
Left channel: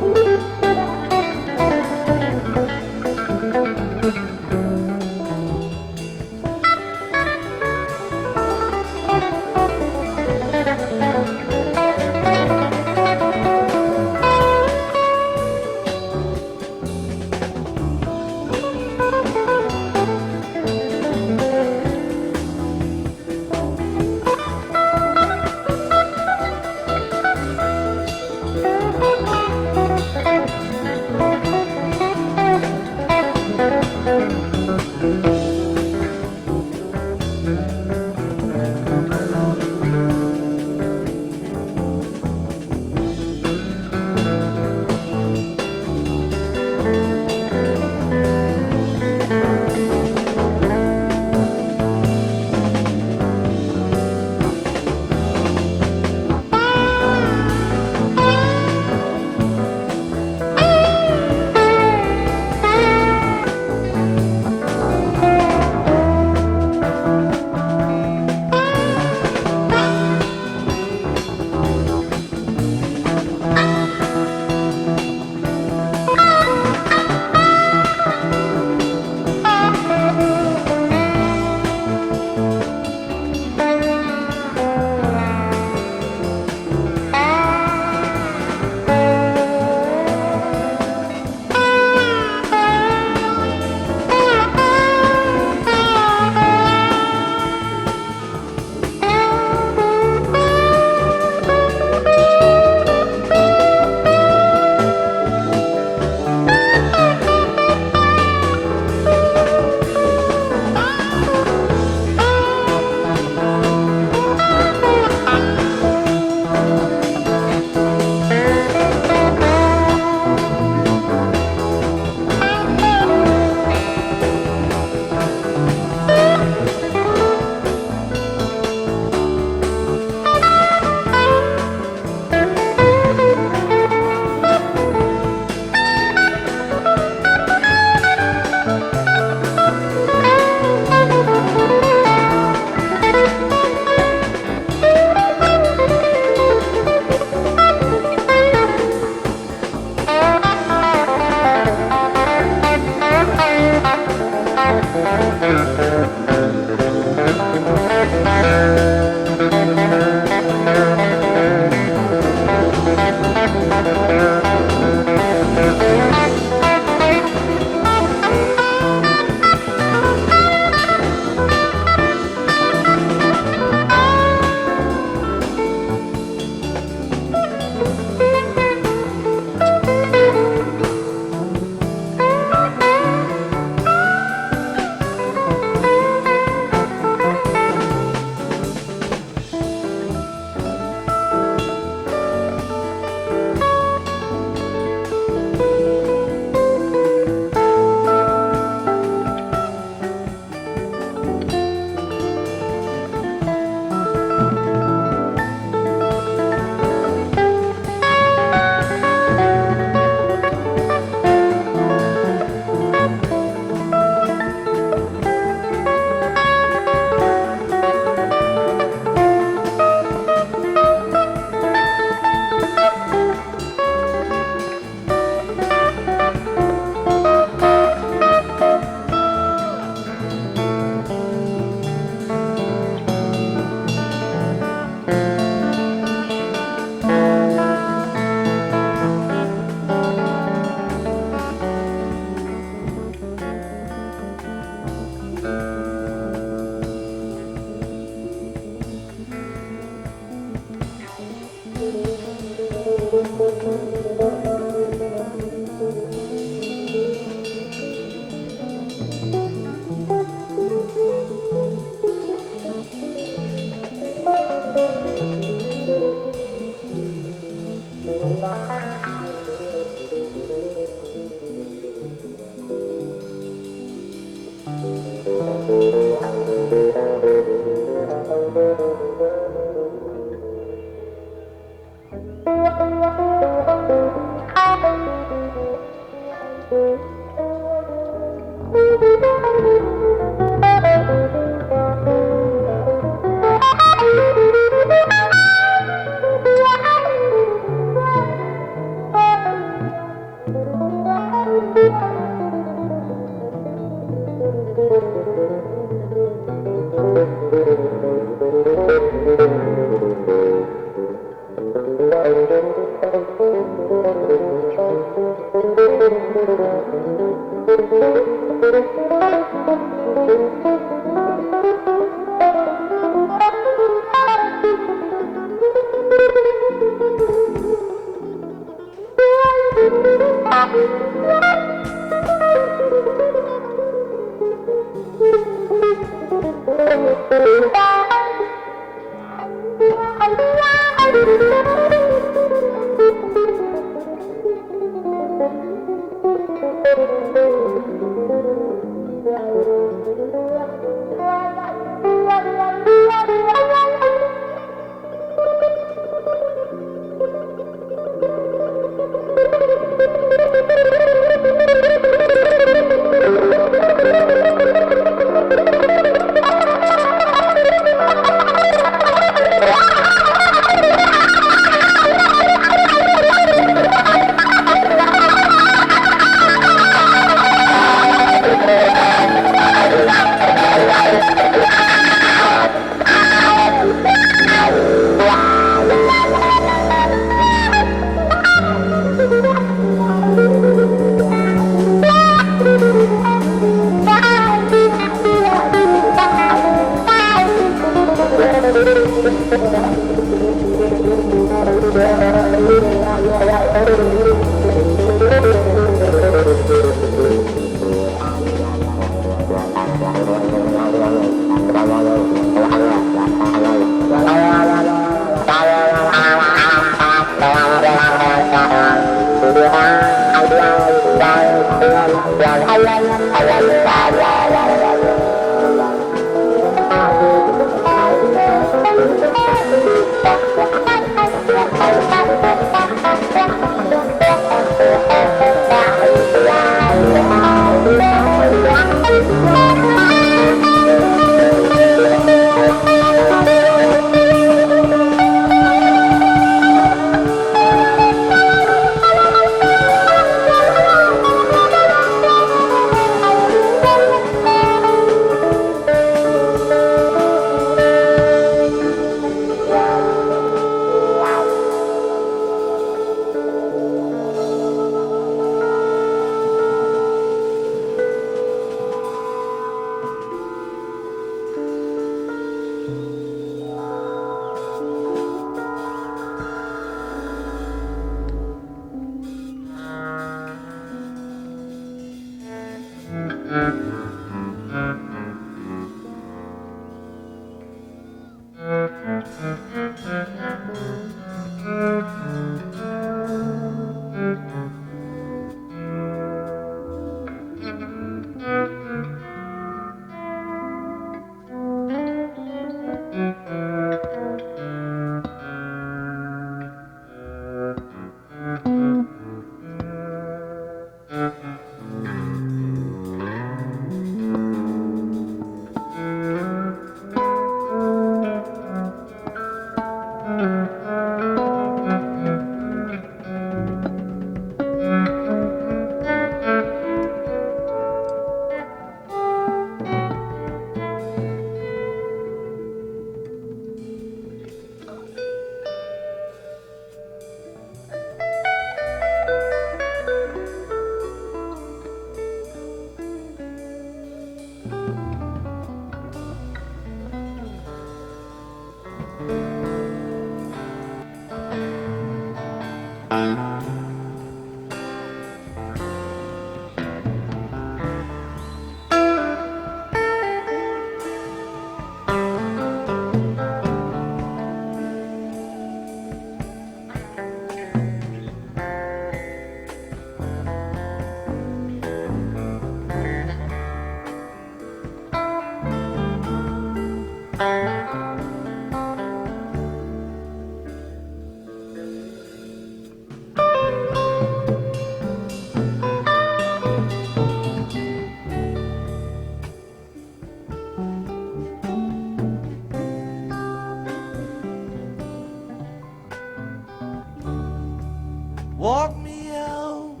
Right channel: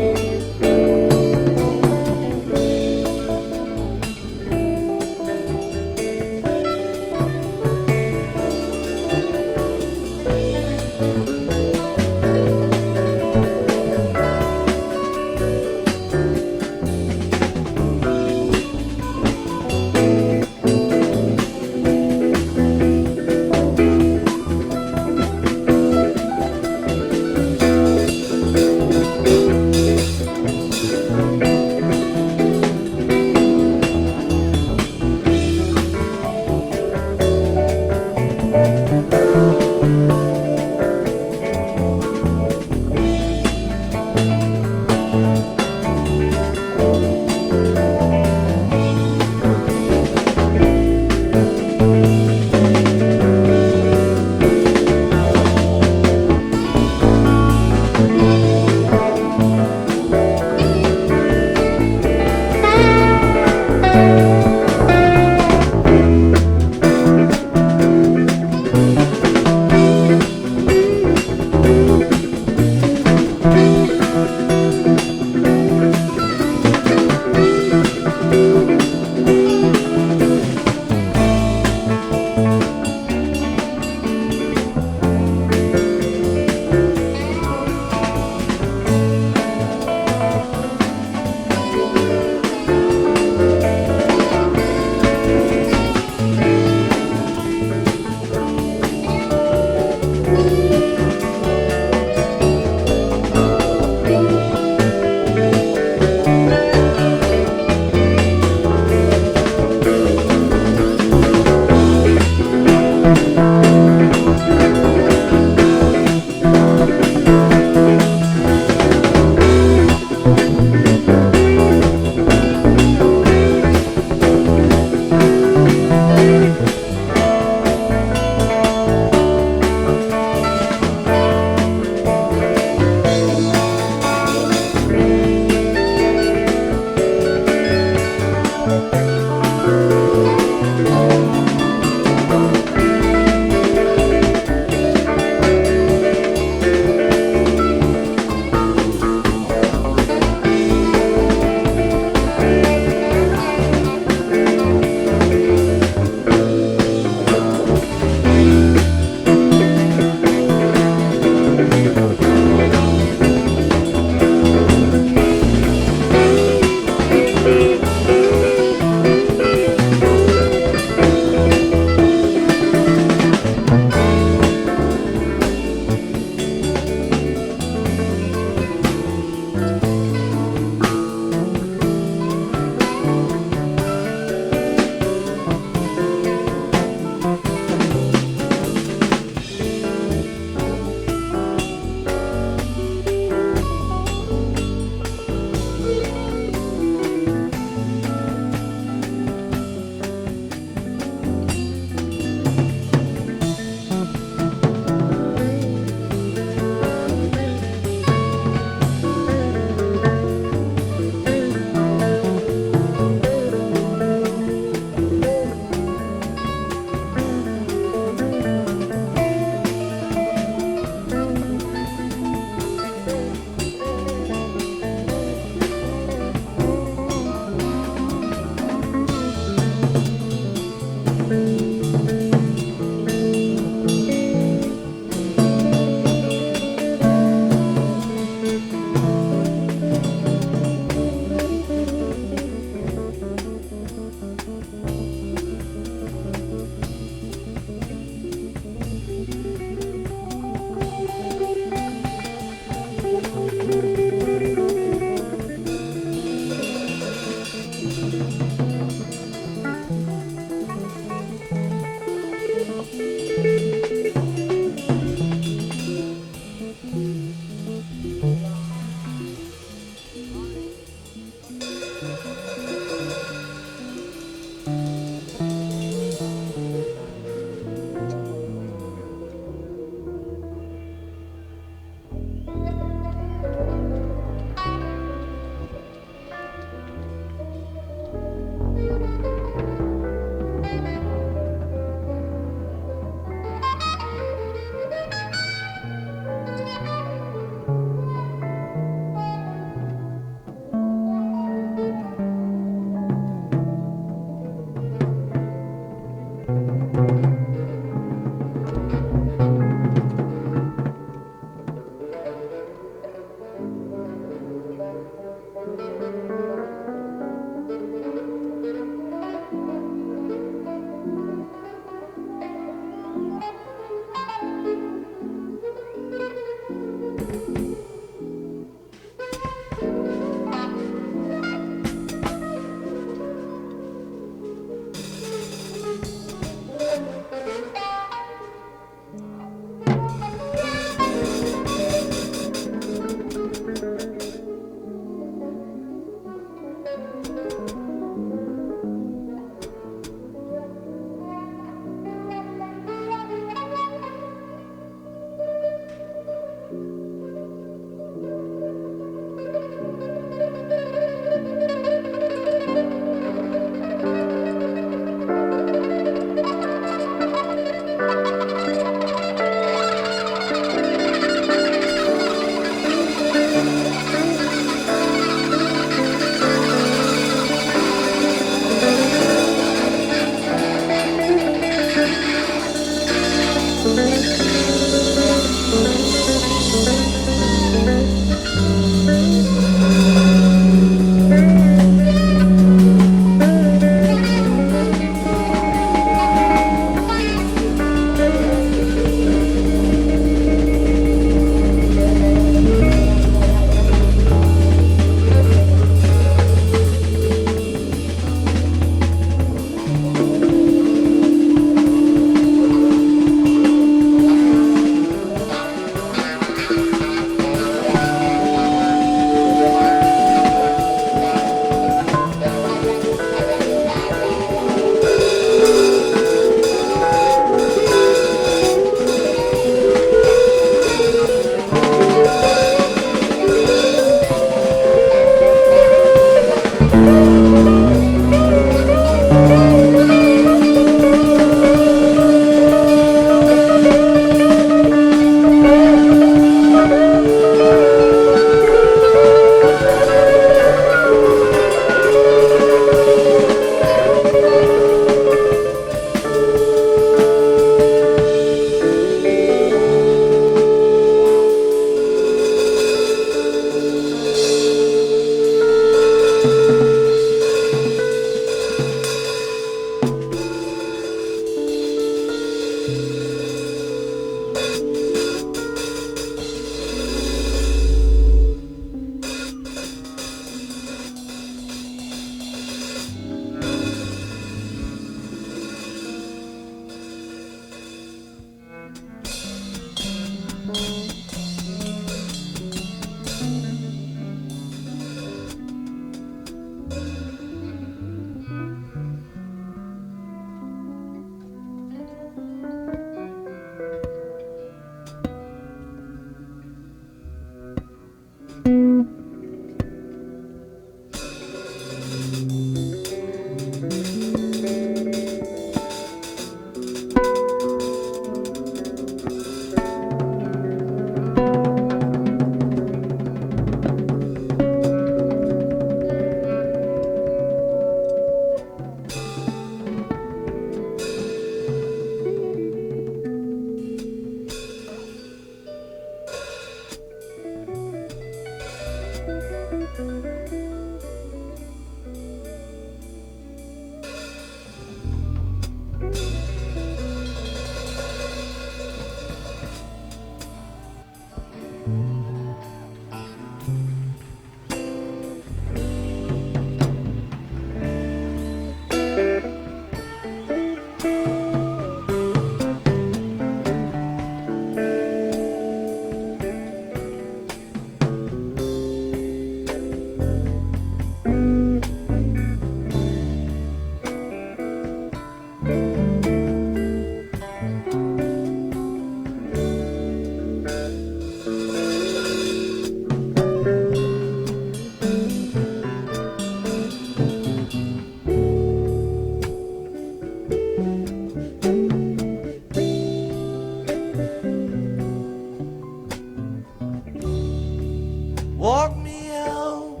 Walk me out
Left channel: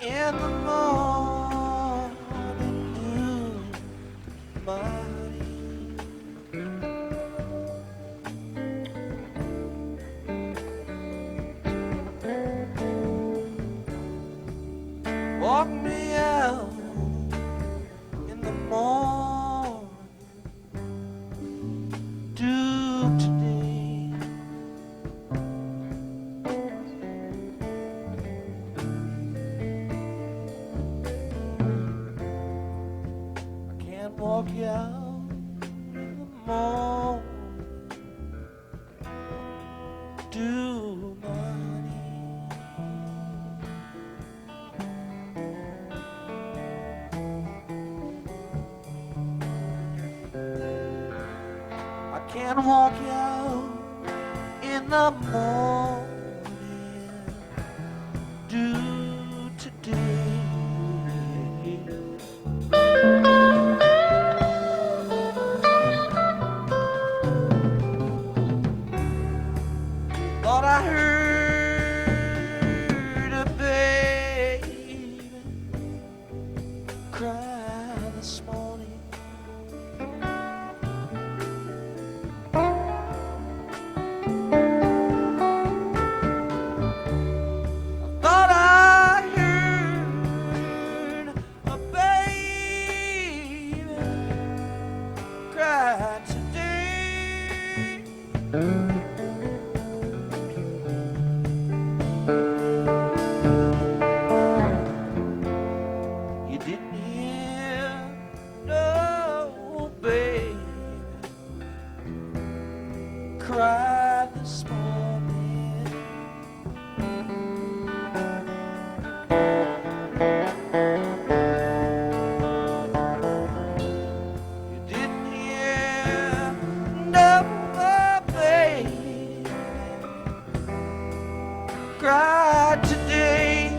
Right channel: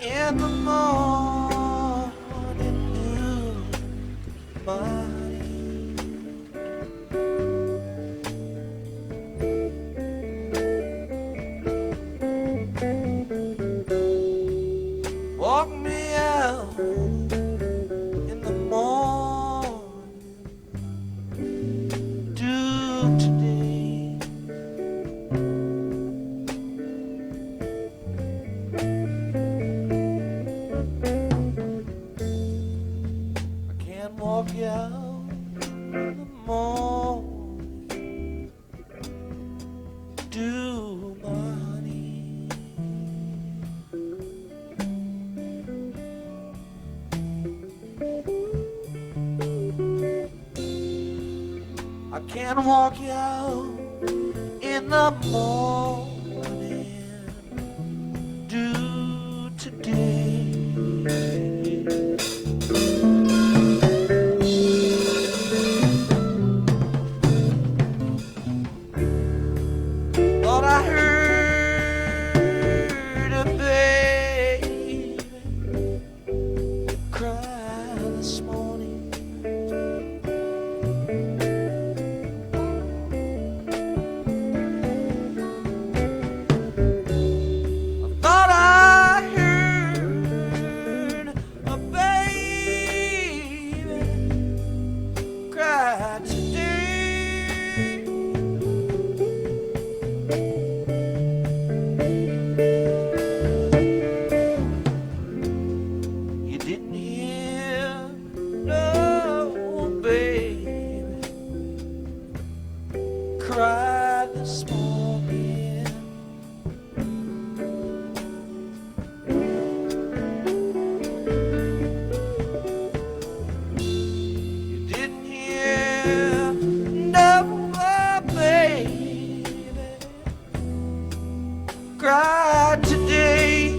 in the morning, you, my honey. Walk me out in the morning, do today. I can't walk you out in the morning, do my honey. I can't walk you out in the morning, do today. Thought I heard a baby cry this morning. Thought I heard a baby cry today. You didn't hear no baby cry this morning. You didn't hear no baby cry today.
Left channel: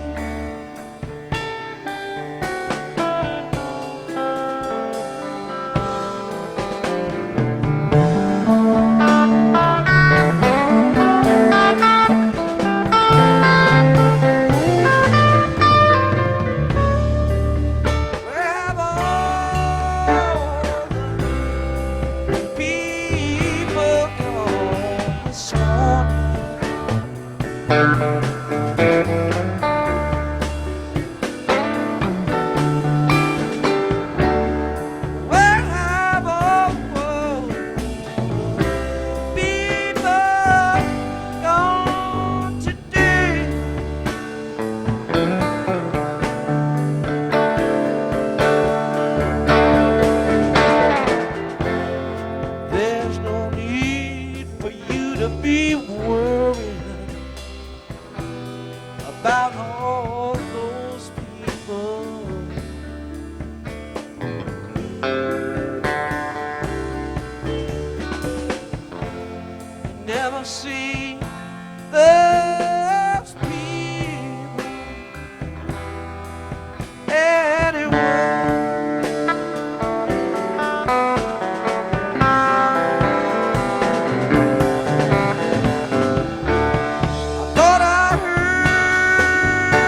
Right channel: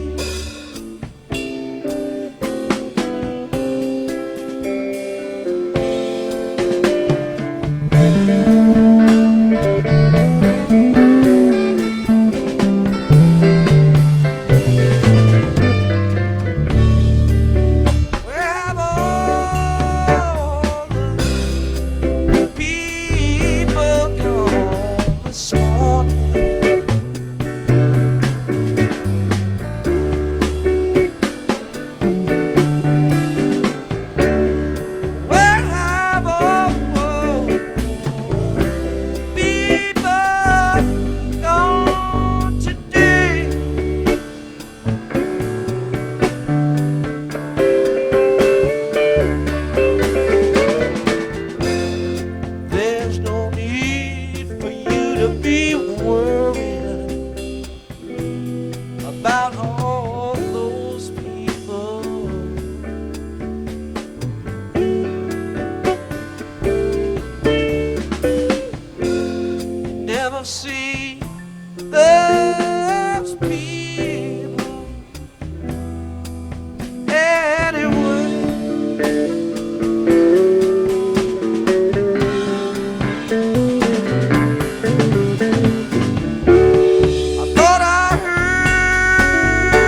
Where have all the people gone this morning? Where have all the people gone today? There's no need for you to be worrying about all those people. You never see those people anyway. I thought I heard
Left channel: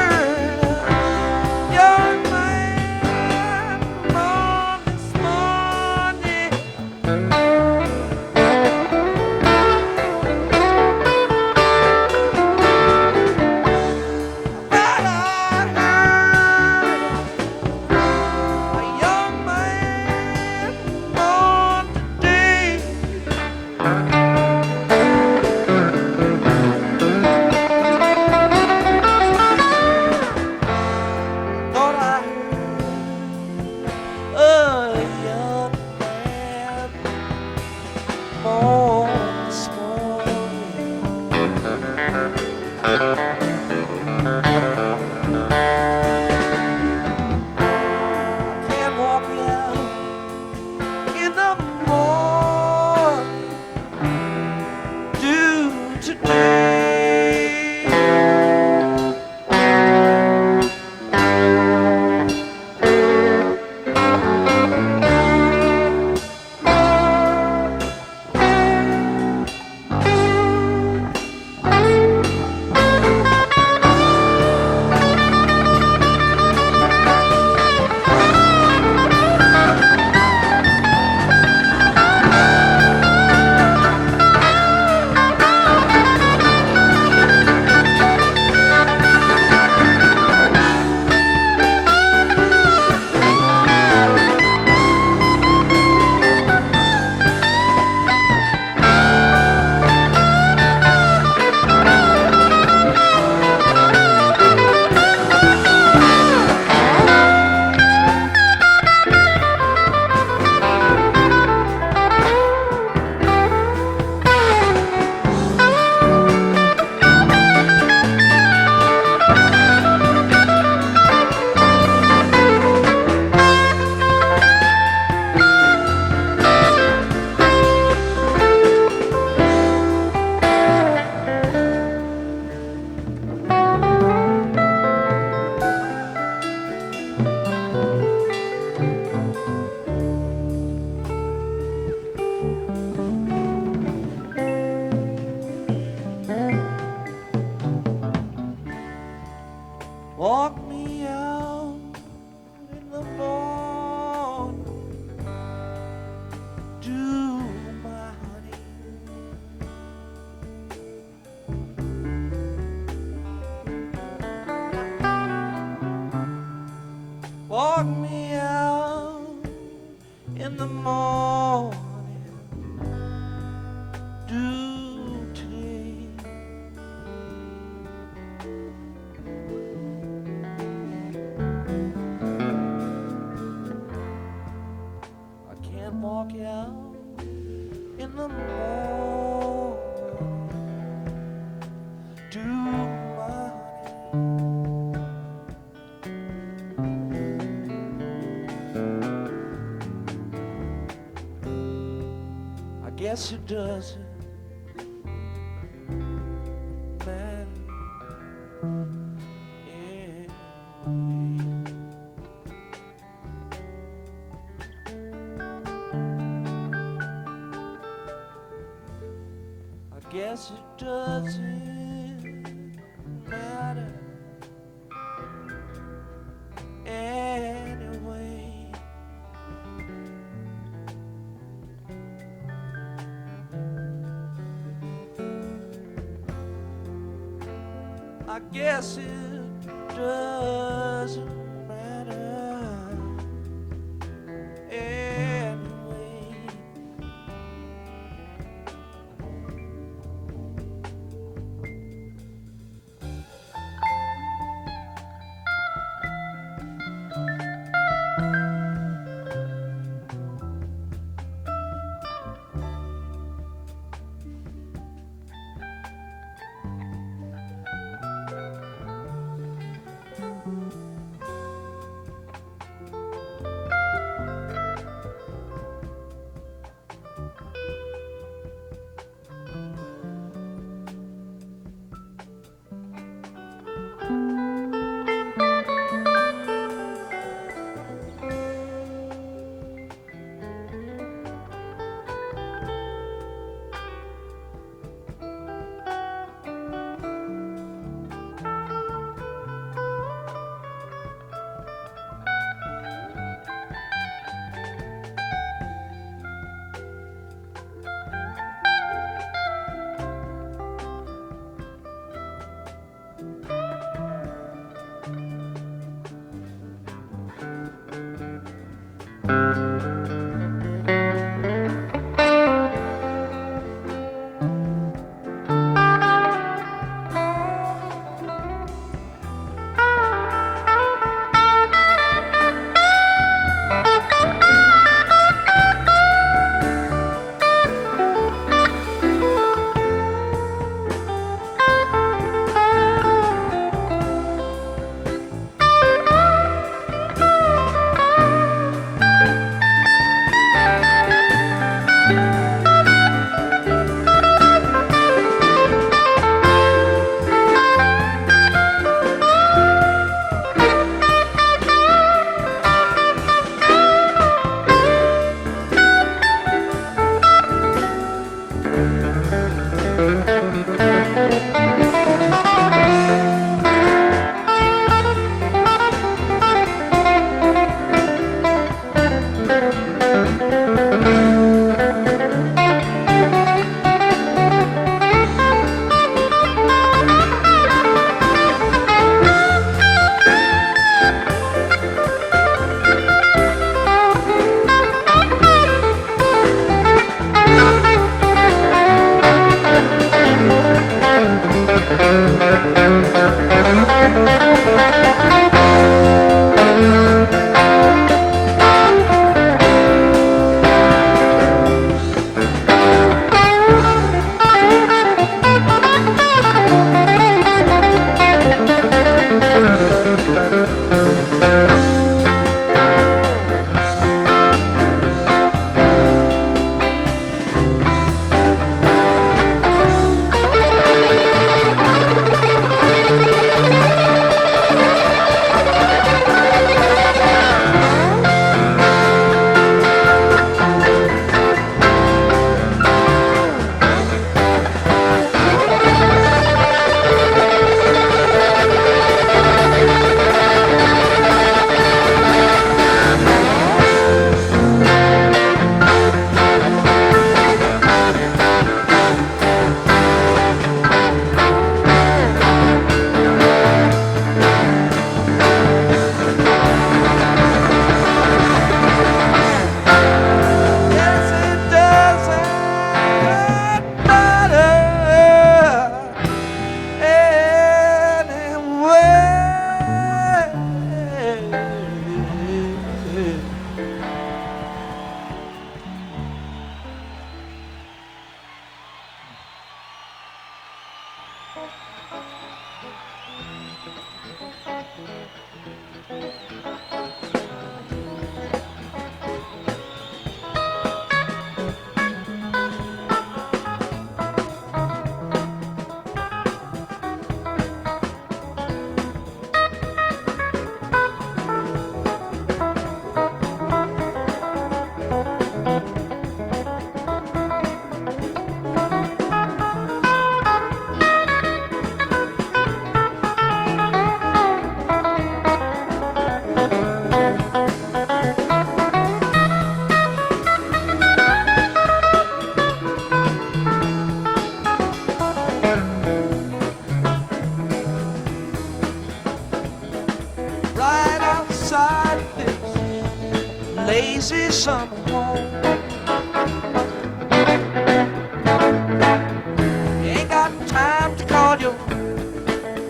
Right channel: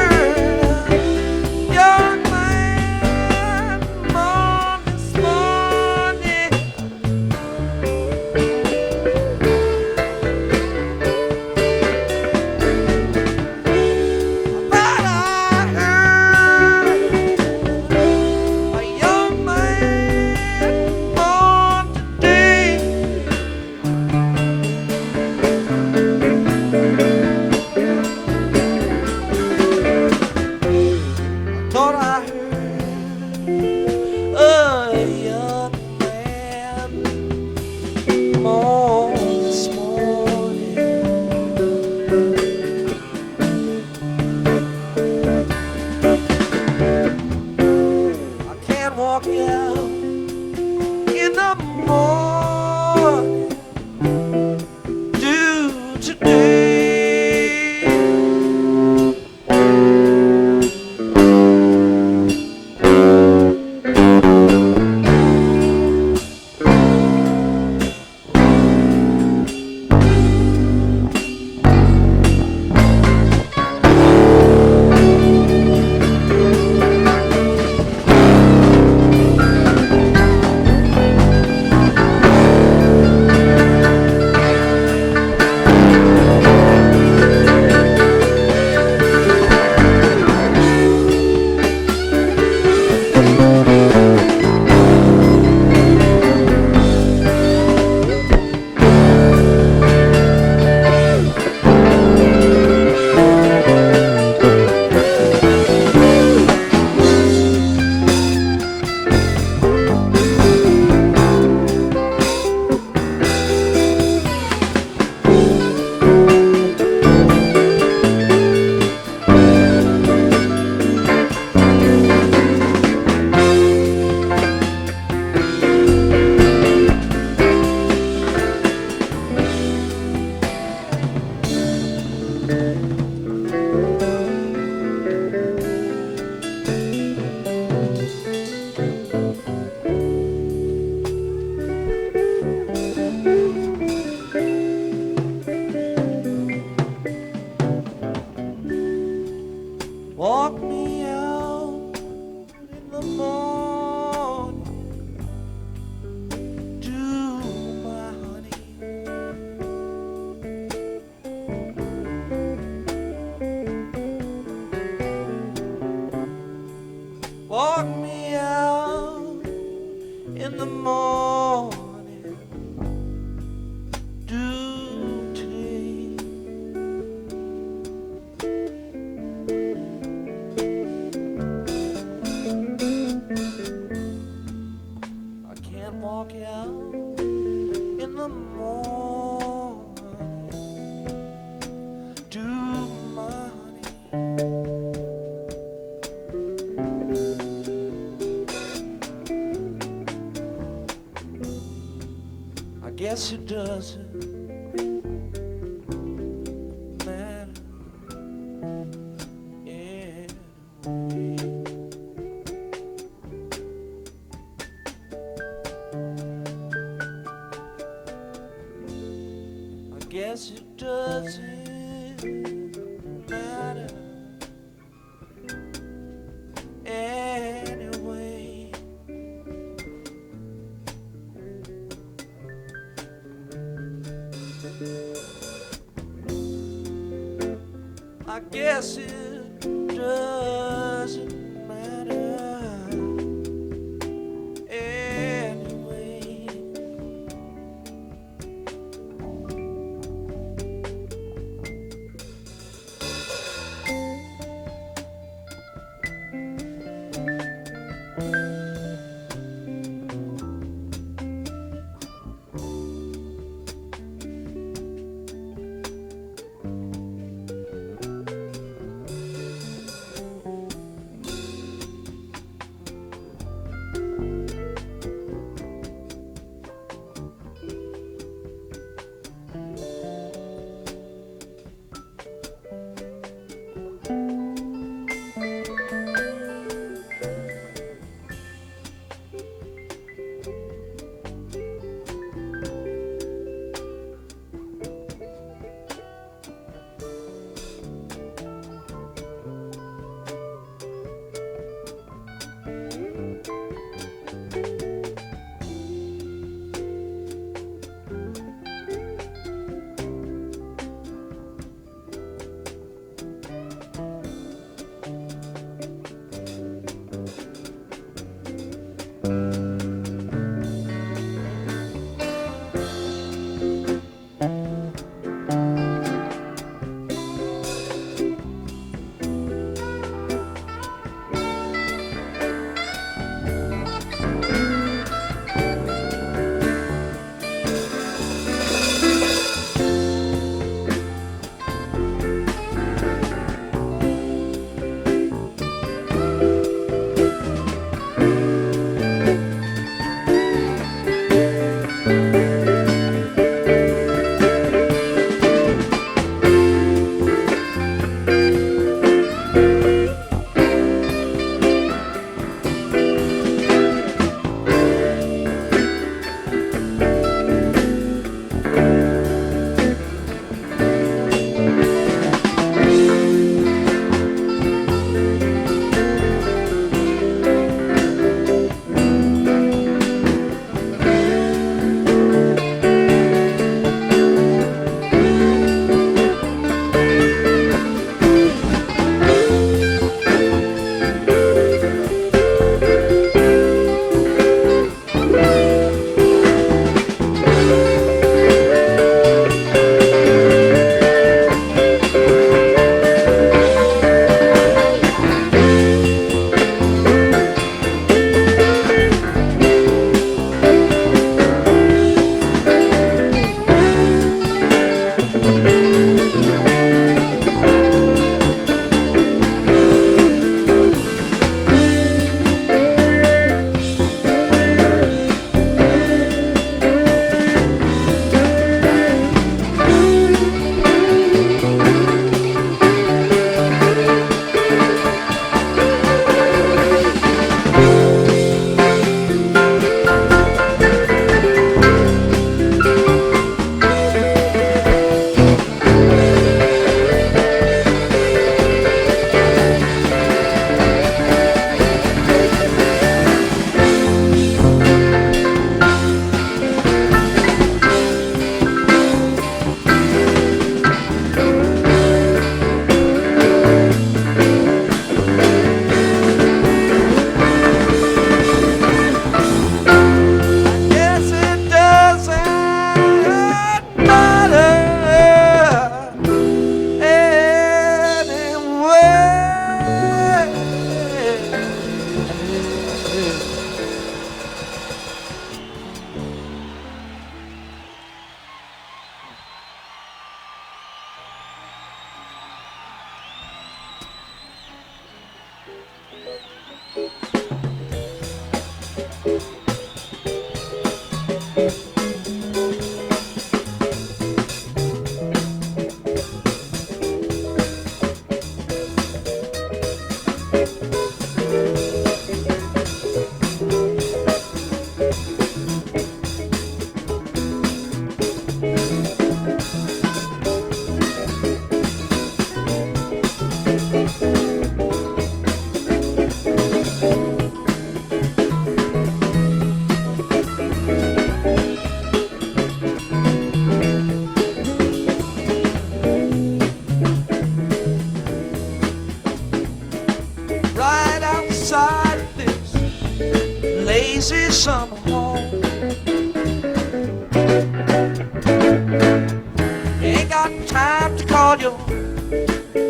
Walk me out in the morning to my honey. Walk me out in the morning, do today. I can't walk out in the morning, do my honey. I guess it doesn't matter anyway. I guess it doesn't matter anyway. I guess it doesn't matter anyway. lazy summer home. You ain't got time to call your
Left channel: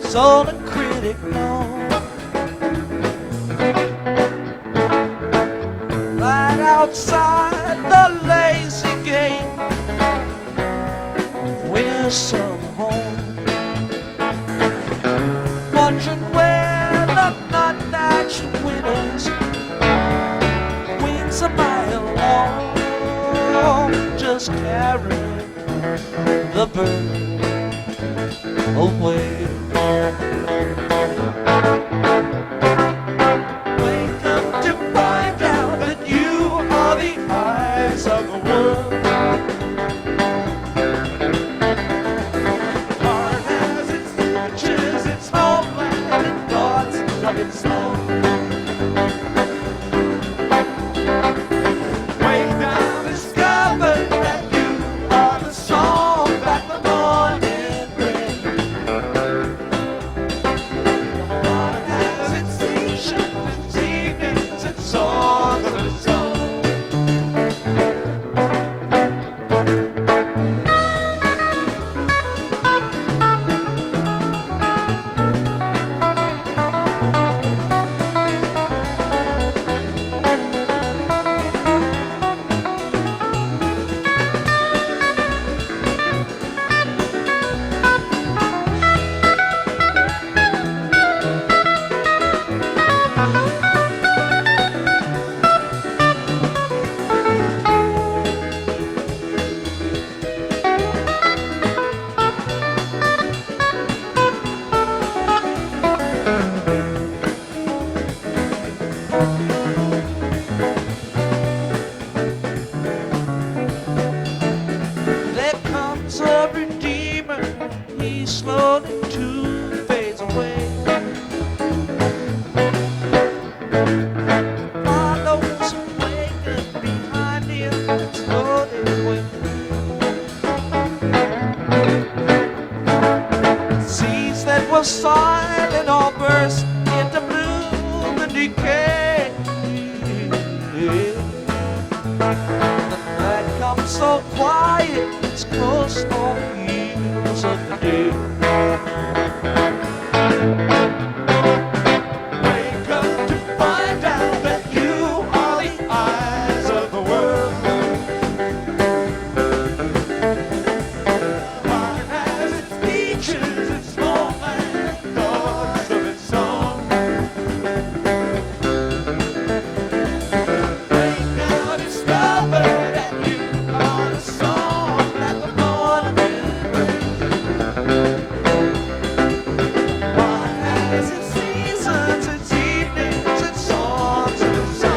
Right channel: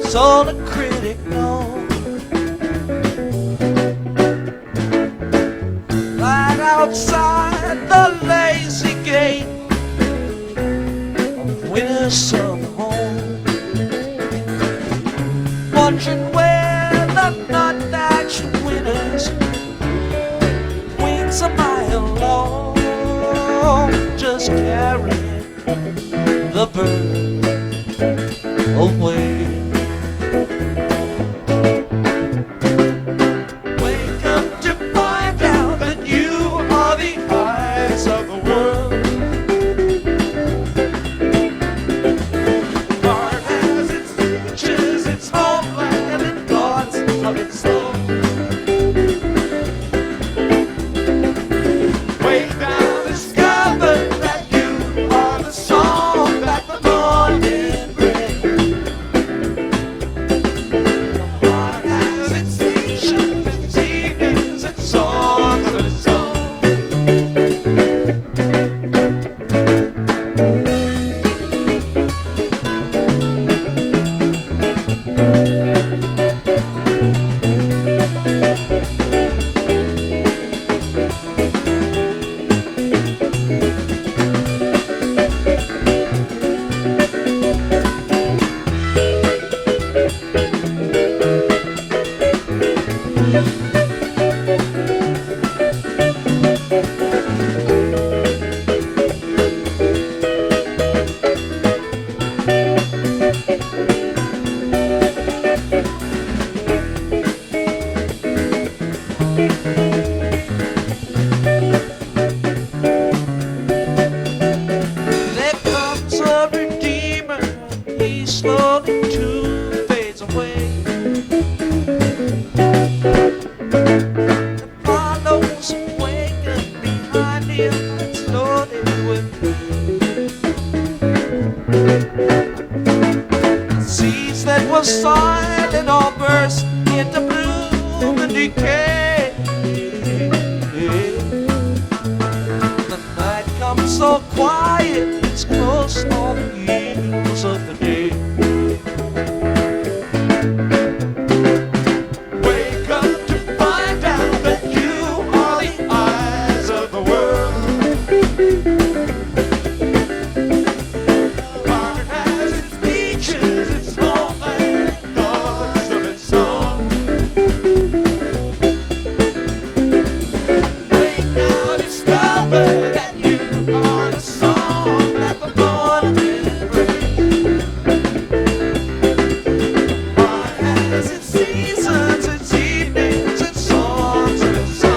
soul a critic, no. Right outside the lazy gate of winter's summer home, wondering where the nut-thatched winters wings a mile long, just carrying the bird away. Wake up to find out that you are the eyes of the world. Heart has its features, its homeland, and thoughts of its own. Wake down, discover that you are the song that the morning brings. Heart has its features, its evenings, its songs of its own. There comes a redeemer, he slowly too fades away. Follows him waking behind him, slowly with seeds that were silent all burst into bloom and decay. The night comes so quiet, it's close on the heels of the day. Wake up to find out that you are the eyes of the world. Heart has its features, its homeland, thoughts of its own. Wake now, discover that you are the song that the morning brings. Heart has its seasons, its evenings, its songs of its own.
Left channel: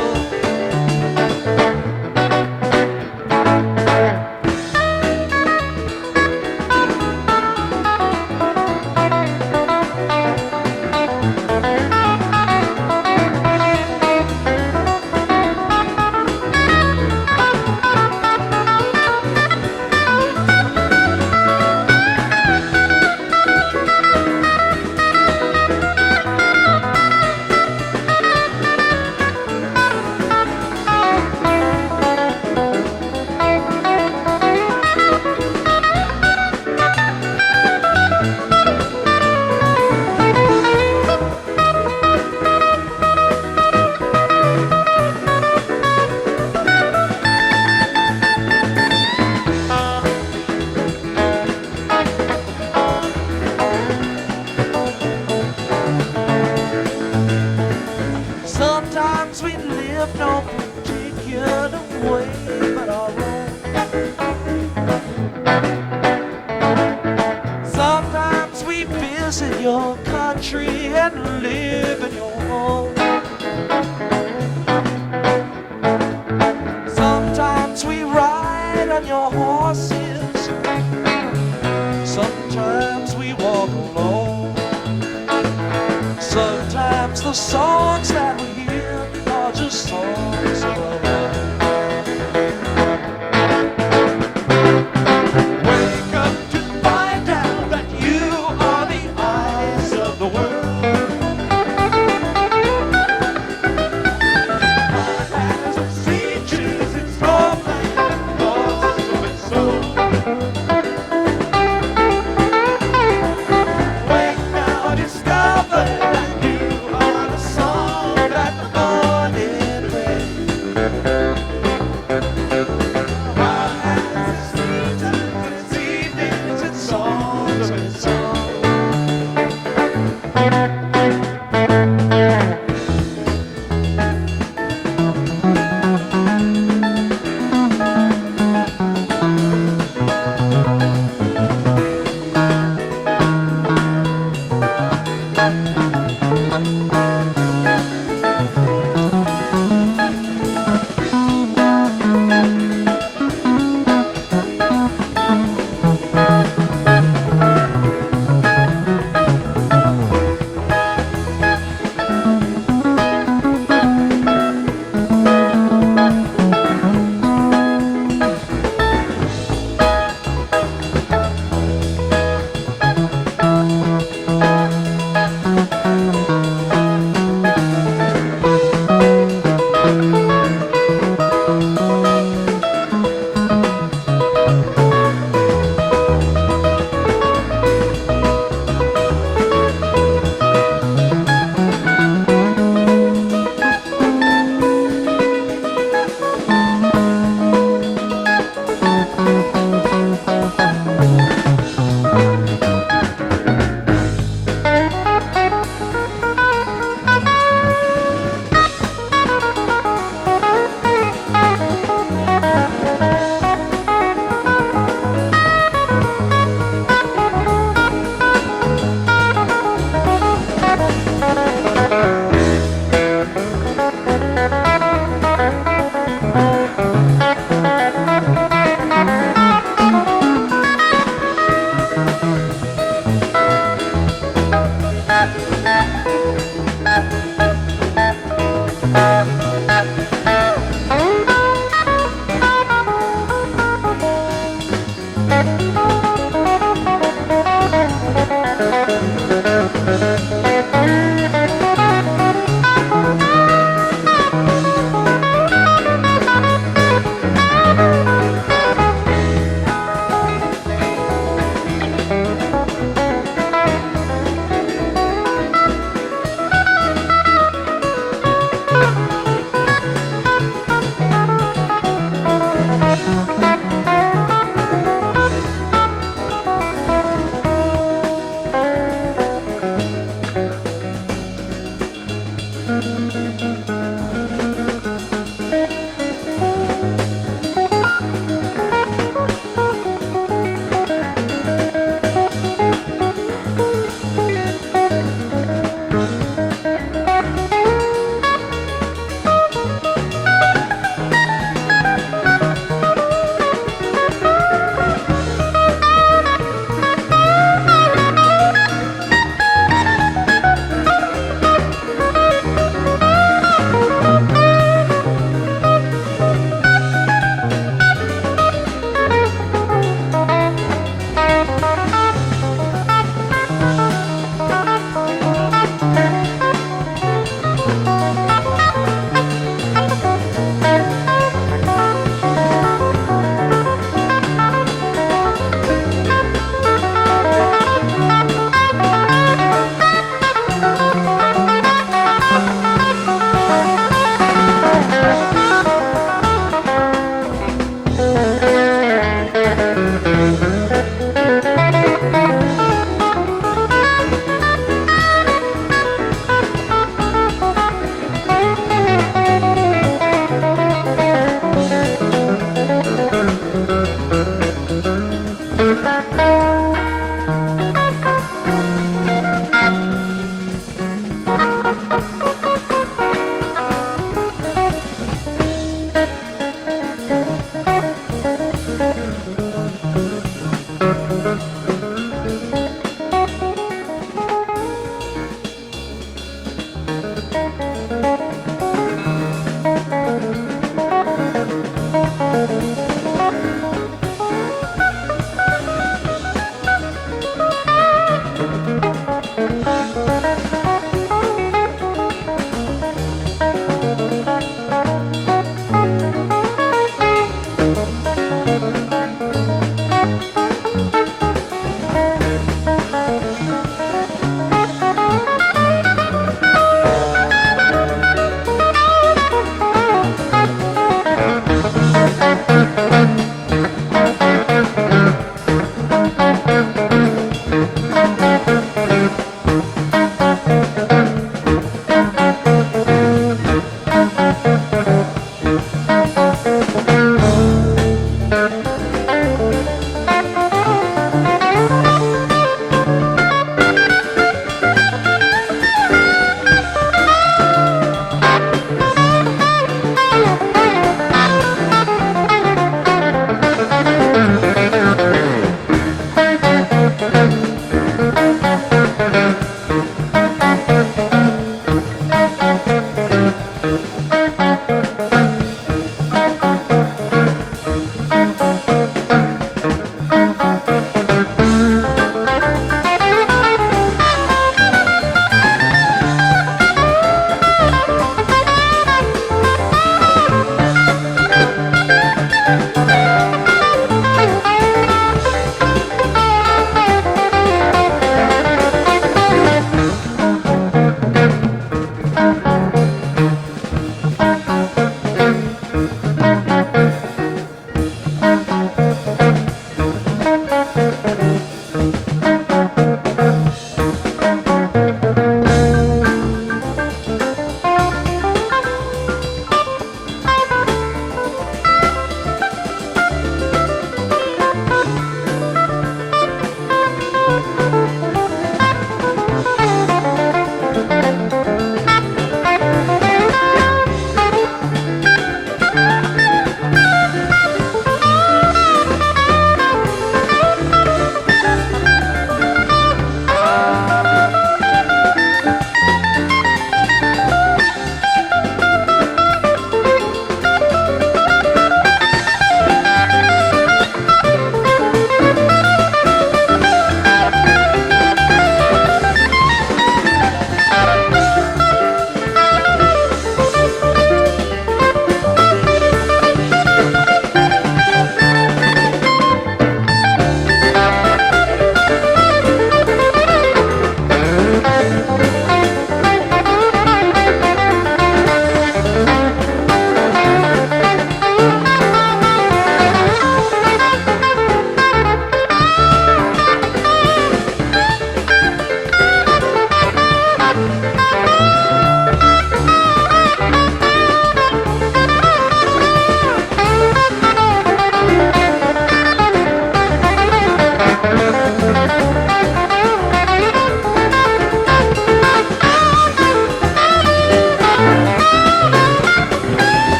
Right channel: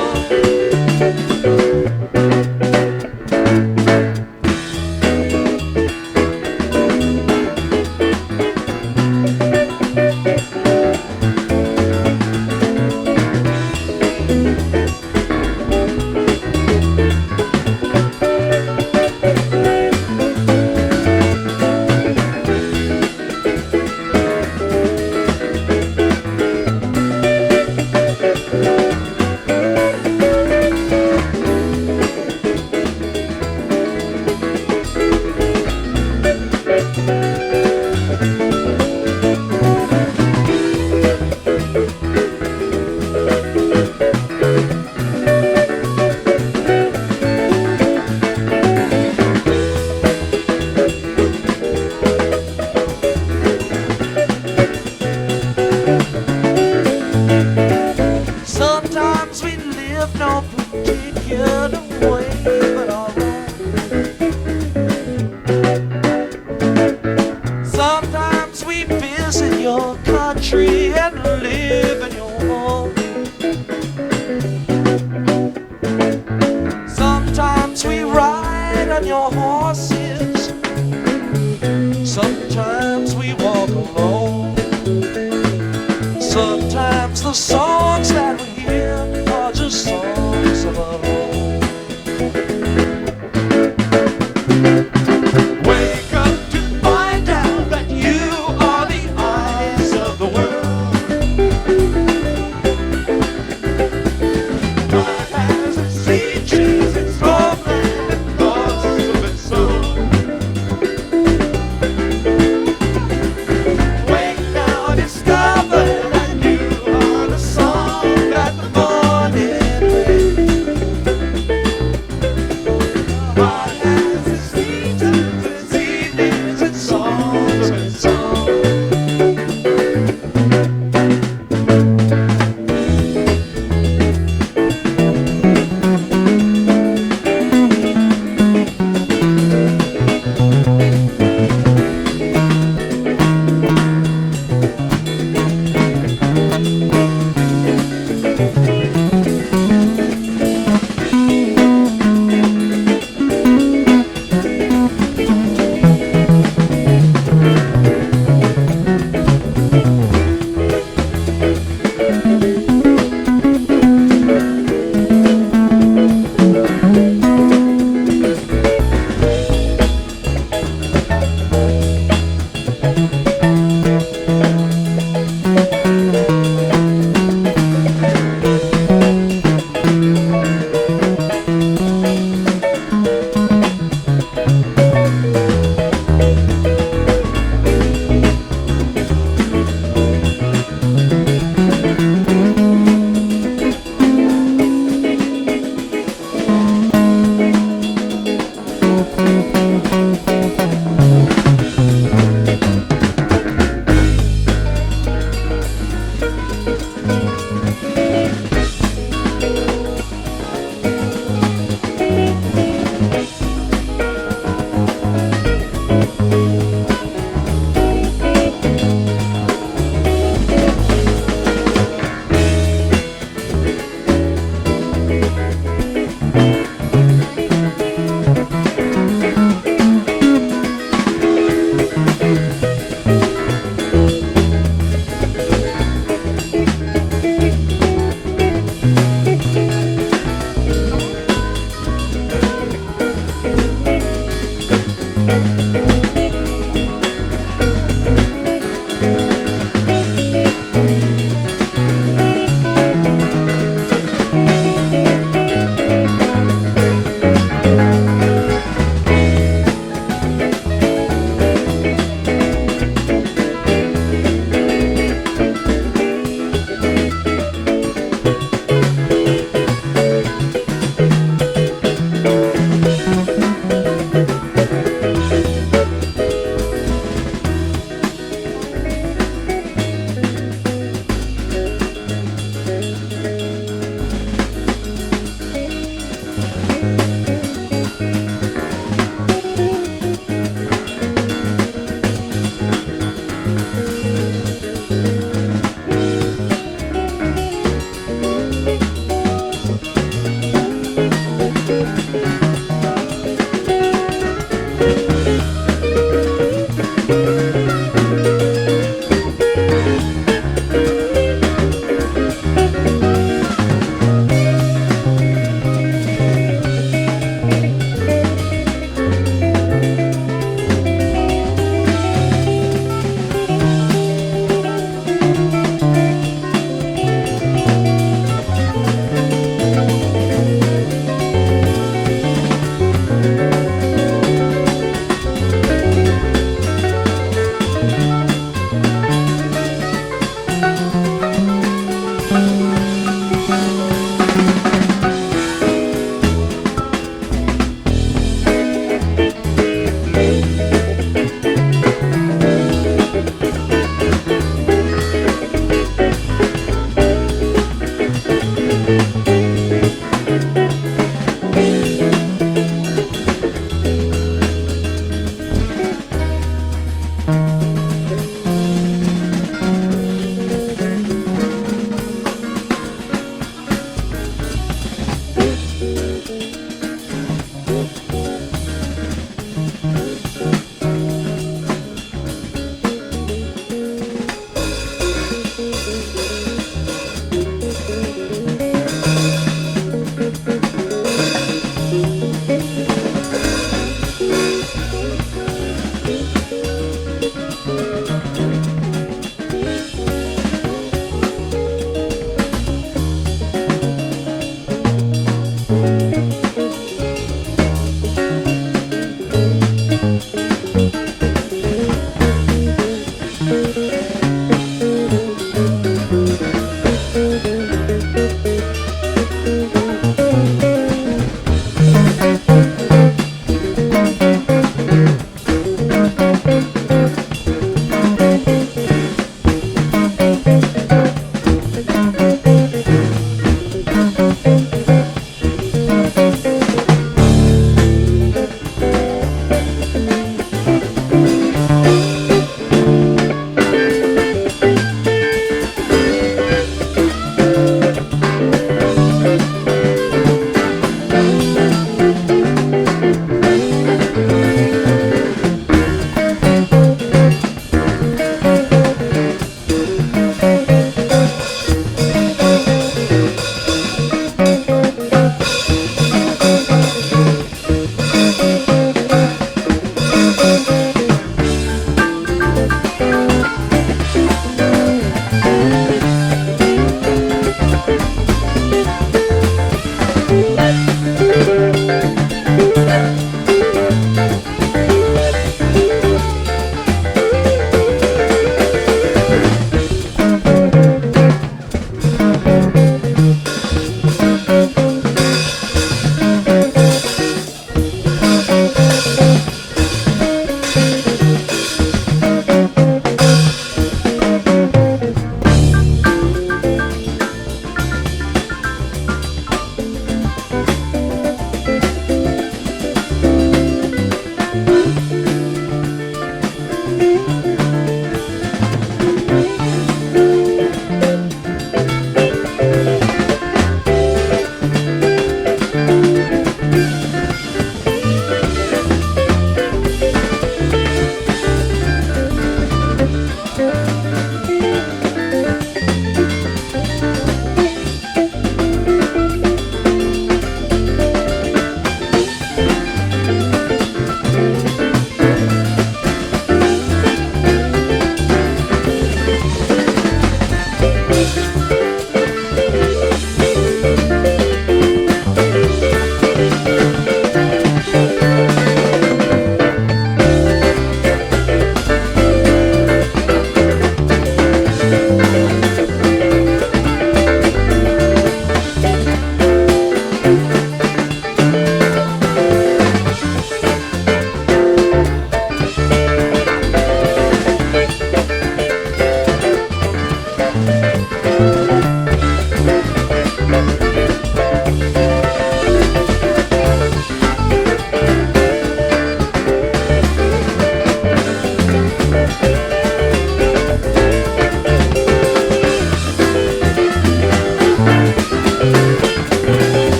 Sometimes we live no particular way but our own. Sometimes we visit your country and live in your home. Sometimes we ride on your horses. Sometimes we walk alone. Sometimes the songs that we hear are just songs of our own. Wake up to find out that you are the eyes of the world. Heart has its feet.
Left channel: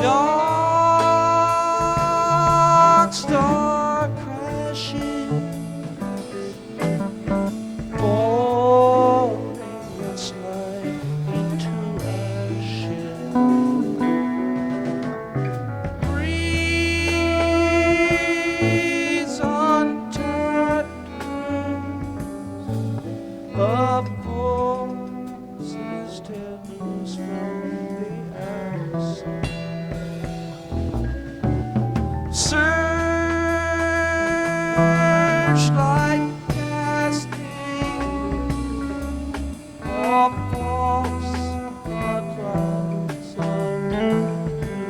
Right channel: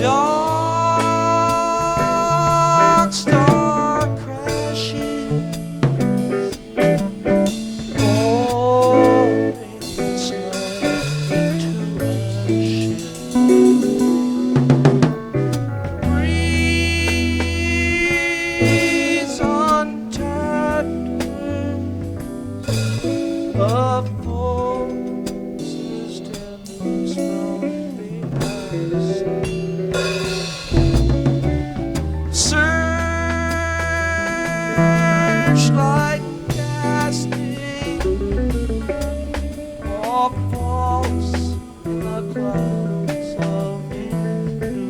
Dark star crashing, falling its light into ashes. Breeze on tatters of pulses stems from the ice. Searchlight casting off false the clouds of illusion.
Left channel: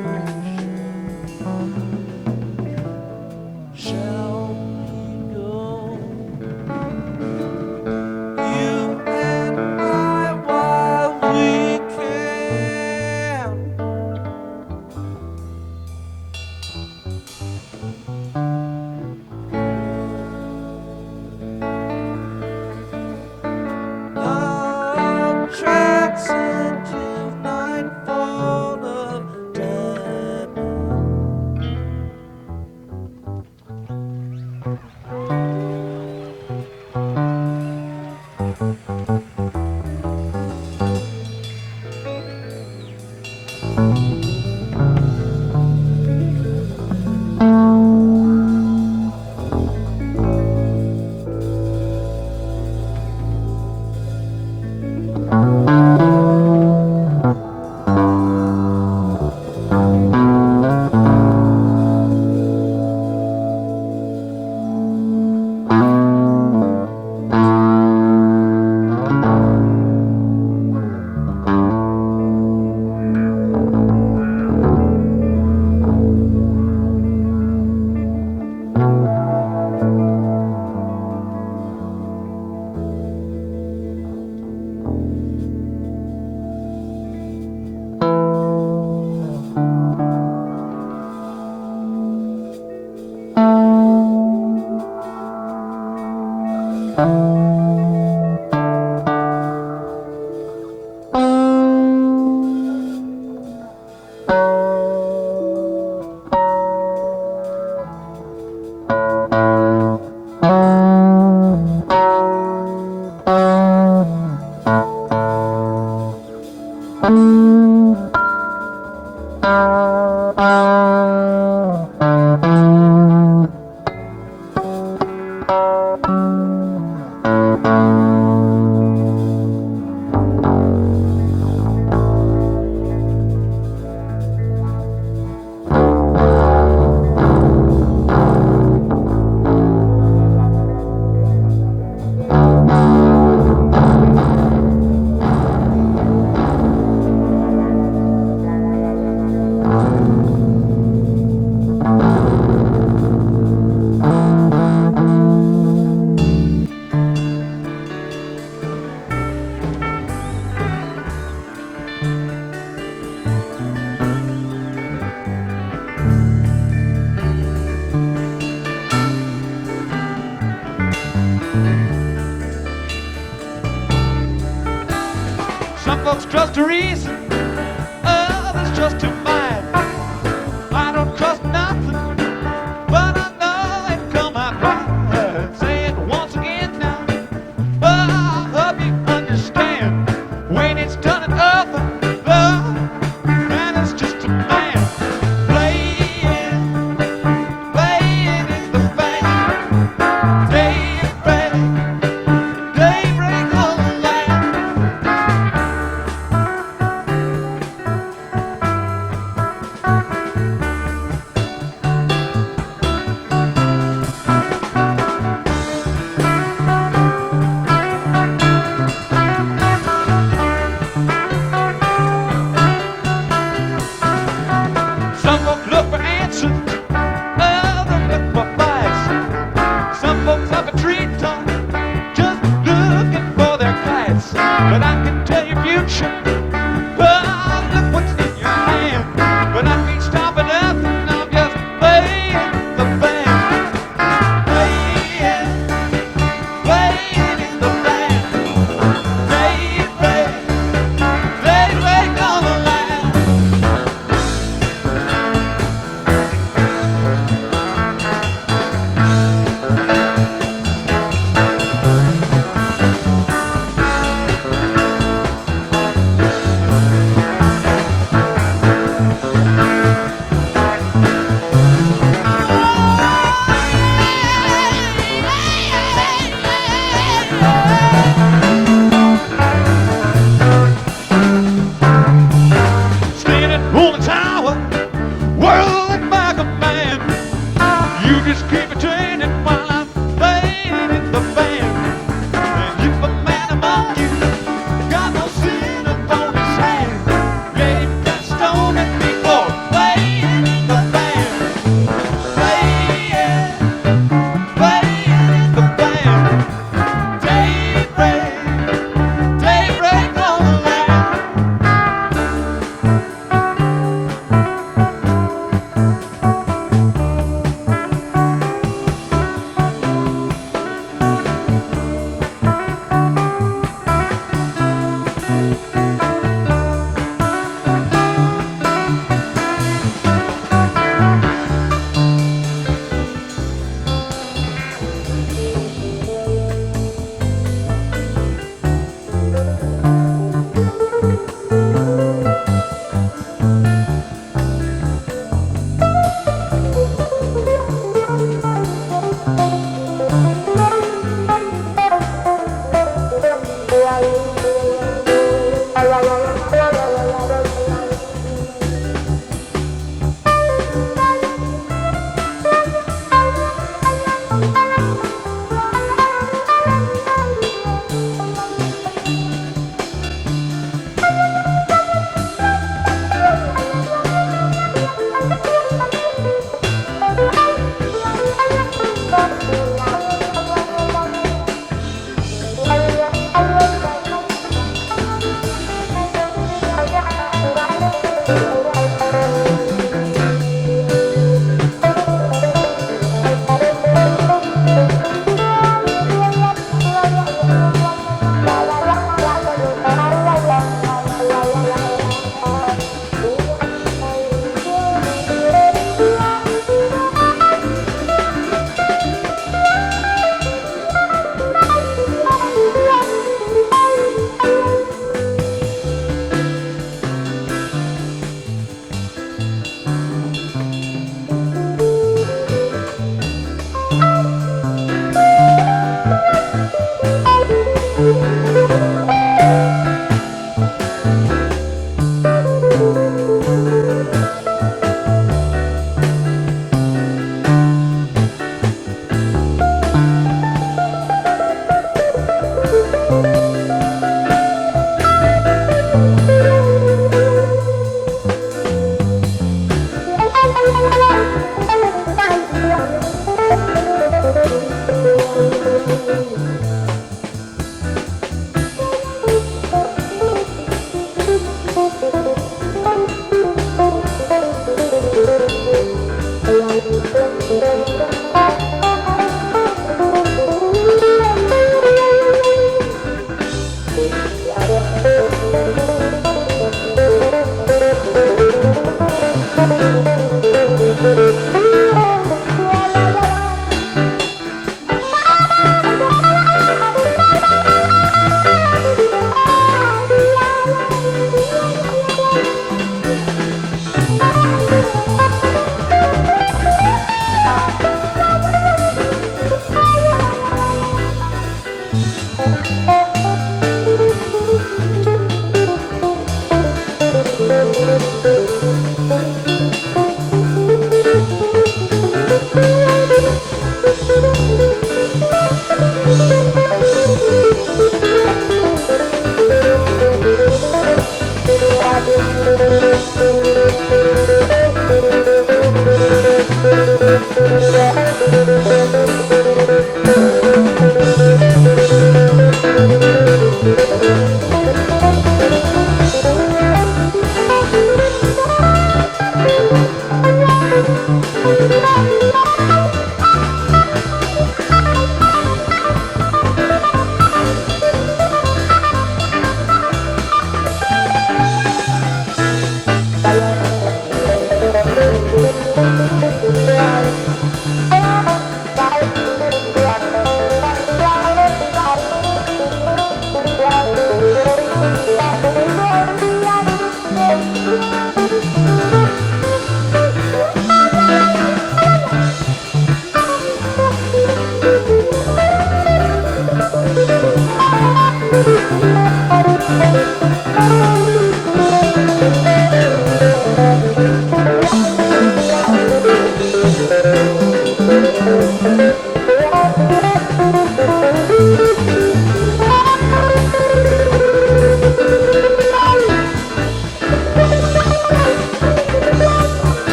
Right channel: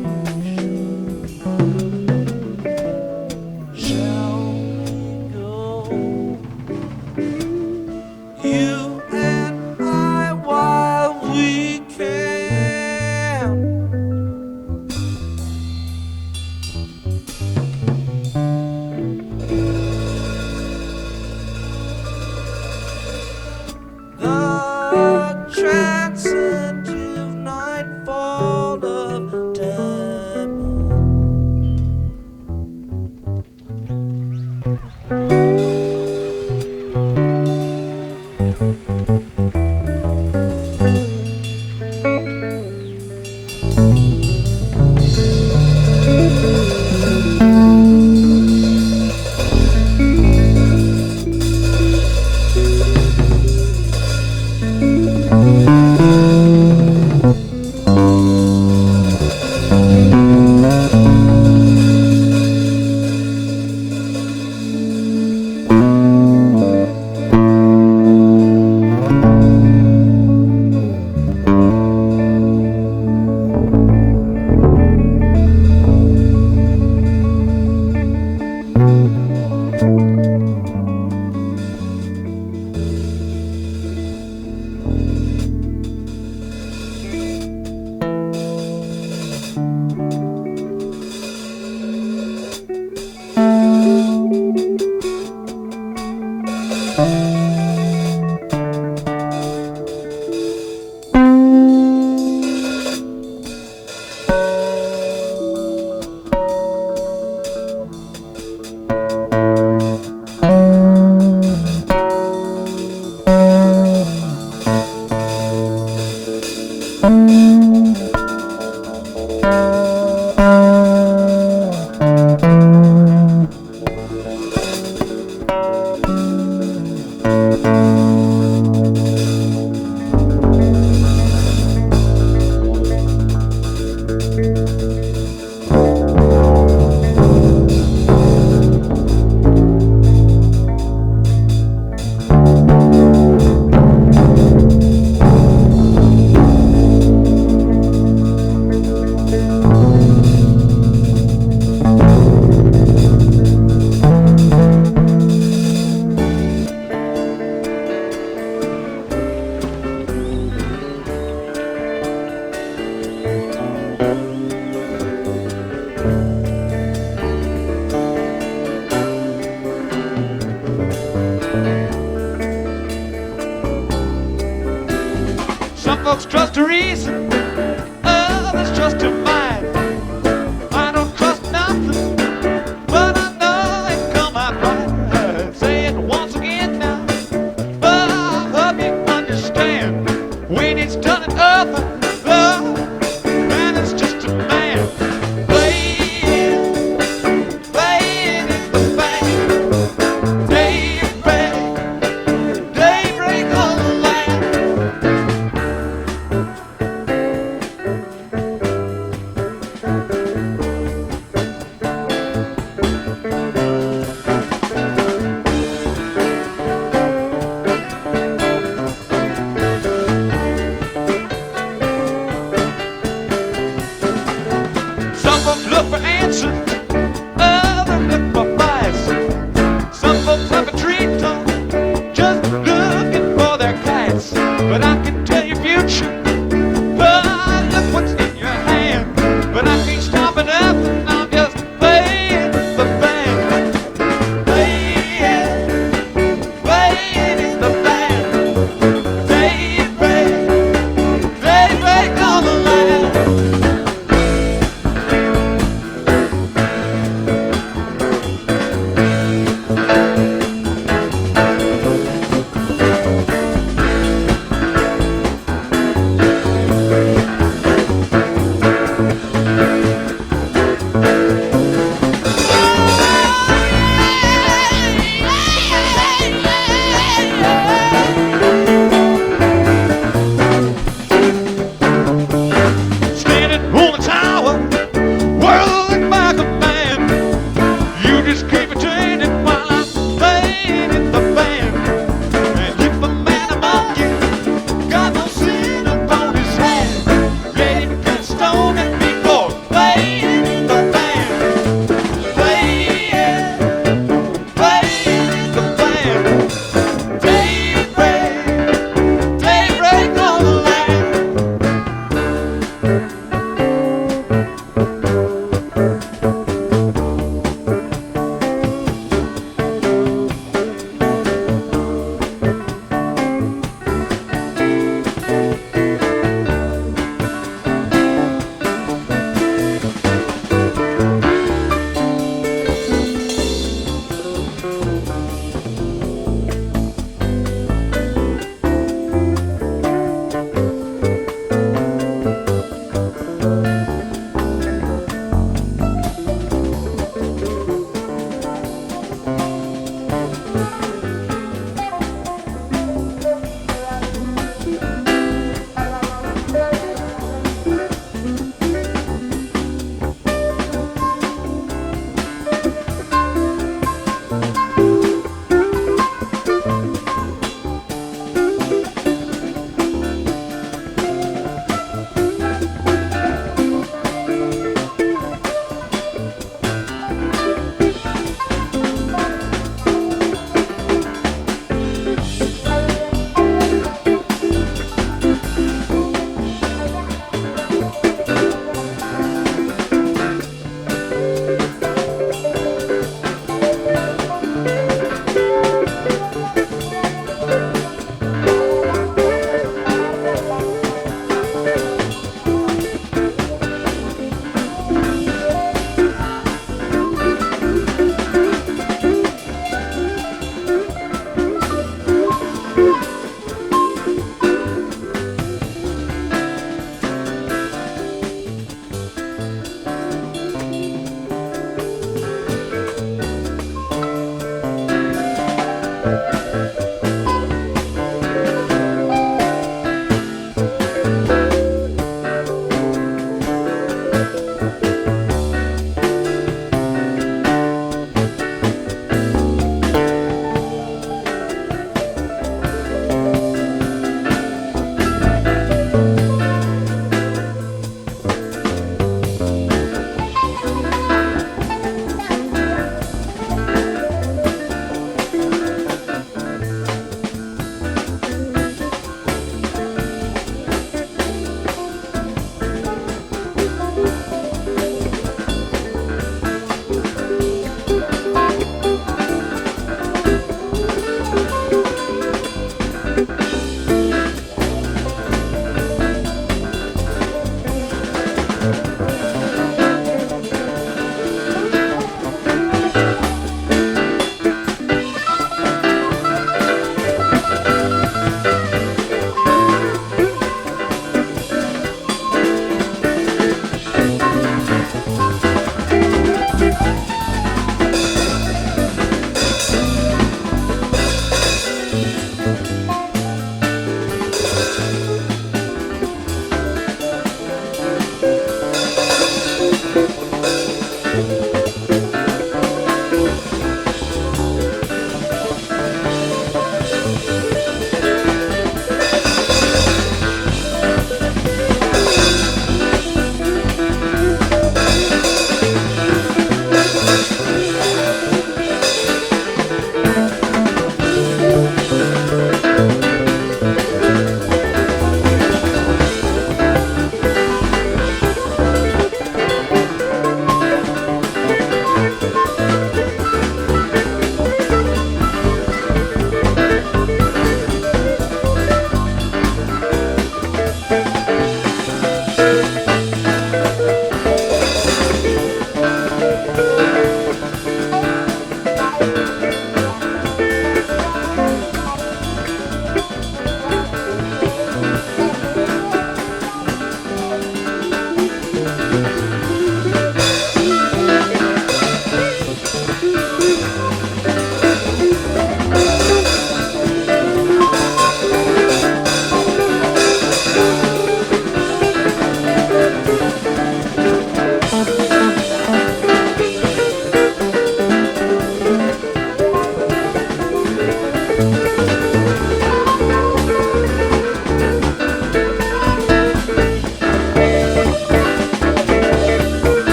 folks trust to reason, others trust to mind. I don't trust nothing, but I know it come out right. Say it once again now, but I hope you understand. When it's done in other love, and it's just a man playing in the band. Daybreak on the land. Some folks look for answers, others look for fights. Some folks have a tree top, just looking for their kites. But I can tell your future, oh, look what's in your hand. But I can't stop it nothing, I'm just playing the band. Playing in the band. Daybreak on the land.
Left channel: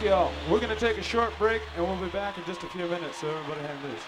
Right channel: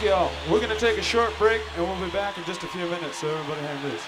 Thank you all. We're going to take a short break, and we'll be back in just a few minutes, so everybody hang loose.